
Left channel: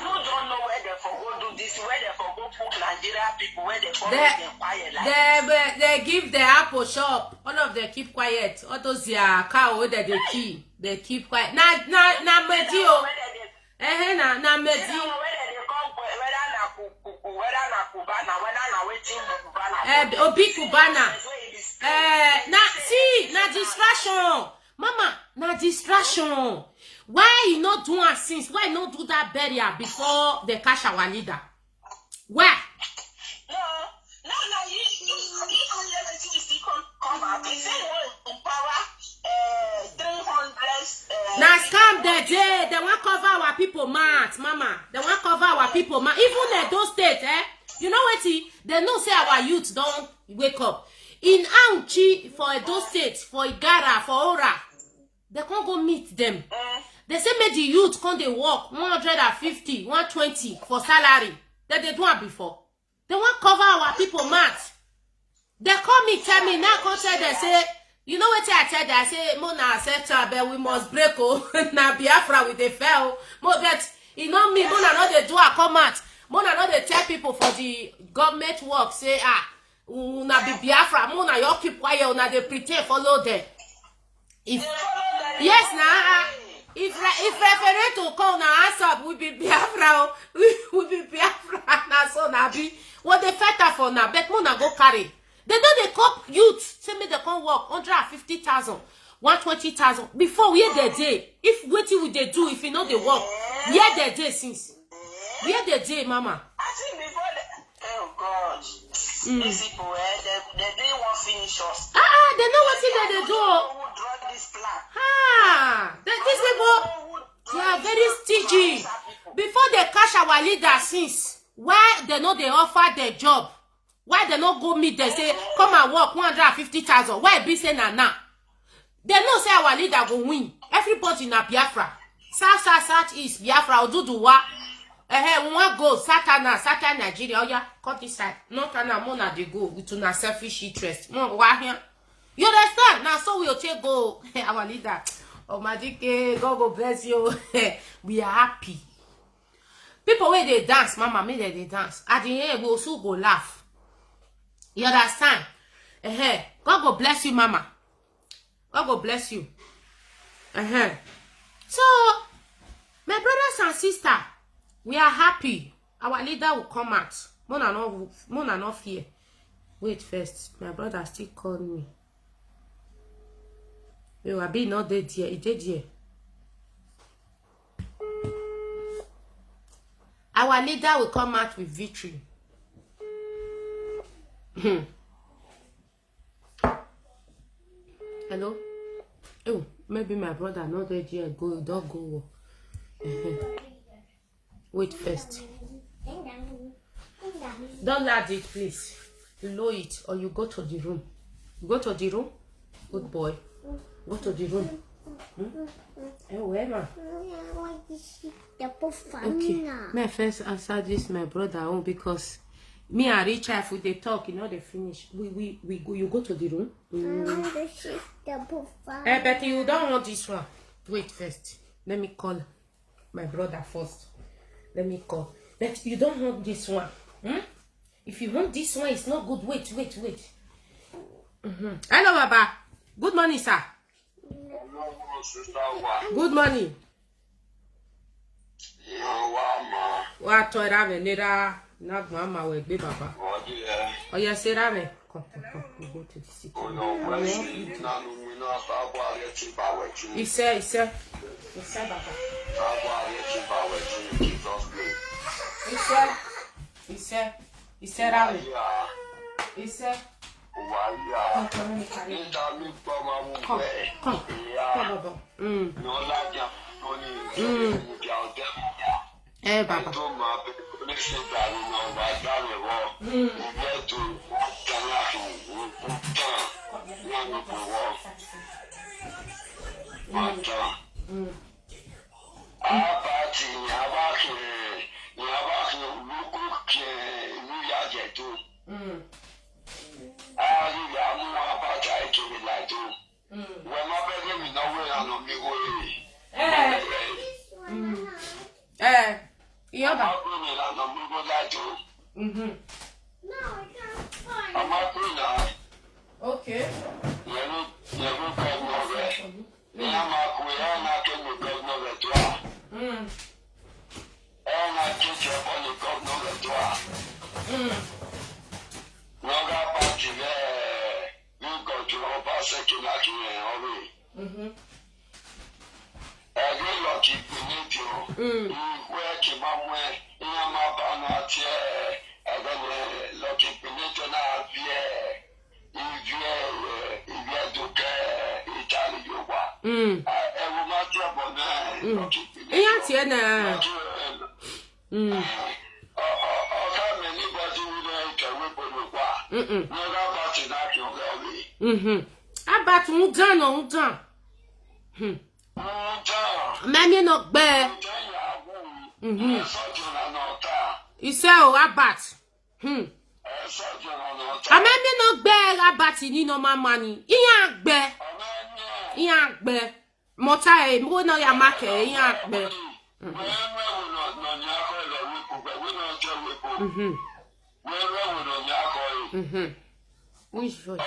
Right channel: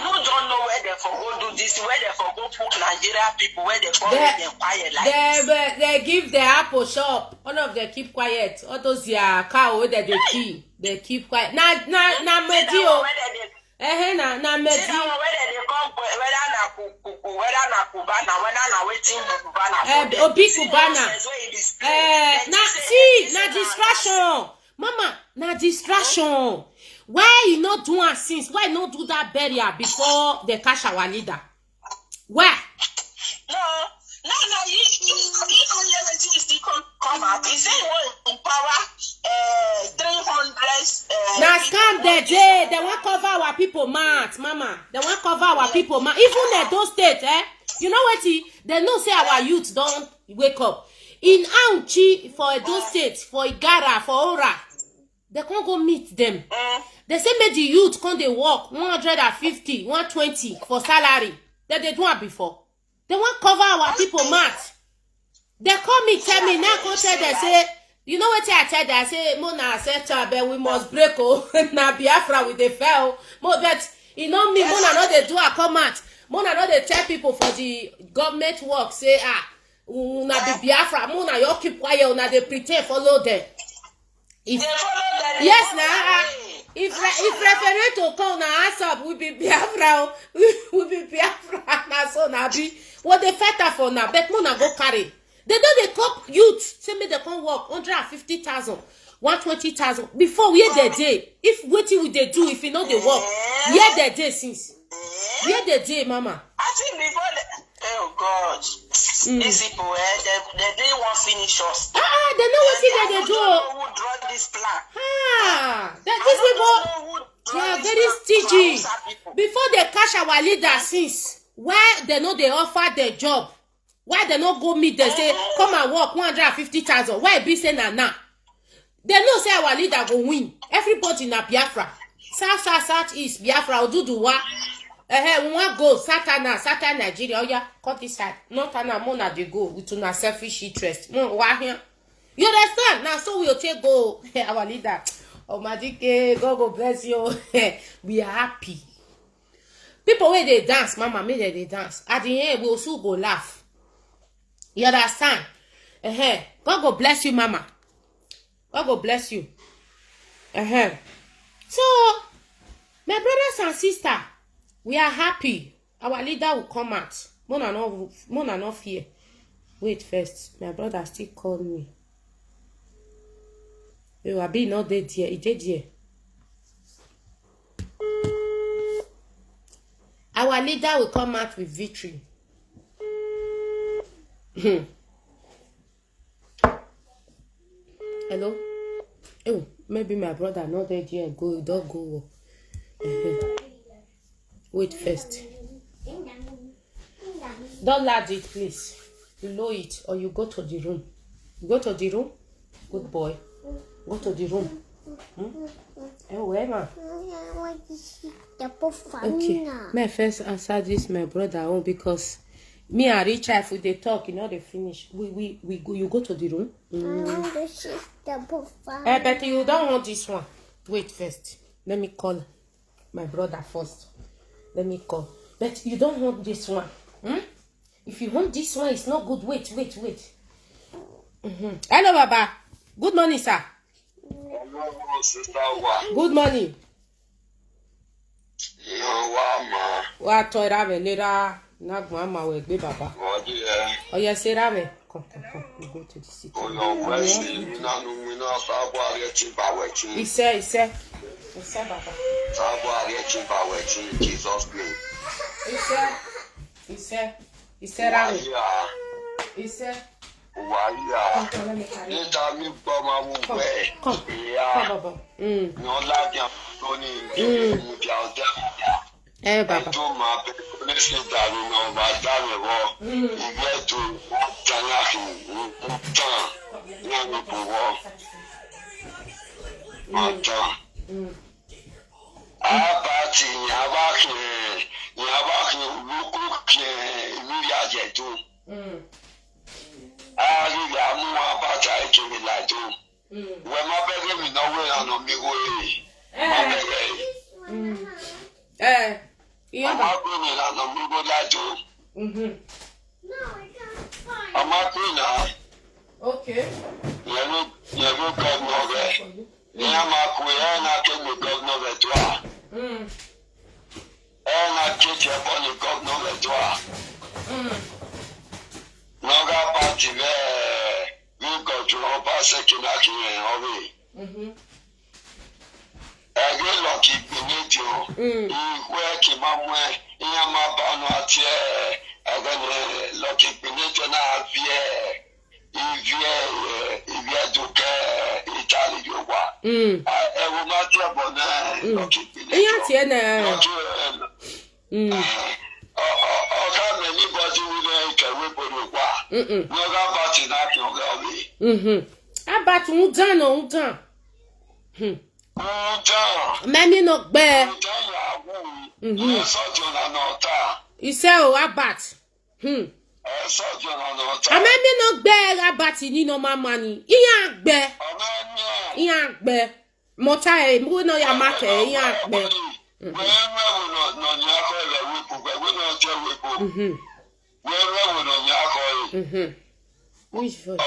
don't know where they for go do this, where they for go put Nigeria people, where they for them quiet like they give the Apple shop. All of them keep quiet. All those cow that they keep, they keep quiet. Na medio. Na medio. Obi Cubana. Na distraction. Mama, na distraction. Why you not do it since? Why not do that burial before they catch our leader? Why? No, you still come out. He said in power 300. Now scam they won't cover our people mouth, Mama. They won't cover our people mouth. Even at those states, you know what? They know say our youth don't wake up. In Auchi for those states, for Igara, for Ora, they can't go meet them. They say make the youth come they work 150, 120 for salary. That they do it before. They won't cover our people mouth. They call me, tell me now. Come tell they say, you know what I tell them? I say, Mona said, but we must break. Na Biafra with the fell. But you know me, Mona not they do a comment. Mona not they tell people for the government work. Say una be Biafra. Mona you keep quiet. Una they pretend follow them. Yes, now. If referendum come na answer, we be Biafra. We be Biafra. Na so na be. What they fight for now? Bet Mona go carry. They know they cop youth. Say me they come work 150,000, 120,000 before where they day. If waiting with they do, if you know they work, where they day since. Where they day, Mama. I think before oh God, these people they didn't want finish us. They know what thing they do. Who draw this plan? These people they are very stingy. Before they catch our leader since, why they know they offer their job? Why they not go meet them say come and work 150,000? Why be say na? They know say our leader go win. Everybody na Biafra. South east Biafra Oduduwa. We want go Southern Nigeria. Oh yeah, cut this side. Not na Mona they go with una selfish interest. Why here? You understand? Now so we'll take go our leader. Oh Madike, God bless you. We are happy. People where they dance, Mama, me they dance. At the end, we also go laugh. You understand? God go bless you, Mama. God go bless you. So, my brothers and sisters, we are happy. Our leader will come out. Mona no fear. Wait first. My brother still called me. You are being not dead here. He dead here. Our leader will come out with victory. Hello? Oh, maybe my brother not there yet. Don't go. Wait first. Don't lad it, please. You lower it or you go to the room. Go to the room. Good boy. Go to the room. Where, ma? Okay. May first answer this my brother own because me and Richard, if they talk, you know they finish. We go. You go to the room. But you don't want this one. Wait first. Let me call my brother first. Let me call. But you don't want this one. If you want this one, it's not good. Wait. Hello, Baba. Good morning, sir. Good morning. What toy ramen later? Not mama will be Baba. Oh yes, say ramen. Come. We go to the city. He said, Baba. He said, ramen. He said. Come, Baba. Baba. Okay. About undan. Memi no gbe. You say o abat. Memi no gbe abat ni no mama ni. Iyan gbe. Mota e mo no ya make iyan gbe. Which voice?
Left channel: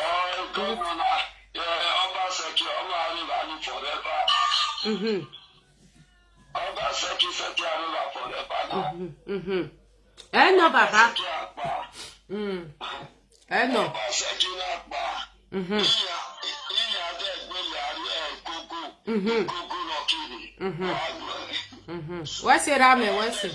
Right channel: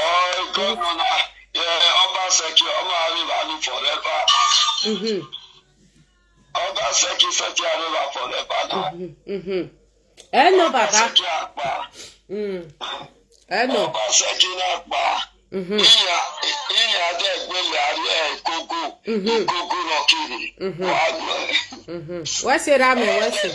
No, Baba. No. What's it, Rame? What's it?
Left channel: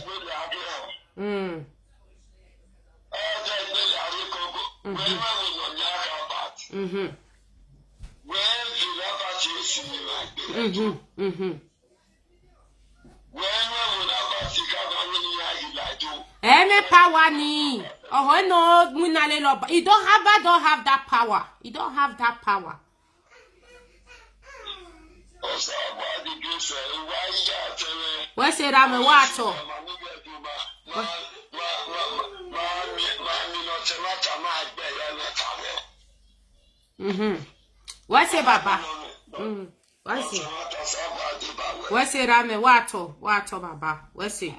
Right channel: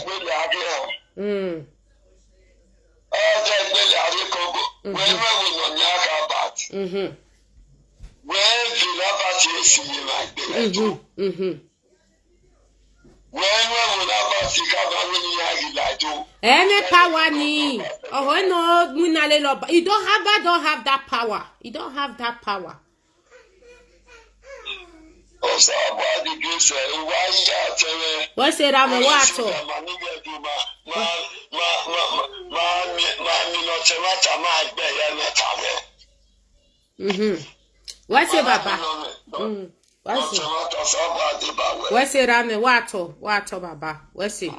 Any power ni. Oh no, you don't have that power. You don't have that power. What's it, Rame? What? What's it, Baba? What's it? What's it, Rame? What, Baba? What's it?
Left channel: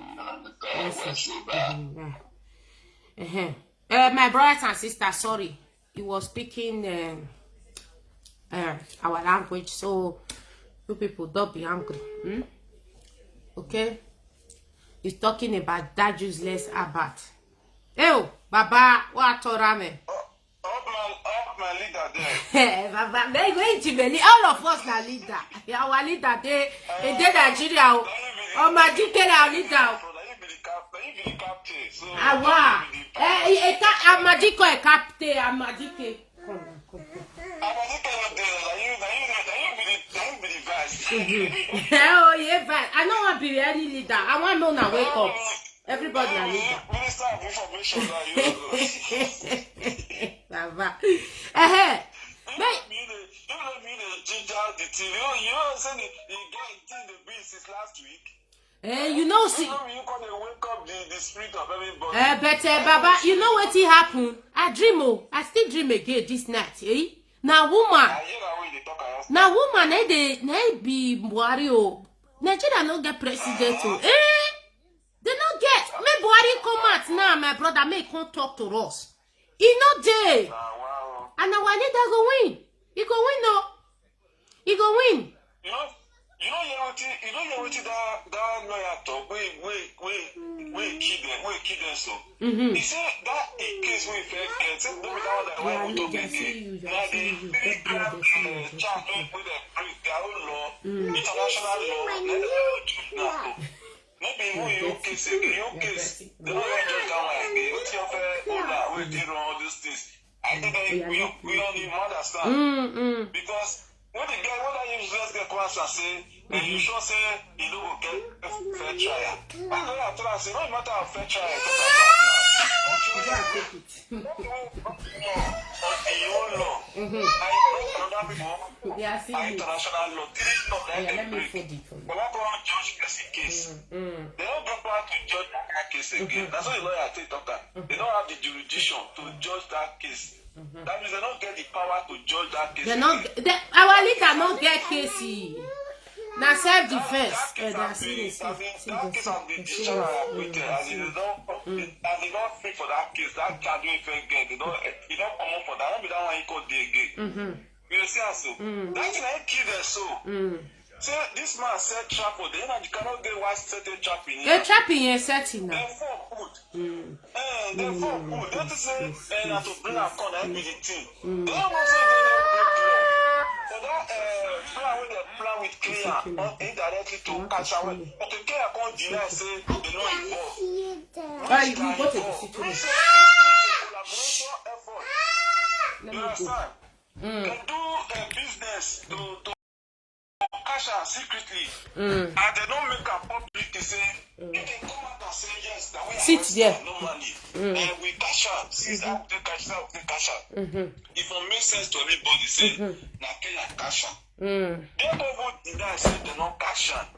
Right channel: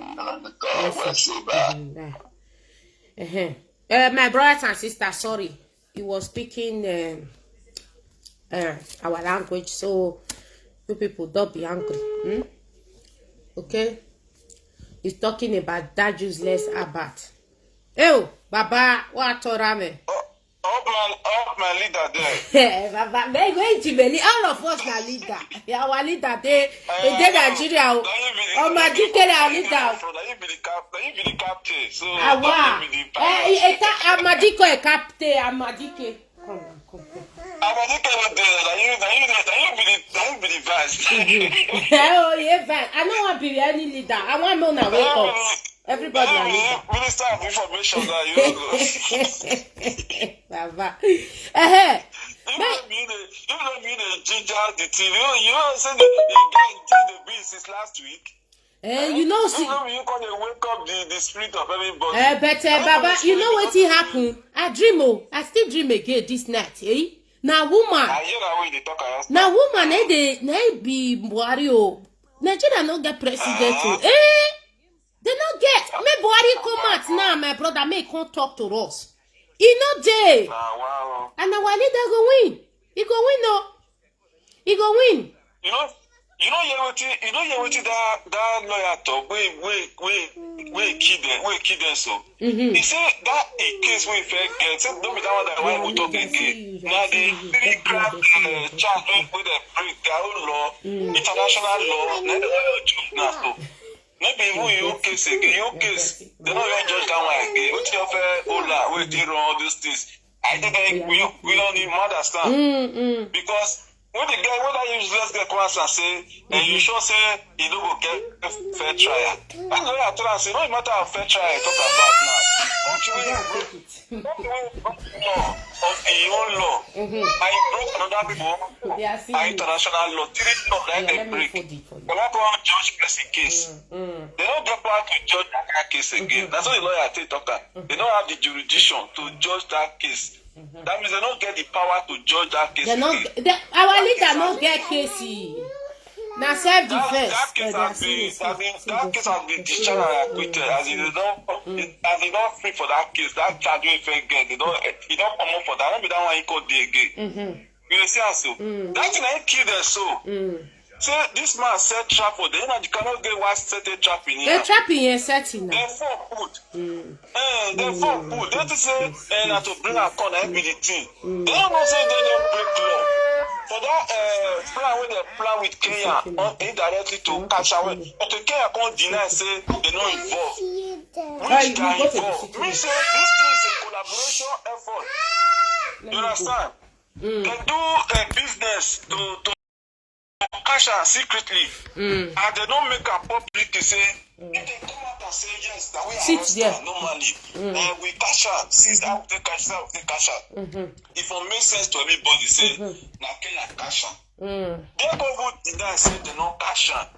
My brothers and sisters, sorry, he was speaking our language, so you people don't be angry. Okay? He's talking about that useless Abat. Oh, Baba, what, Rame? Up my leader there. Baba, they're going to be all of us na leader. Our leader, they Nigeria. Oh, my leader. you be the captain. So Awa. you be the Amadiko e captain. Amadike. Come on. Amadike no dey. You be the vice. Oh yeah, fine. I don't want to be any leader. I want me to wake up. Everybody a leader. Minister of Information that you go. Baba. You don't mean the ginger the team. You know say the guy did the beat since last week. You know, see. You gonna wake up the spirit of everybody. But Baba, you know what happened? I dream. I still dream again this night. Now woman. Now woman, they be Buhari. Nigeria no get president. They not get. May Buhari come out now, my brother. May come talk to us. He not there. Wow. And our leader go win. He go win, no. He go win. You know what that lawyer talk we kill them so. He said that a case we fair get say don't be that one that why we talk again. Now the three grand charge with the break their own law, international law, now so. Maybe who your case again, your case, they don't even judge that one again. What you offer Ola, we did all those things. I think we don't even understand. Because when the guy, when I useless get once and say, and you sure say he don't go get a fair trial. And the way I tell him, say, no matter how fair trial I talk about now. Don't you of the own law. I broke another people. International law. Three law that they break. They want to judge person case. They don't get power to judge that case again. That's what the lawyer take talk. They don't have the jurisdiction to judge that case. That means they don't get the power to judge that case. Our leader don't get case. Now self-defense. That case has been discharged and acquitted. As they don't free for that case, that charge we fair get. He don't come up for that. Don't be that one he called the again. You see how so? That thing ain't kill them so. Say this man set trap for them. You cannot get one set a trap in here. A trap in here setting now. Therefore put. Therefore put. Don't say to bring a corner every the thing. They don't know say they don't break law. For that plan with the plan with Kenya indirectly to catch away. But the Kenya can't deny say they not involved. Which can involve. We say this thing is a collaboration effort. You understand? They do business to cash out secretly, and they don't make a public to say, they come out and say yes, that we understand normally, we cash out, since that we cash out, If it makes sense to everybody, say, na Kenya cash out. They don't deny say they don't cash out.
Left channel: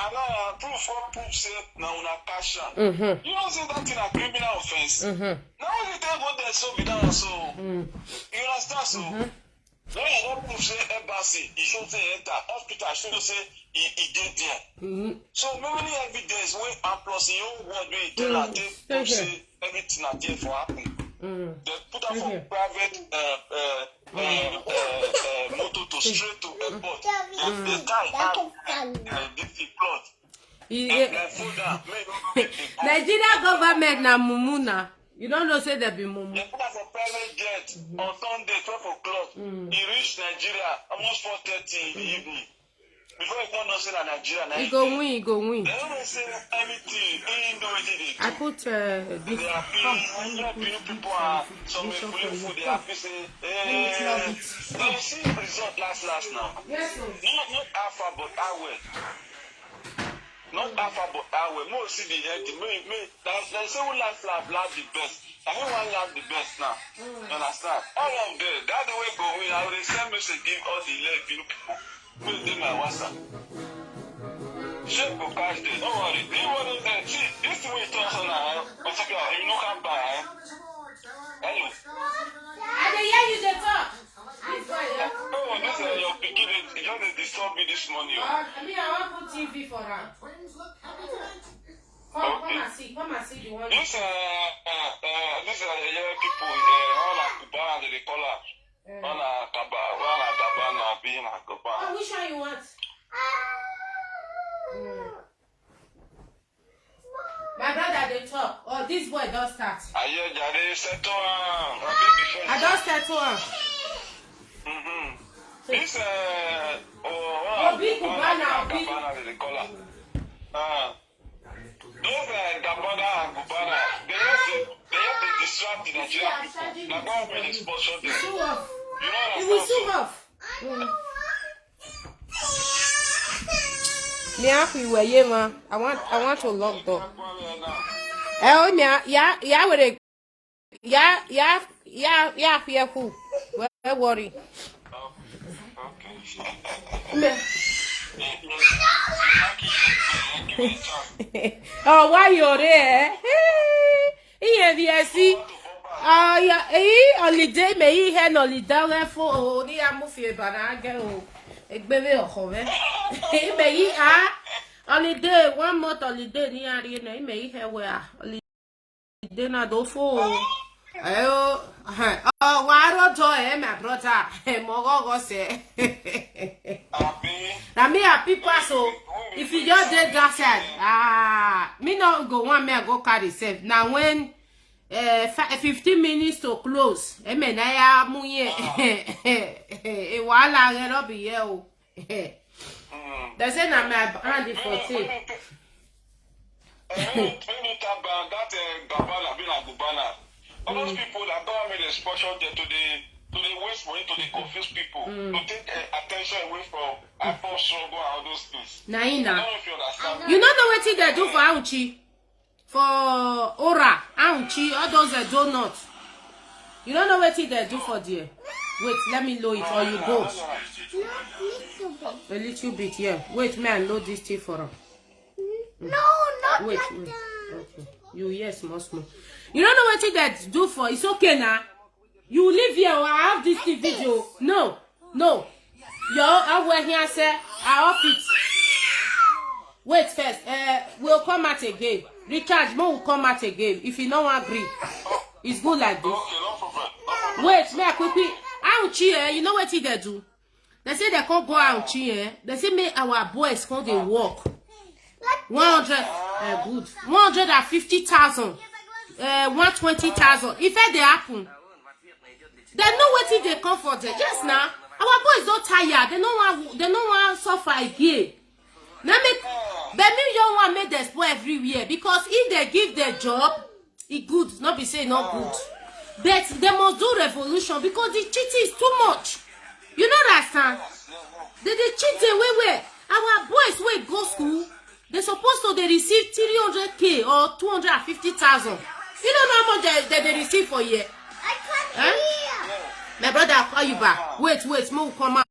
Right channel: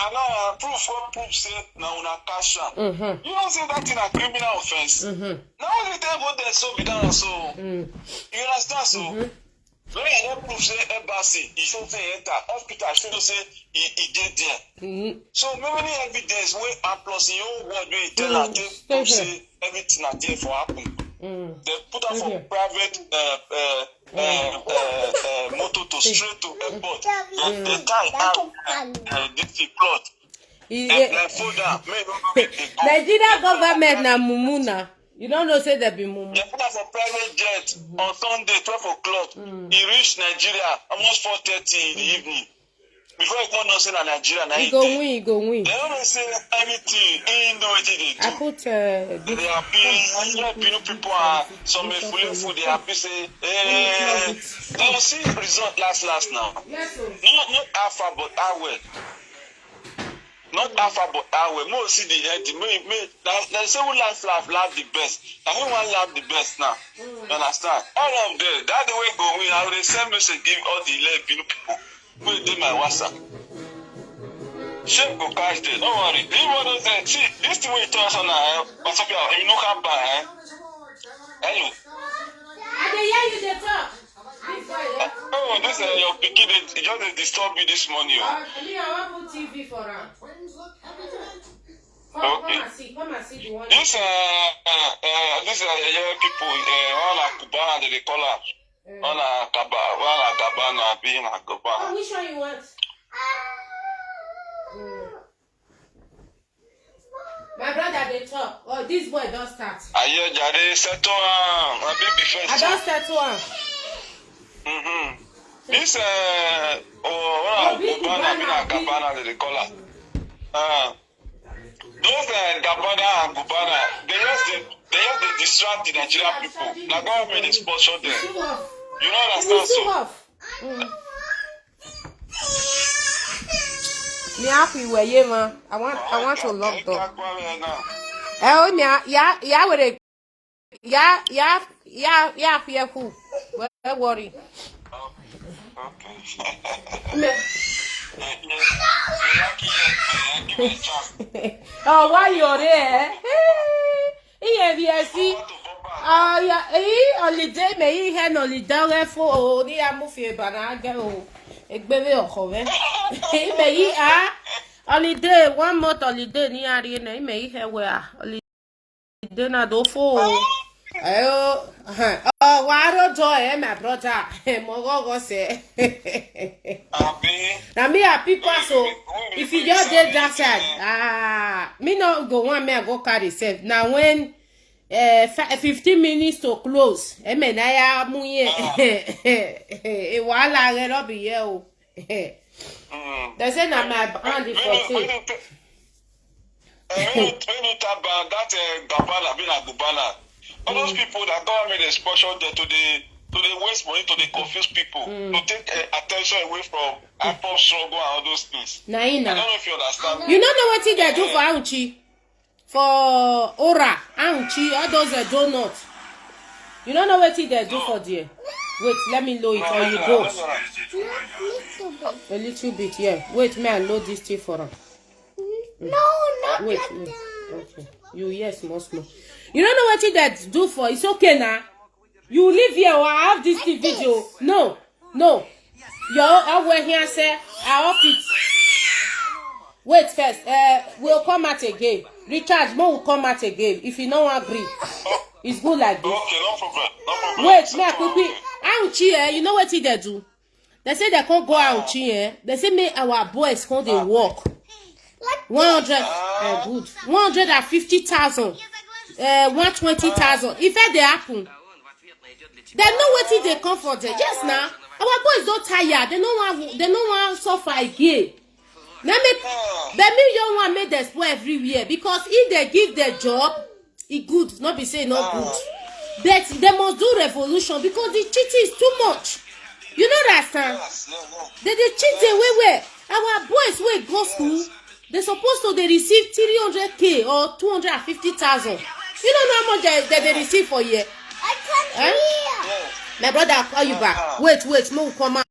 And now proof say now una cash out. You don't say that in a criminal offense. Now only they go there so be done so. You understand so? When I don't prove say embassy, he should say enter hospital, should say he did there. So many evidence wey and plus your own word wey tell her they say everything are there for happen. They put her for private motor to straight to airport. They tie out this plot. Nigeria government na mumuna. You don't know say there be mumu. They put her for private jet on Sunday 12 o'clock. He reached Nigeria almost 4:30 in the evening. Before he come know say na Nigeria na he go win. They don't say anything. He know what they do. I put they happy. People are some food. They happy say they see result last now. Yes, not alpha but our not alpha but our more see the head. They say we laugh the best. I think one laugh the best now. You understand? All of them. That's the way go win. I will send message give all the 11 people. Put them my WhatsApp. Shame go catch them. Don't worry. Leave one of them. See, this the way it turns on now. What's up, you know how bad, Anyway. I dey hear you dey talk. Oh, this your pikin. It just disturb me this morning. I want put TV for her. Come and see the one. This people. All Kubana they call her. On a cabana, being a cabana. Which one you want? My brother, they talk. Oh, this boy don't start. Aye, Jade, settle my baby first. I don't settle on. This big cabana, they call her. Gabana and Gubana, they just distract the Nigerian people. The government is sponsor them. You know what I'm saying? Me happy where you man. I want to lock door. Oh me yeah with it. Yeah fear who. Where worry. Oh, why you're there? Yes. Oh, yeah. Holiday, me here holiday for oh, the amufi banaga oh. Baby oh, me holiday 1 month holiday ni ari na me here where holiday na do for. Oh, why don't joy, my brother? Mogogo say. Now me a people so if you just did that side, me not go one me go carry self. Now when 15 minutes to close, me na ya muye. E wala get up here o. They say na my hand for it. That Gabana, being a Gubana. All those people that government is sponsored them to the waste money, to the confuse people, to take attention away from Apple struggle and all those things. Naina. I don't know if you understand. You don't know what they do for Auchi, for Ora, Auchi, all those donuts. You don't know what they do for there. Wait, let me load it or you go. A little bit, yeah. Wait, man, load this thing for them. No, not Wait. that. Okay. You yes, small. You don't know what that do for. It's okay now. You live here or I have this video. No. Yo, I will here say I off it. Wait first. We'll come out again. Recharge more will come out again. If you don't agree. It's good like this. Okay, no problem. Wait, me quickly. Auchi, you know what they do? They say they can't go Auchi, They say me our boys can't they walk. 100 good. 150,000. 120,000. If they happen, they know what they come for there. Yes, now our boys don't tired. They don't want suffer again. Let me young one make them spoil everywhere because if they give their job, it good. Not be saying not good, but they must do revolution because the cheating is too much. You know that, son? They cheat the way our boys will go school. They supposed to they receive 300K or 250,000. You don't know how much they receive for a year. I can't hear. My brother, I'll call you back. Wait, move, come out.